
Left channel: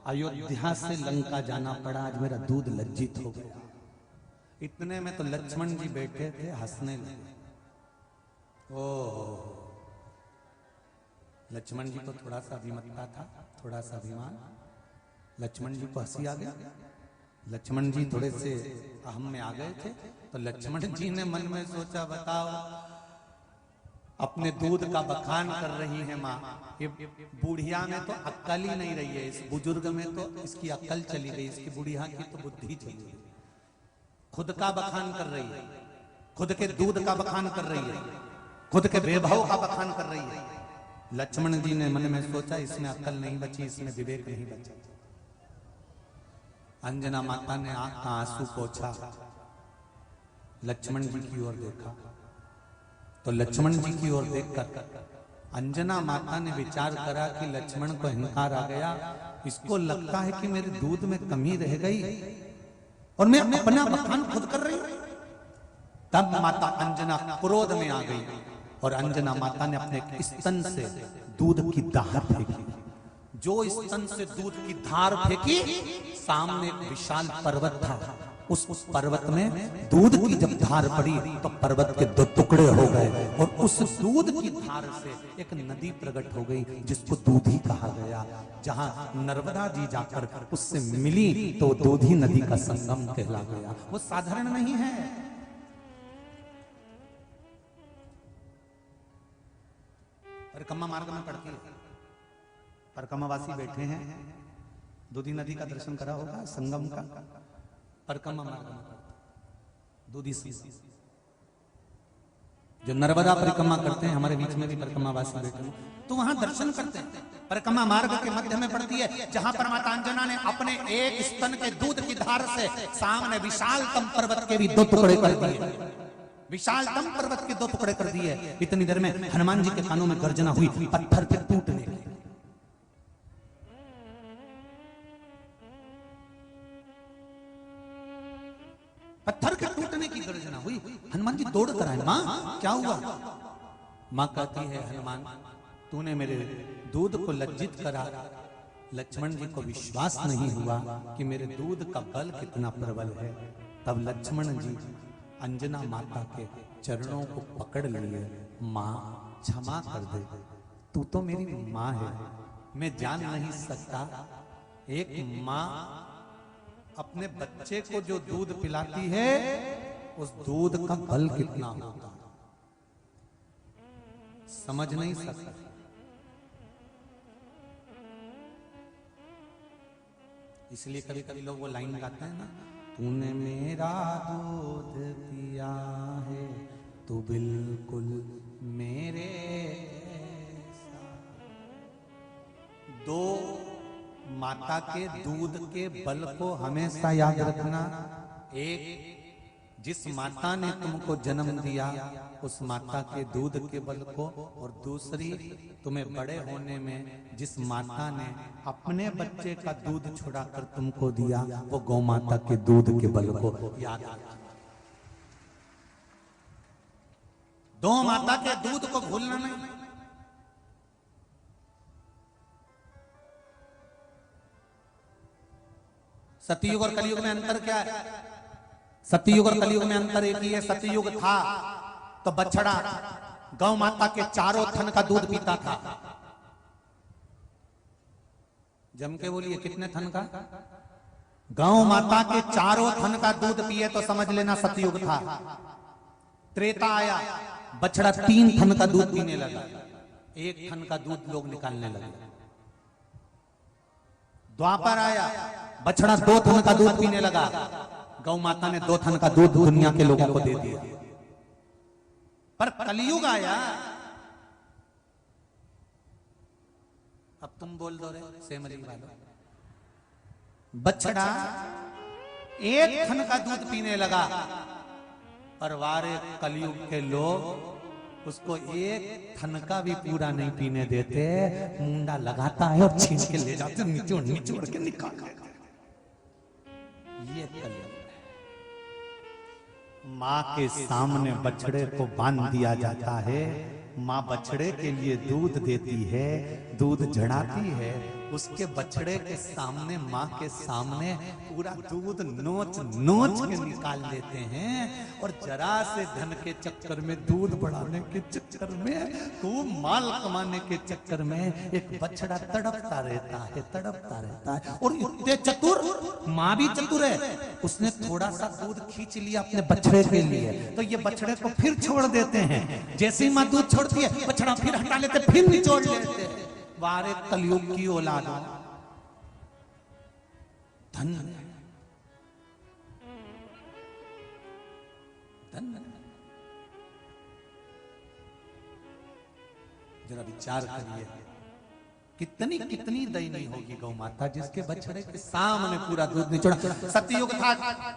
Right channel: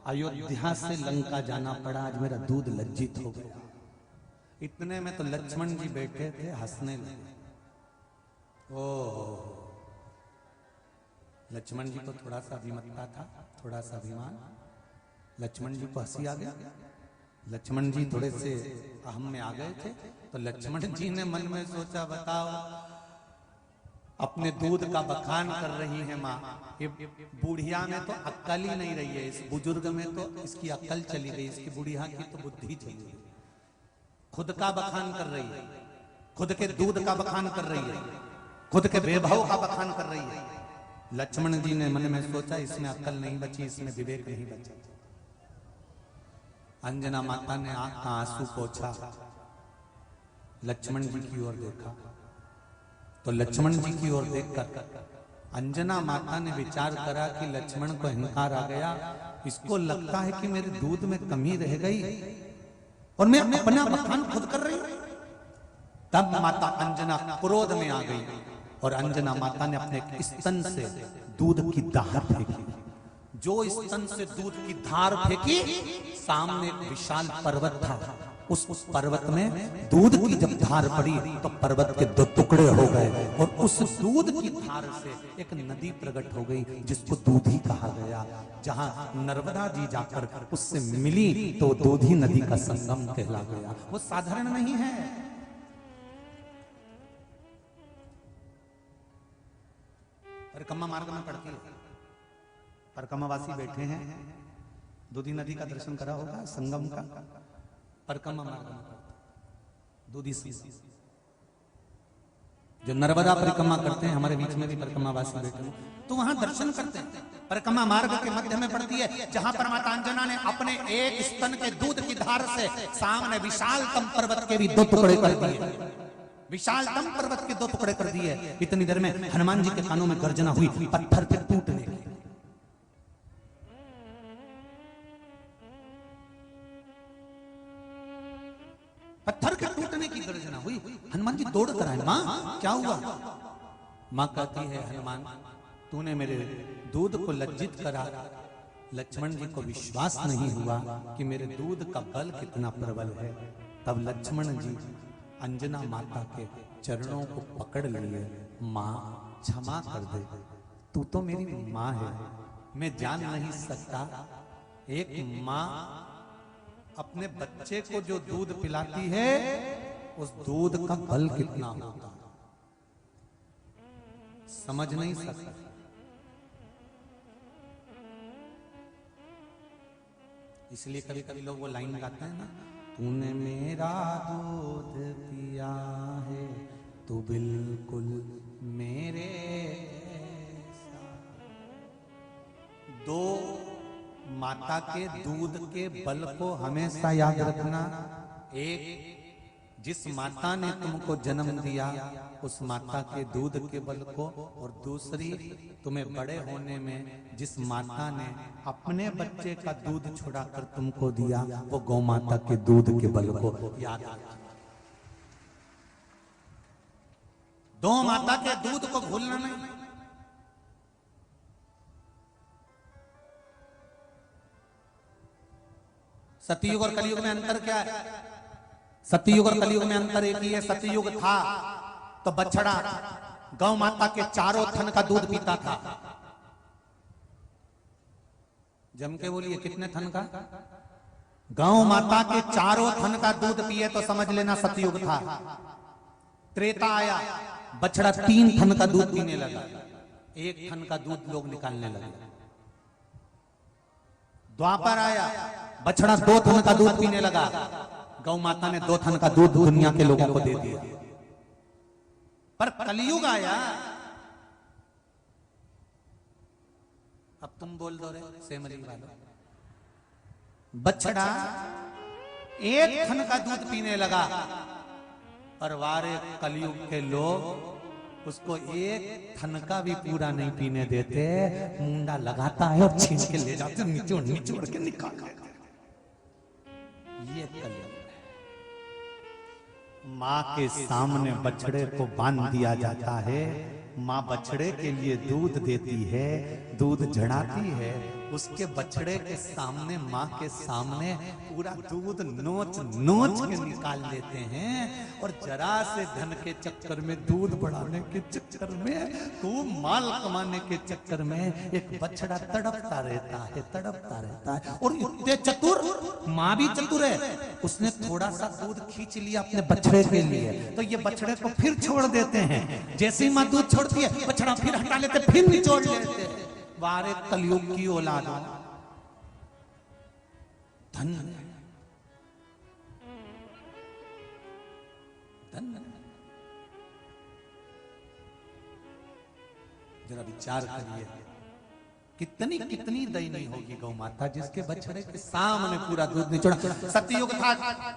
अयोध्या से लंका जाना पड़ा। आज मेरा दूध लज्जित हो गया। इतने में तो लक्ष्मण जी बैठे थे, हंसने लगे। लक्ष्मण जी तो थोड़ा सा अभिमत्ता था, थोड़ा सा अभिमान। लक्ष्मण जी को हंसी आ गया। लक्ष्मण जी थोड़े से अहम में आ गए थे। तो लक्ष्मण जी ने मन में सोचा, बताओ अपने दूध का बखान कर रही है माँ, ये बुढ़िया में तो अक्ल ही नहीं रही है, इस बुजुर्ग में तो इसकी अक्ल चली गई, इसकी बुढ़िया की तो बुद्धि चली गई। खुद का बखान कर रही है, खुद के दूध का बखान कर रही है, खुद के वैभव का बखान कर रही है। लक्ष्मण जी ने मन में सोचा, इसमें अक्ल नहीं बची, इसमें विवेक नहीं बचा। अंजना माता ने आंसू पोंछा, लक्ष्मण जी की ओर देखा, तो लक्ष्मण जी की ओर देखकर अंजना माता ने विचार करा कि लक्ष्मण को अहंकार आ गया, इसको लगता है कि मेरे दूध में कमी रह गई और मैं अपना बखान खुद कर रही हूं। तब माता अंजना क्रोध में आ गई और अंजना माता ने अपने स्तन से दूध की धार फेंकी। जो स्तन से दूध की धार फेंकी, सामने एक विशाल पर्वत था। उस पर्वत में दूध की जब धार पड़ी तो पर्वत के दो टुकड़े हो गए और उस दूध की धार से एक नदी प्रकट हो गई जिसको दूधी कहा गया। जहां नर्मदा जी जाकर उससे मिली तो दूधी नदी का संगम कहला गया। वो साधारण नहीं है। परिक्रमा मार्ग में पड़ता है, परिक्रमावासी बैठे हैं, दूधी नदी का दर्शन करा होगा, संगम का। परिक्रमा मार्ग में दूधी सी जो नर्मदा परिक्रमा करते हैं, हमारे बीच में भी परिक्रमावासी बैठे हैं, तो वहां दर्शन करते हैं। परिक्रमा मार्ग के मध्य में पड़ती है, जहां पर माता अंजना ने अपने एक स्तन के दूध की धार से सामने विशालतम पर्वत के भी दो टुकड़े कर दिए। विशालतम पर्वत के दो टुकड़े कर दिए। इतनी देर में हनुमान जी के कानों में गर्जना हुई, पत्थर के टूट गए। पत्थर के टूटने की गर्जना हुई। हनुमान जी दौड़ कर आए, मां क्या हुआ? मां कहती है, हनुमान तूने मेरे दूध को लज्जित करा। लक्ष्मण जी को विश्वास नहीं हुआ कि मेरे दूध का बल कितना प्रबल है। तब लक्ष्मण जी अंजना माता के चरणों को पकड़ लिए, मां क्षमा कर दे, तू तो मेरी मां है, मैं जान नहीं सकता एक मां अपने बच्चे को जो दूध पिलाती है उस दूध का बल कितना होता है, समझ नहीं सकता। इसलिए कभी कभी लोग वो लाइन लगाते हैं ना, तूने मेरा दूध पिया है तो बिल्कुल मेरे। दो माता के दूध के बल को हमेशा याद रखना। एक, जिस माता ने तुमको जन्म दिया उस माता के दूध के बल को, और दूसरी, तुम्हें बड़े होने में जिस माता ने अपने बच्चे का दूध छुड़ाकर तुमको दिया वो गौ माता के दूध के बल को याद रखना। दो माता के दूध को भूलना नहीं। सतयुग और कलयुग में अंतर क्या है? सतयुग और कलयुग में अंतर एक ही है। सतयुग था तो बछड़ा गौ माता के चारों थन का दूध पीता था। जम के बोलिए, कितने थन का? गौ माता के चारों थन का दूध पिए तो समझ लेना सतयुग था। त्रेता आया, बछड़ा 3 थन का दूध पीने लगा, 1 थन का दूध लोग निकालने लगे। द्वापर आया, बछड़ा 2 थन का दूध पीने लगा, गौ माता ने 2 थन का दूध दुनिया के लोगों को दे दिया। पर कलयुग आया, अब तुम बोल दो से मुझे बछड़ा 1 थन का दूध पीने लगा, पर वारे कलयुग के लोग उसको 1 थन का भी पूरा नहीं पीने देते, मुंडा लगाता है और छीन के ले जाते, निचोड़ के निकाल। ये कलयुग। माँ के सामने बछड़े को बांध दिया जाता है, माँ बछड़े के लिए दूध देती है, दूध झड़ाती है, उसके बछड़े के सामने, माँ के सामने पूरा दूध नोच नोच के निकाल लेते हैं। और जरा से धन के चक्कर में, दूध बढ़ाने के चक्कर में, वो माल कमाने के चक्कर में एक बछड़ा तड़पता रहता है, तड़पता रहता है। और इतने चतुर, माँ भी चतुर है, उसने थोड़ा सा दूध खींच लिया अपने बछड़े के लिए, तो ये बछड़े को फिर छोड़ देते हैं। जैसे ही माँ दूध छोड़ती है, बछड़ा फिर हटा लेते, फिर निचोड़ लेते हैं। वारे कलयुग की औलाद, धन जरा विचार करिए। कितनी कितनी दयनीय होगी गौ माता जिसके बछड़े के सामने पूरा दूध निचोड़ा। सतयुग था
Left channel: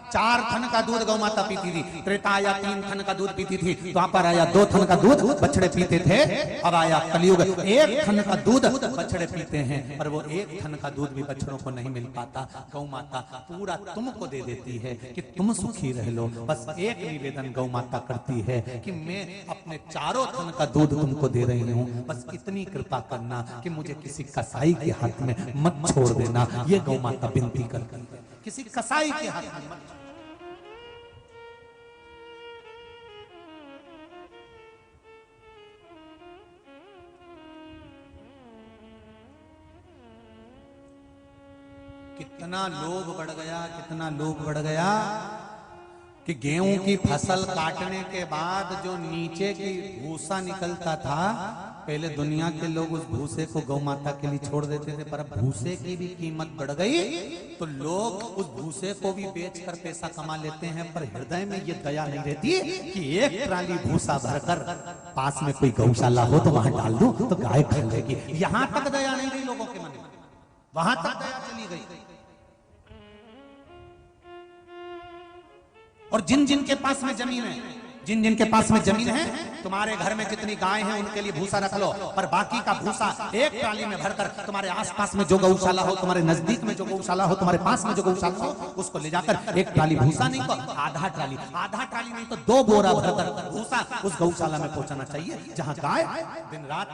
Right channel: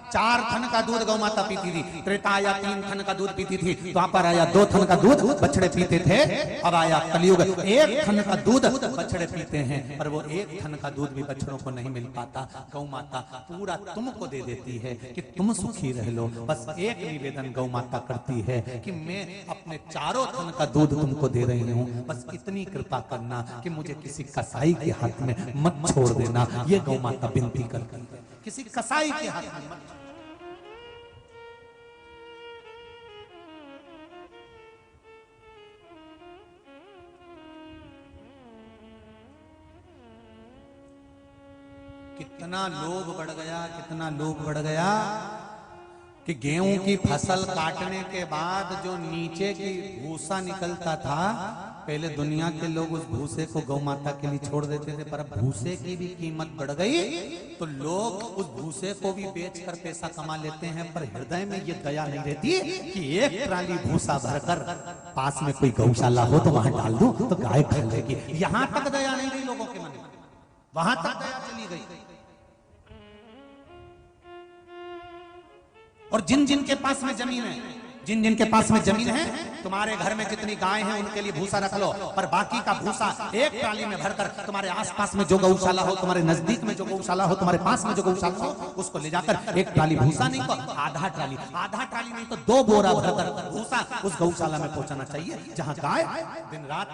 4 थन का दूध गौ माता पीती थी, त्रेता आया 3 थन का दूध पीती थी, द्वापर आया 2 थन का दूध बछड़े पीते थे, अब आया कलयुग 1 थन का दूध बछड़े पीते हैं। पर वो 1 थन का दूध भी बछड़ों को नहीं मिल पाता। गौ माता पूरा तुमको दे देती है कि तुम सुखी रह लो। बस एक निवेदन गौ माता करती है कि मैं अपने 4 थन का दूध तुमको दे रहे हैं, बस इतनी कृपा करना कि मुझे किसी कसाई के हाथ में मत छोड़ देना। ये गौ माता विनती करती है, किसी कसाई के हाथ में मत। कितना लोभ बढ़ गया, कितना लोभ बढ़ गया कि गेहूं की फसल काटने के बाद जो नीचे की भूसा निकलता था, पहले दुनिया के लोग उस भूसे को गौ माता के लिए छोड़ देते थे, पर अब भूसे की भी कीमत बढ़ गई तो लोग उस भूसे को भी बेचकर पैसा कमा लेते हैं। पर हृदय में ये दया नहीं रहती कि एक ट्राली भूसा भरकर पास में कोई गौशाला हो तो वहां डाल दूं तो गाय खा लेगी। यहां तक दया नहीं रही लोगों के मन में, वहां तक दया चली गई। और जिन जिन के पास में जमीन है, जिन जिन के पास में जमीन है, तुम्हारे घर में जितनी गाय हैं उनके लिए भूसा रख लो, पर बाकी का भूसा एक ट्राली में भरकर तुम्हारे आसपास में जो गौशाला हो, तुम्हारे नजदीक में जो गौशाला हो, तुम्हारे पास में जो गौशाला हो, उसको ले जाकर एक ट्राली भूसा नहीं तो आधा ट्राली नहीं तो 2 बोरा भरकर भूसा उस गौशाला में पहुंचाना चाहिए, जहां गाय दिन रात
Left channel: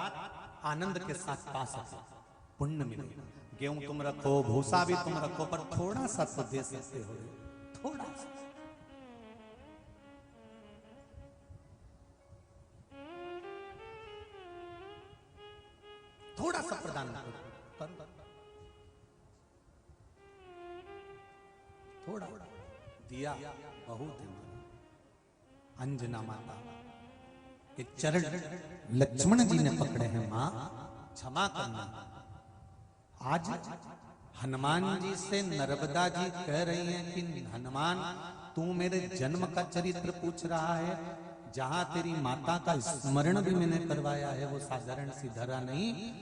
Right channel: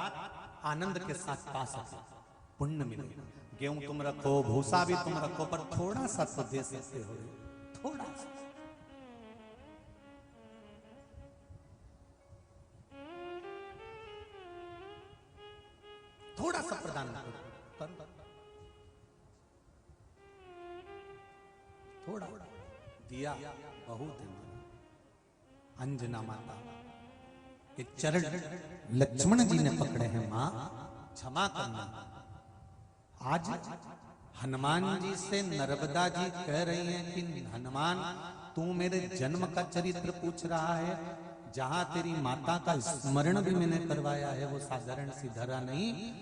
आनंद के साथ पा सके, पुण्य मिले। गेहूं तुम रखो, भूसा भी तुम रखो, पर थोड़ा सा तो दे सकते हो, थोड़ा सा। थोड़ा सा प्रदान करो, थोड़ा दिया बहुत है। अंजना माता के चरण लक्ष्मण जी ने पकड़े हुए, मां क्षमा करना। आज हनुमान जी से नर्मदा जी कह रही हैं कि हनुमान तू मेरे जन्म का चरित्र पूछ रहा है, जहां तेरी माता का स्मरण भी मैंने करवाया है वो साधारण सी धरा नहीं।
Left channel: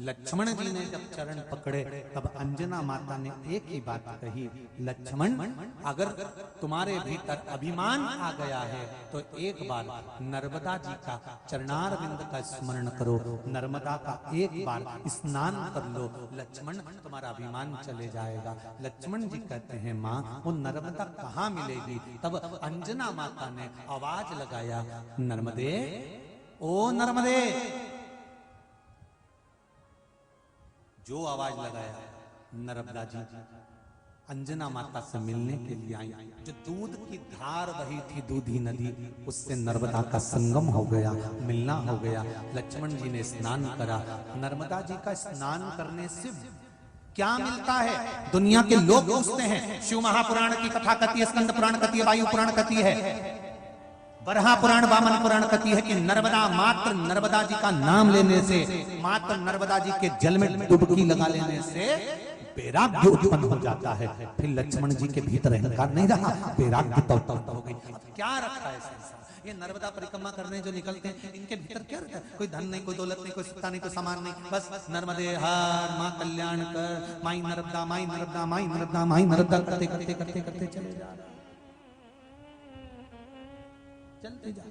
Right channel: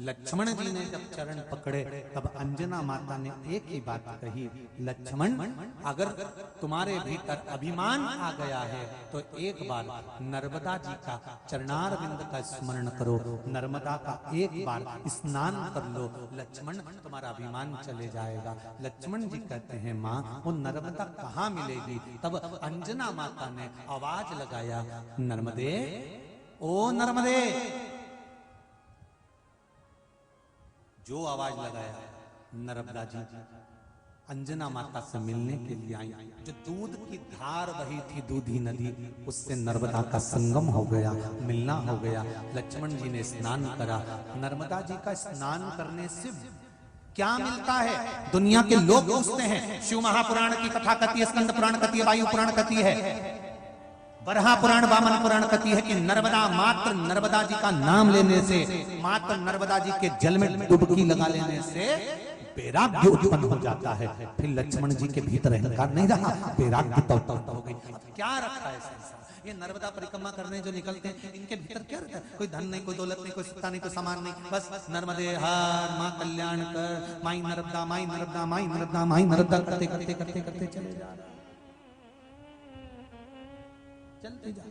लक्ष्मण जी ने जब चरण पकड़े तब अंजना माता ने एक ही बात कही, लक्ष्मण अगर तुम्हारे भीतर अभिमान आ गया है तो एक बार नर्मदा जी का चरणारविंद का स्मरण करो, नर्मदा का एक बार स्नान कर लो, लक्ष्मण तुम्हारा अभिमान चले जाएगा। लक्ष्मण जी कहते हैं माँ वो नर्मदा कहाँ मिलेगी? तब अंजना माता ने आवाज लगाया, नर्मदे ओ नर्मदे। जो आवाज लगाया नर्मदा जी अंजना माता से मिलने के लिए आई। जो दूध की धार बही थी दूधी नदी, उससे नर्मदा का संगम हो गया, मिलना हो गया। लक्ष्मण जी ने स्नान करा। नर्मदा जी का स्नान करने से क्या मिलता है? दुनिया के लोग पूछते हैं। शिव महापुराण की कथा कथी है, स्कंद पुराण कथी है, वायु पुराण कथी है, बरहा पुराण वामन पुराण कथी है कि नर्मदा मात्र नर्मदा जी का नाम लेने से, मात्र नर्मदा जी के जल में डुबकी लगा लेने से वैराग्य उत्पन्न हो जाता है। फिर लक्ष्मण जी के भीतर अहंकार नहीं रहा, वैराग्य तो उत्पन्न हो गई। क्या रखा है संसार? ये नर्मदा परिक्रमा करने जो निकलते हैं इनके भीतर क्या रहता है? कोई धन नहीं, कोई दौलत नहीं, कोई सत्ता नहीं, कोई सामान नहीं, बस नर्मदे हर माँ कल्याण कर, माई नर्मदा माई नर्मदा माई नर्मदा माई नर्मदा करते करते करते करते चले जा रहे, चलते जा।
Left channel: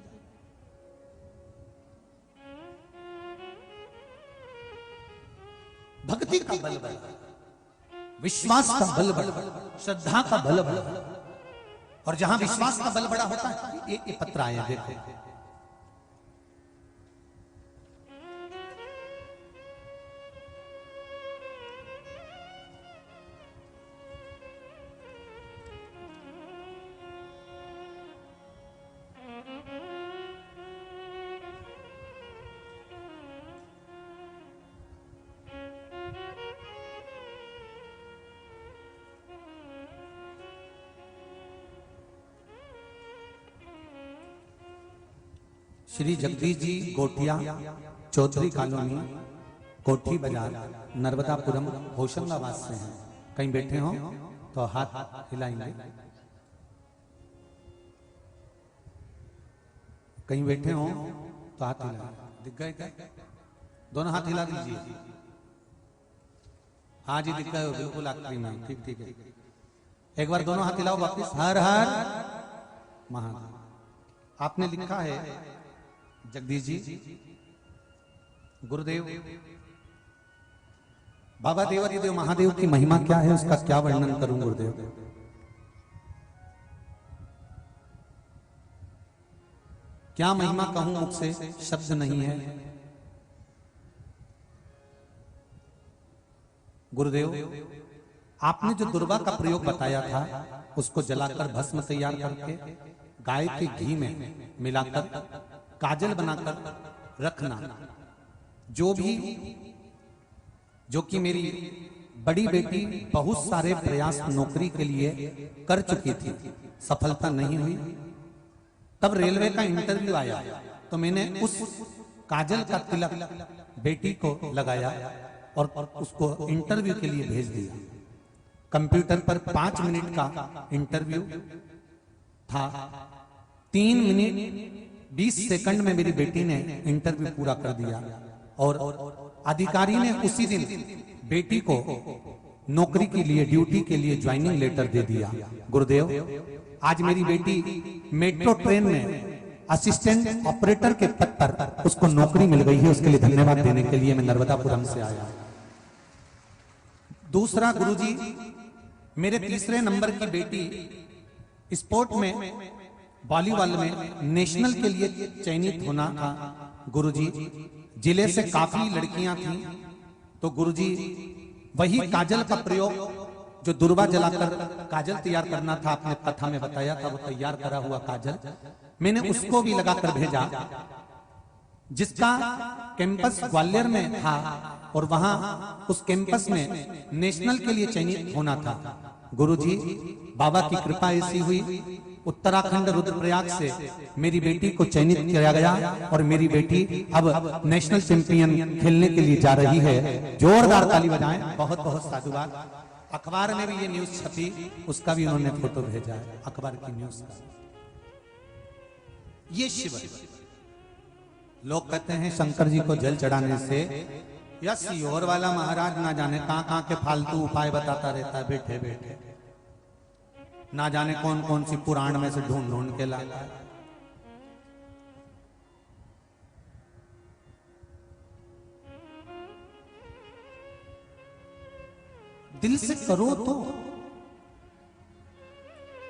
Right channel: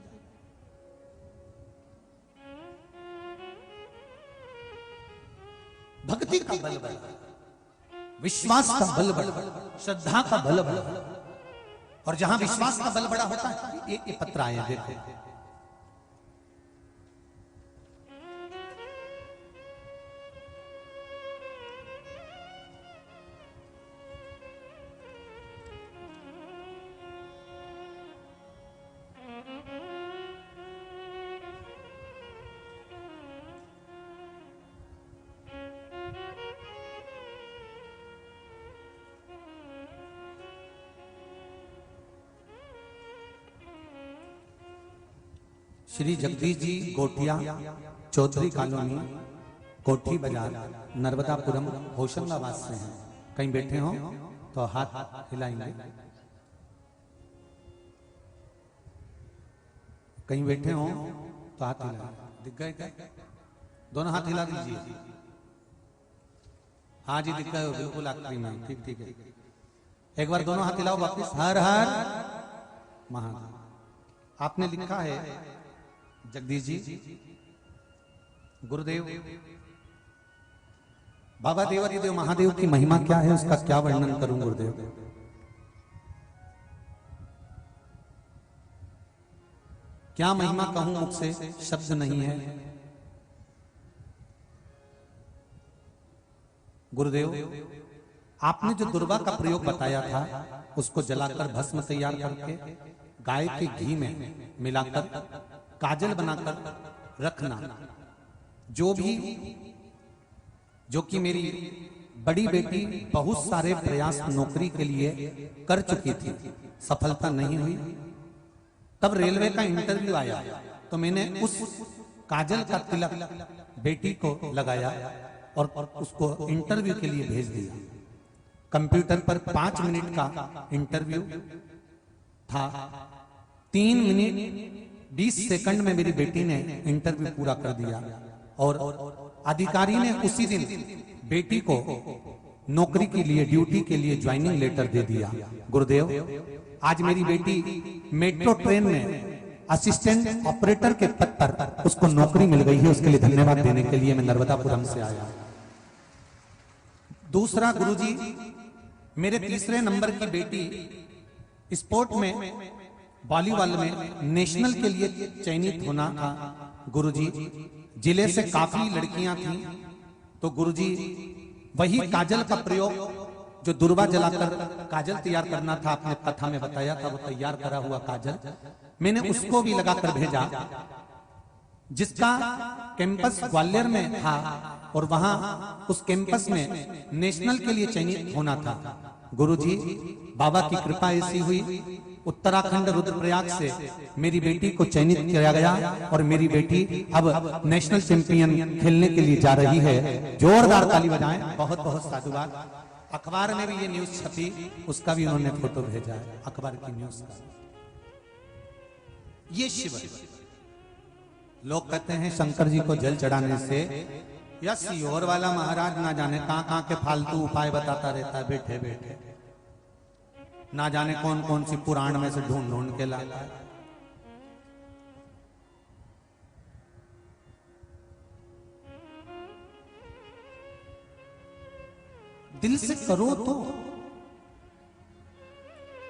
भक्ति का बल, विश्वास का बल बड़ा, श्रद्धा का बल बड़ा। और जहां विश्वास का बल बड़ा होता है, ये पत्र आया देखो, श्री जगदीश जी गोटिया चौधरी कॉलोनी कोठी बाजार नर्मदापुरम होशंगाबाद से हैं। कहीं बैठे हो तो हाथ हिलाएंगे, कहीं बैठे हो तो हाथ हिलाएंगे। दिख गए क्या? दोनों हाथ हिला दीजिए। हाँ जी, दिख रहे हो बिल्कुल आखिरी में। ठीक ठीक है, एक बार दोनों हाथ हिलाओ वापिस। हर हर महा। आपने लिखा है जगदीश जी, गुरुदेव बाबा देवादिदेव महादेव की महिमा क्या है, उसका क्या वर्णन करूं गुरुदेव? क्या महिमा कहूं, मुझसे शब्द नहीं है। गुरुदेव, आपने जो दुर्वा का प्रयोग बताया था, उसको जलाकर भस्म तैयार करके गाय के घी में मिलाकर काजल बनाकर रखना, जो कि मेरी बड़ी बेटी बहुत सारे प्रयास नौकरी के लिए कर चुकी थी, सफलता नहीं हुई। तब रेलवे का इंटरव्यू आया तो मैंने उस काजल का तिलक बेटी को लगाया और उसको इंटरव्यू के लिए भेज दिया। कंप्यूटर पर 5 मिनट का इंटरव्यू था। 3 मिनट 20 सेकंड में मेरी बेटी ने इंटरव्यू पूरा कर दिया और अधिकारी ने उसी दिन बेटी को नौकरी के लिए, ड्यूटी के लिए ज्वाइनिंग लेटर दे दिया। गुरुदेव, आज मेरी बेटी मेट्रो ट्रेन में असिस्टेंट ऑपरेटर के पद पर उसको नौकरी मिल गई है। उसके लिए धन्यवाद देने के लिए मैं नर्मदापुरम से आया हूं। दूसरा गुरुजी, मेरे तीसरे नंबर की बेटी स्पोर्ट में वॉलीबॉल में नेशनल के लिए चयनित होना था। गुरुजी, जिले से काफी लड़कियां थी, तो गुरुजी वही काजल का प्रयोग जो दुर्वा जलाकर काजल तैयार करना था, आपने कथा में बताया था, वो तैयार करा हुआ काजल मैंने उसको भी लगाकर भेजा, जिसका कैंपस ग्वालियर में था और वहां उस कैंपस में नेशनल के लिए चयनित होना था। गुरुजी, बाबा की कृपा ऐसी हुई, उत्तराखंड रुद्रप्रयाग से मेरी बेटी को चयनित किया गया और मेरी बेटी अब नेशनल चैंपियन खेलने के लिए जा रही है। जोरदार ताली बजाएं। बहुत बहुत साधुवाद। अखबार में भी ये न्यूज छपी, उसका भी उन्होंने फोटो भेजा है, अखबार की न्यूज का। ये शिव, लोग कहते हैं शंकर जी को जल चढ़ाने से या सीहोर वाला महाराज ना जाने कहां के फालतू उपाय बताता रहता है, बैठे बैठे ना जाने कौन कौन सी पुराण में से ढूंढ ढूंढ के लाता है। दिल से करो तो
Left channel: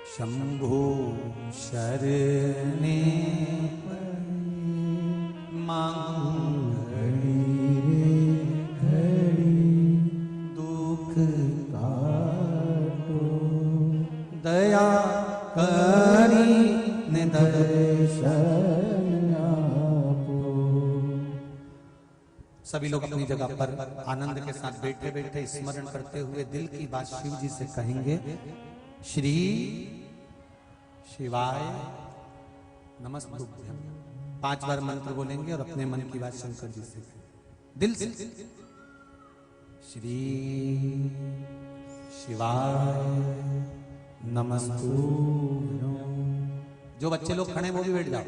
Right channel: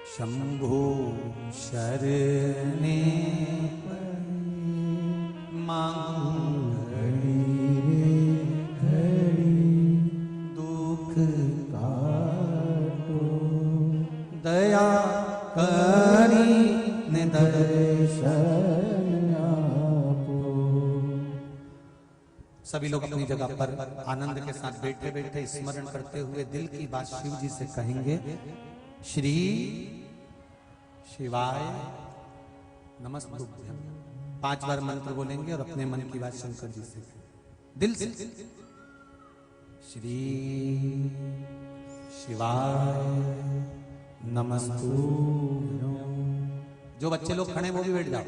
संधो शरणी मांग दुख दया करी निदर्शन। सभी लोग अपनी जगह पर आनंद के साथ बैठे बैठे स्मरण करते हुए दिल की बात शिव जी से कहेंगे। श्री शिवाय नमस्तुभ्यं। 5 बार मंत्र बोलेंगे और अपने मन की बात शंकर जी से दिल से। श्री शिवाय नमस्तुभ्यं। जो बच्चे लोग खड़े हैं वो भी बैठ जाओ,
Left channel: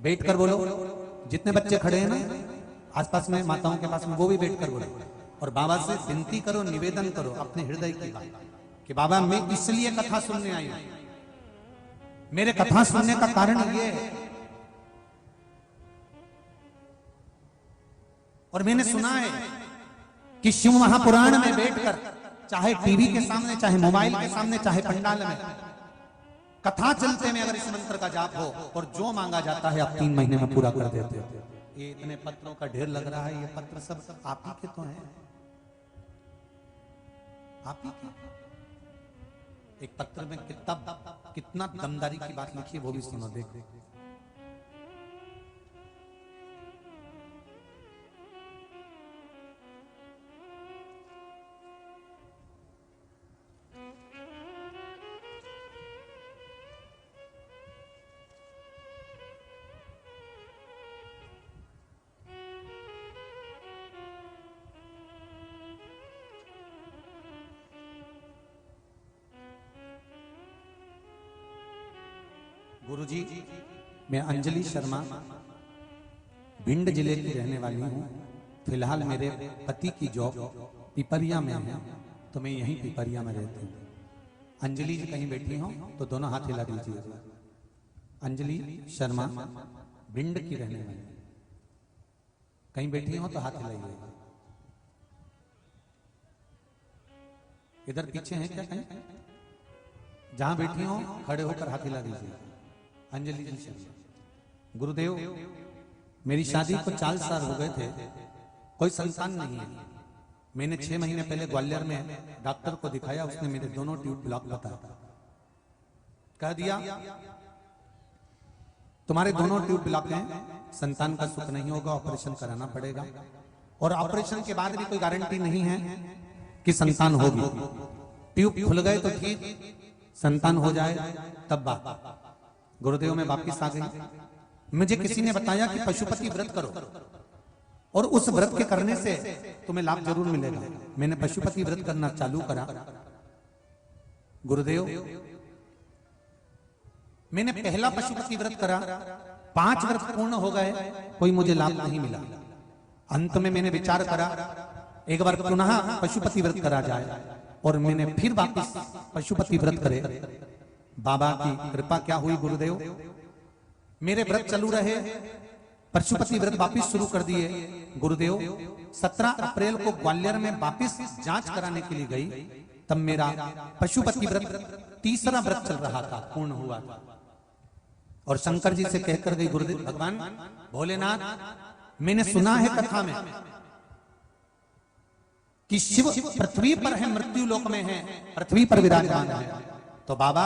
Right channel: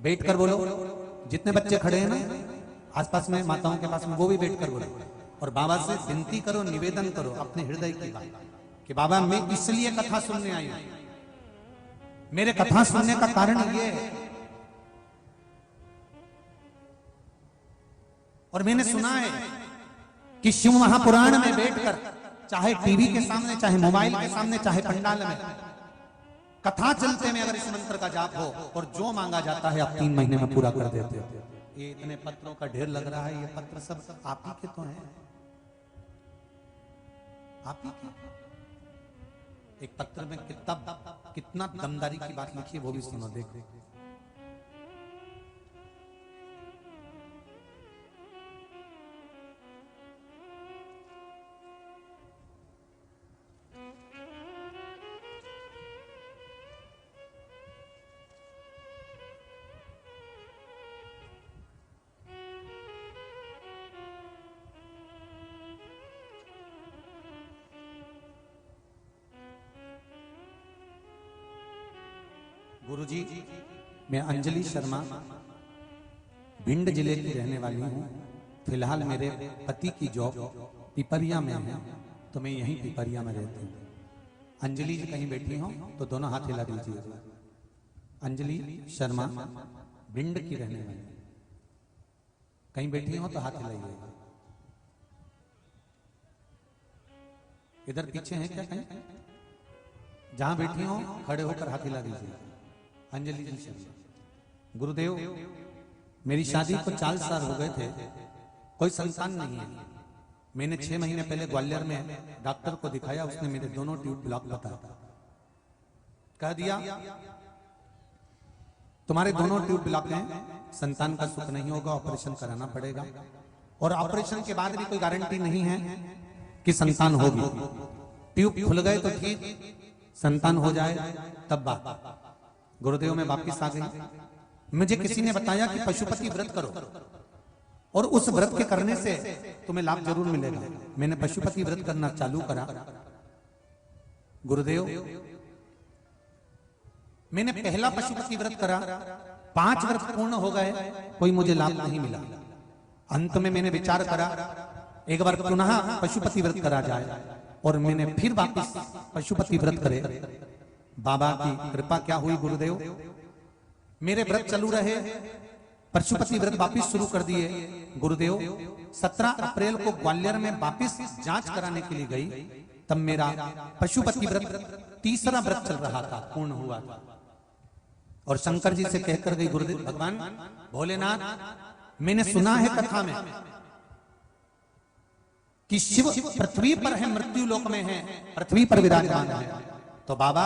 बैठ कर बोलो। जितने बच्चे खड़े हैं ना आसपास में, माताओं के पास में, वो भी बैठ कर बोलो और बाबा से विनती करो, निवेदन करो अपने हृदय की बात कि बाबा मैं इसलिए कथा सुनने आई हूं। मेरे कथा सुनने का कारण ये है और मैंने सुना है कि शिव महापुराण में बैठकर, चाहे टीवी के सामने, चाहे मोबाइल के सामने, चाहे पंडाल में, कथा चलते में अगर इस मंत्र का जाप हो और जो मांगा जाता है आप 3 महीने में पूरा कर देते हो। ये इतने पत्रों का ढेर लग रहा है, ये पत्र सब आप ही के तो हैं, आप ही के। एक पत्र में कितना दमदारी की बात लिखी है वो भी सुनो, देखो। गुरुजी, मैं अंजलि शर्मा भिंड जिले की रहने वाली हूँ। फिलहाल मेरे पति की जॉब पिपरिया में है तो मैं यही पिपरिया में रहती हूँ। अंजलि जी कहीं बैठी हो तो दोनों हाथ हिला दीजिए। अंजलि शर्मा भिंड की रहने वाली, कहीं बैठी हो तो हाथ हिलाइए। इधर पीछे है क्या कहीं? जहां बैठी हो खड़े होकर हाथ हिला दीजिए। अंजलि जी शर्मा। गुरुदेव, मेरी शादी को 4 साल हो गए थे, कोई संतान नहीं है। मैंने 6 महीने पहले ग्वालियर में डॉक्टर को दिखाया, उसने मेरे दोनों ट्यूब ब्लॉक बताया, कह दिया तुम्हारे दोनों ट्यूब ब्लॉक हैं, संतान का सुख नहीं होगा, ऑपरेशन कराना पड़ेगा। और ऑपरेशन के बाद भी कोई गारंटी नहीं है कि संतान होगी। ट्यूब खुल गए तो ठीक, संतान हो जाए तब बात। गुरुदेव में वापिस आ गई। मुझे किसी ने बताया कि पशुपति व्रत करो और उस व्रत के करने से तुम्हें लाभ जरूर मिलेगा। मैंने पशुपति व्रत करना चालू करा। गुरुदेव, मैंने पहला पशुपति व्रत करा, 5 व्रत पूर्ण हो गए, कोई मुझे लाभ नहीं मिला। अंत में मैंने विचार करा एक बार पुनः पशुपति व्रत करा जाए, और मैंने फिर वापस पशुपति व्रत करे। बाबा की कृपा क्या हुई गुरुदेव, मेरे व्रत चालू रहे, पशुपति व्रत वापस शुरू कर दिए। गुरुदेव 17 अप्रैल को ग्वालियर में वापस जांच कराने के लिए गई, तब मेरा पशुपति व्रत 3रा व्रत चल रहा था, पूर्ण हुआ था। और शंकर जी से कहकर गई, गुरुदेव भगवान भोलेनाथ, मैंने सुना है कथा में कि शिव पृथ्वी पर है, मृत्यु लोक में है, पृथ्वी पर विराजमान है, तो बाबा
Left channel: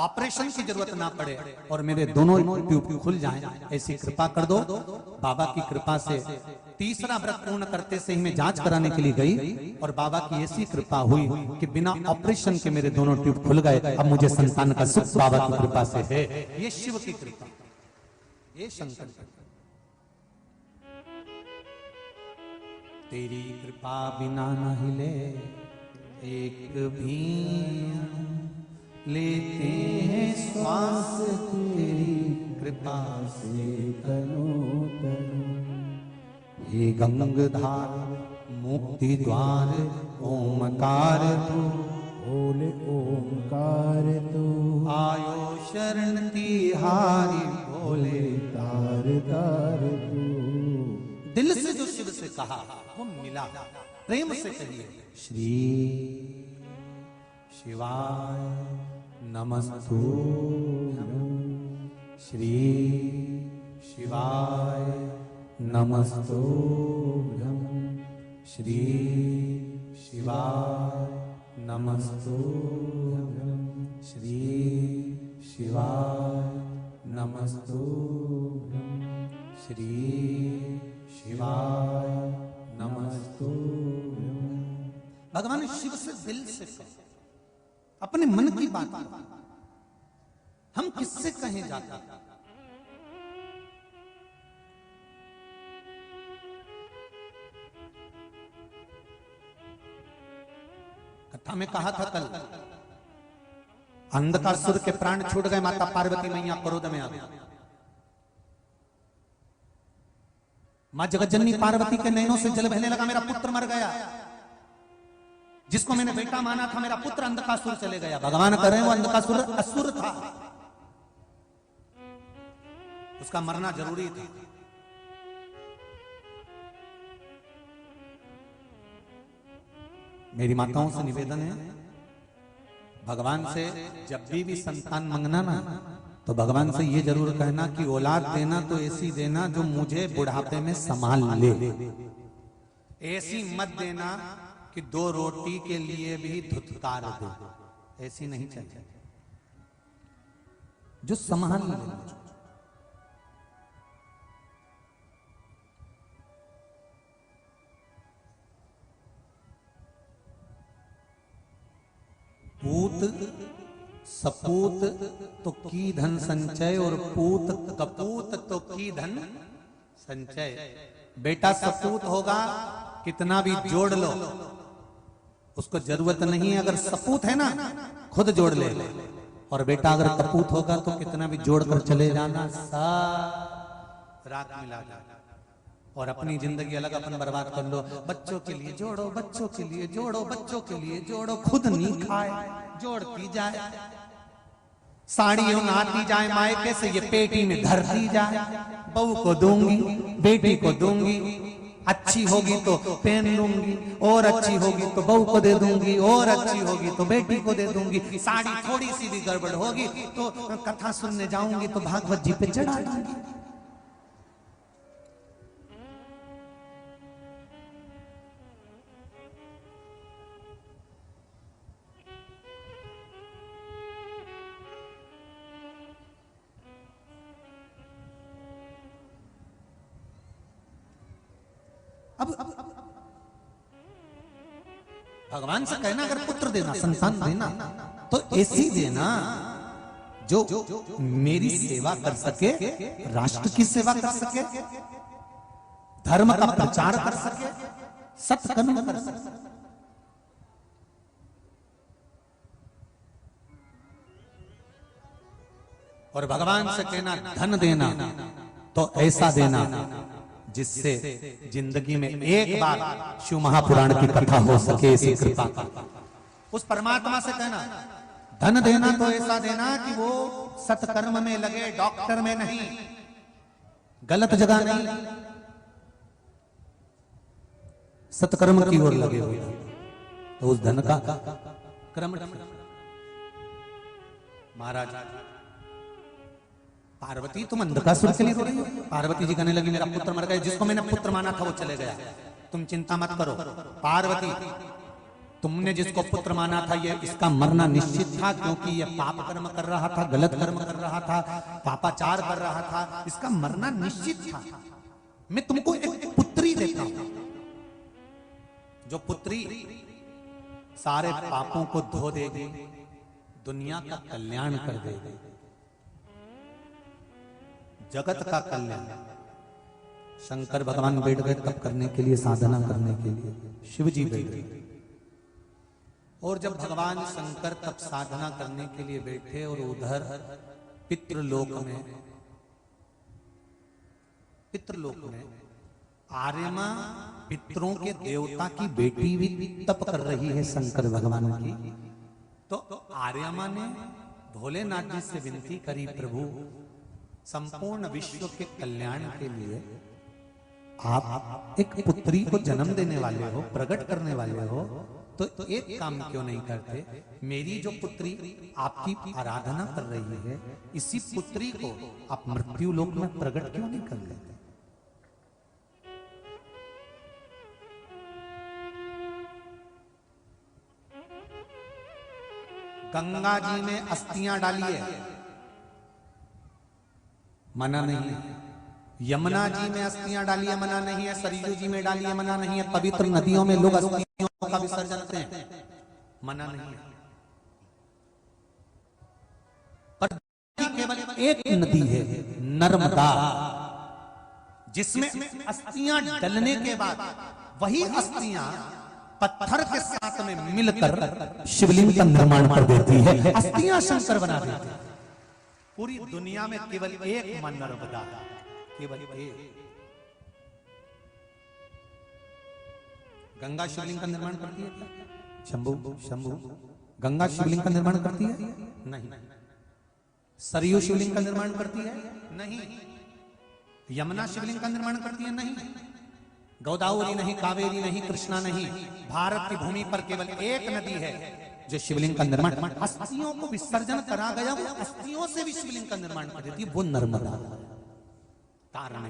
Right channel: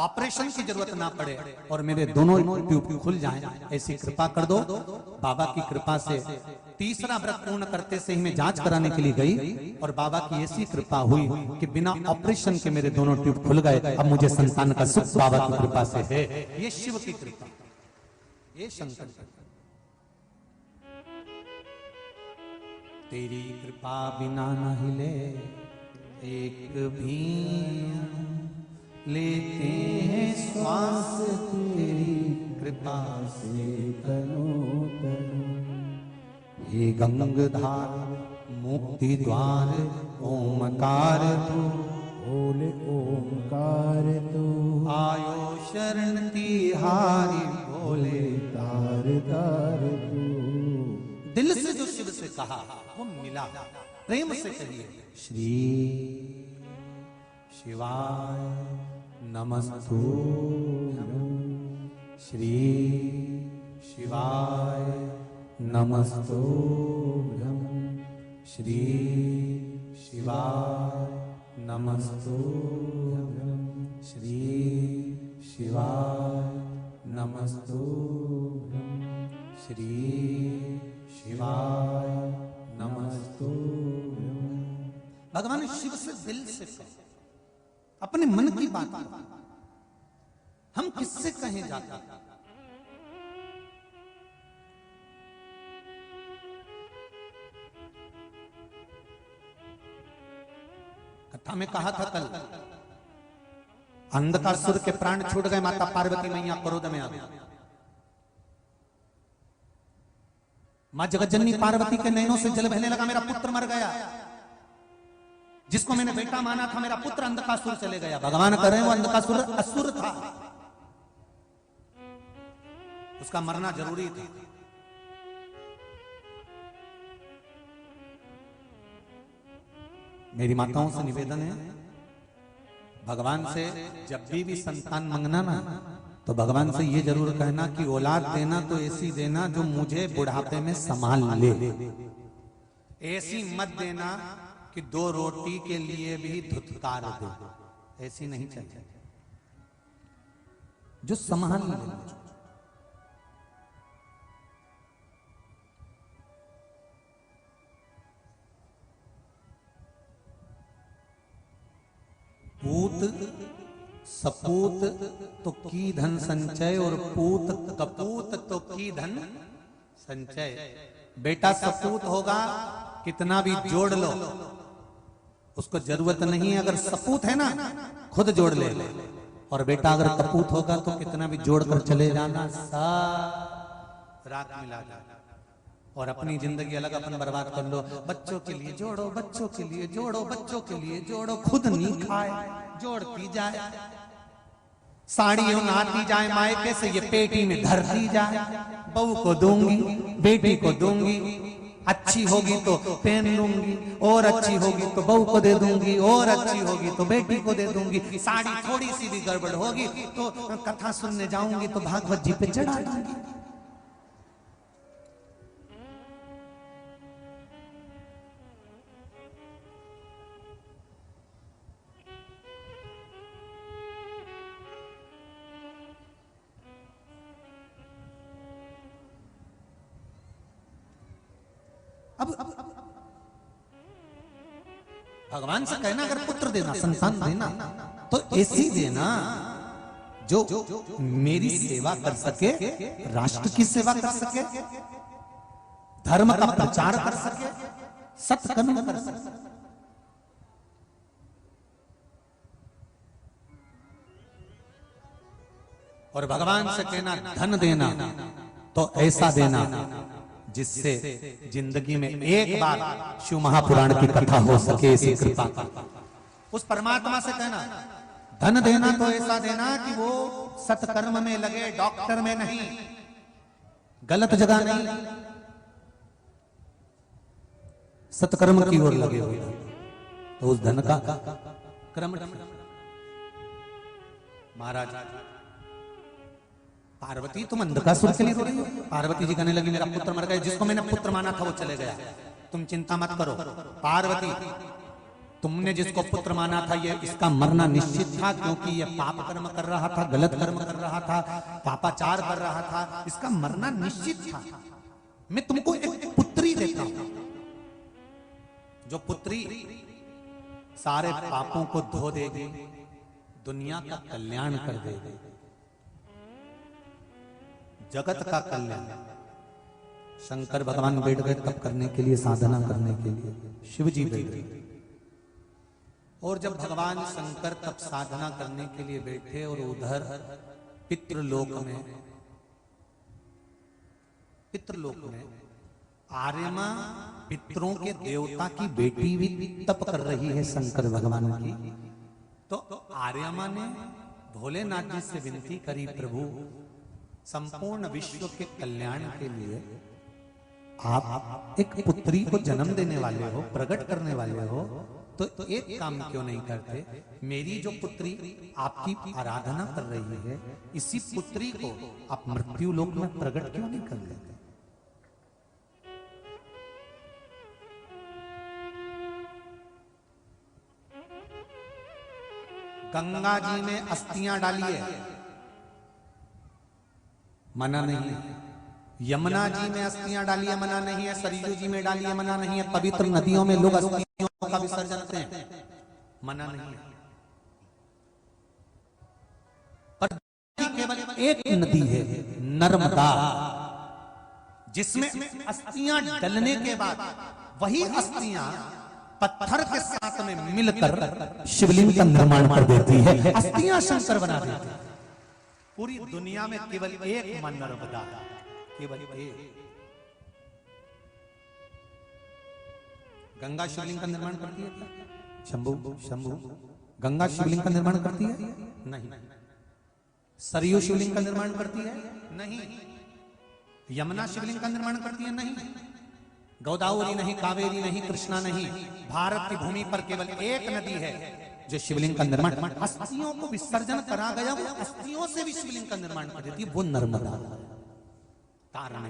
ऑपरेशन की जरूरत ना पड़े और मेरे दोनों ट्यूब खुल जाएं, ऐसी कृपा कर दो। बाबा की कृपा से 3रा व्रत पूर्ण करते से ही मैं जांच कराने के लिए गई, और बाबा की ऐसी कृपा हुई कि बिना ऑपरेशन के मेरे दोनों ट्यूब खुल गए। अब मुझे संतान का सुख बाबा की कृपा से है। ये शिव की कृपा, ये शंकर की। तेरी कृपा बिना नहीं ले एक भी लेते हैं श्वास, तेरी कृपा से तनो तनो। हे गंगाधार मुक्ति द्वार ओमकार तू, बोले ओंकार तू, आयो शरण तिहारी बोले तार तार तू। दिल से जो शिव से कहा वो मिला, प्रेम से कहिए श्री शिवाय नमस्तुभ्यं, श्री शिवाय नमस्तुभ्यं, श्री शिवाय नमस्तुभ्यं, श्री शिवाय नमस्तुभ्यं, श्री शिवाय नमस्तुभ्यं। भगवान शिव से दिल से कहे, अपने मन की बात हम किससे कहे जाते हैं? कथा में कहा था कल, अंधकासुर के प्राण छूट गए, माता पार्वती मैया क्रोध में आ गई। मां जगतजननी पार्वती के नैनों से जल बहने लगा, मेरा पुत्र मर गया, जिसको मैंने बेटा माना था, मेरा पुत्र अंधकासुर चले गया। भगवान कह रहे हैं वो अंधकासुर असुर था, उसका मरना जरूरी था। मेरी माताओं से निवेदन है, भगवान से जब भी संतान मांगना ना, तो भगवान से ये जरूर कहना कि औलाद देना तो ऐसी देना जो मुझे बुढ़ापे में संभाल ले। ऐसी मत देना कि 2 रोटी के लिए भी धुतकार दे, ऐसी नहीं चाहिए, जो संभाल ले। पूत सपूत तो की धन संचय, और पूत कपूत तो की धन संचय। बेटा सपूत होगा, कितना भी जोड़ लो, उसको जरूरत नहीं है। अगर सपूत है ना, खुद जोड़ ले। और बेटा अगर कपूत होगा तो कितना भी जोड़ कर चले जाना, सारा रात मिला जाएगा। और अपनी जिंदगी अलग अपन बर्बाद कर लो। बच्चों के लिए जोड़ो, बच्चों के लिए जोड़ो, बच्चों के लिए जोड़ो, खुद नहीं खाए, जोड़ती जाए। साड़ियों नहाती जाए, मायके से ये पेटी में भरती जाए। बहू को दूंगी, बेटी को दूंगी, अच्छी होगी तो पहन लूंगी, और अच्छी होगी तो बहू को दे दूंगी, और अच्छी होगी तो बेटी को दे दूंगी। साड़ी थोड़ी सी भी गड़बड़ होगी तो कथा सुनने जाऊंगी तो भागवत जी पे चढ़ा दूंगी। अब भगवान से कहना अगर पुत्र देना, संतान देना तो ऐसी देना जो मेरी सेवा कर सके, राष्ट्र की सेवा कर सके, धर्म का प्रचार कर सके, सत्कर्म कर सके। और भगवान से कहना धन देना तो ऐसा देना जिससे जिंदगी में एक बार शिव महापुराण की कथा हो सके। इसी कृपा का उस परमात्मा से कहना धन देना तो ऐसा देना कि वो सत्कर्म में लगे, डॉक्टर में नहीं, गलत जगह नहीं, सत्कर्म की ओर लगे हुए। उस धन का क्रम महाराज पार्वती तुम अंधकासुर के लिए रो रही हो। पार्वती जी कहने लगी मेरा पुत्र मर गया, जिसको मैंने पुत्र माना था वो चले गया, तुम चिंता मत करो। पार्वती तुमने जिसको पुत्र माना था ये इसका मरना निश्चित था, क्योंकि ये पाप कर्म कर रहा था, गलत कर्म कर रहा था, पापाचार कर रहा था, इसका मरना निश्चित था। मैं तुमको एक पुत्री देता हूं, जो पुत्री सारे पापों को धो देगी, दुनिया का कल्याण कर देगी, जगत का कल्याण। शंकर भगवान बैठ गए तप करने के लिए, साधना करने के लिए, शिव जी बैठ गए। और जब भगवान शंकर तप साधना करने के लिए बैठे और उधर पितृलोक में आर्यमा पितरों के देवता की बेटी भी तप कर रही है शंकर भगवान की। तो आर्यमा ने भोलेनाथ जी से विनती करी, प्रभु संपूर्ण विश्व के कल्याण के लिए आप एक पुत्री को जन्म देने वाले हो, प्रकट करने वाले हो, तो एक काम क्यों नहीं करते? मेरी जो पुत्री आपकी आराधना कर रही है, इसी पुत्री को आप मृत्यु लोक में प्रकट क्यों नहीं कर लेते? गंगा जी ने अस्थियां डाली है, मना नहीं है। यमुना जी में अस्थियां डाली है, मना नहीं है। सरयू जी में डाली है, मना नहीं है। पवित्र नदियों में लोग अस्थियों का विसर्जन करते हैं, मना नहीं है। पर केवल एक नदी है, नर्मदा, जिसमें अस्थियां डलने के बाद वही अस्थियां पत्थर के साथ में मिलकर शिवलिंग का निर्माण कर देती है, अस्थियां शंकर बना देती है। पूरी दुनिया में केवल एक मां नर्मदा, केवल एक। गंगा शिवलिंग का निर्माण करती है क्या? शंभु गंगा शिवलिंग का निर्माण करती है? नहीं। सरयू शिवलिंग का निर्माण करती है? नहीं। यमुना शिवलिंग का निर्माण करती है? नहीं। गोदावरी नहीं, कावेरी नहीं, कृष्णा नहीं। भारत की भूमि पर केवल एक नदी है जो शिवलिंग का निर्माण, अस्थियों को विसर्जन करा गया, वो अस्थियों से भी शिवलिंग का निर्माण कर देती है, वो नर्मदा। कारण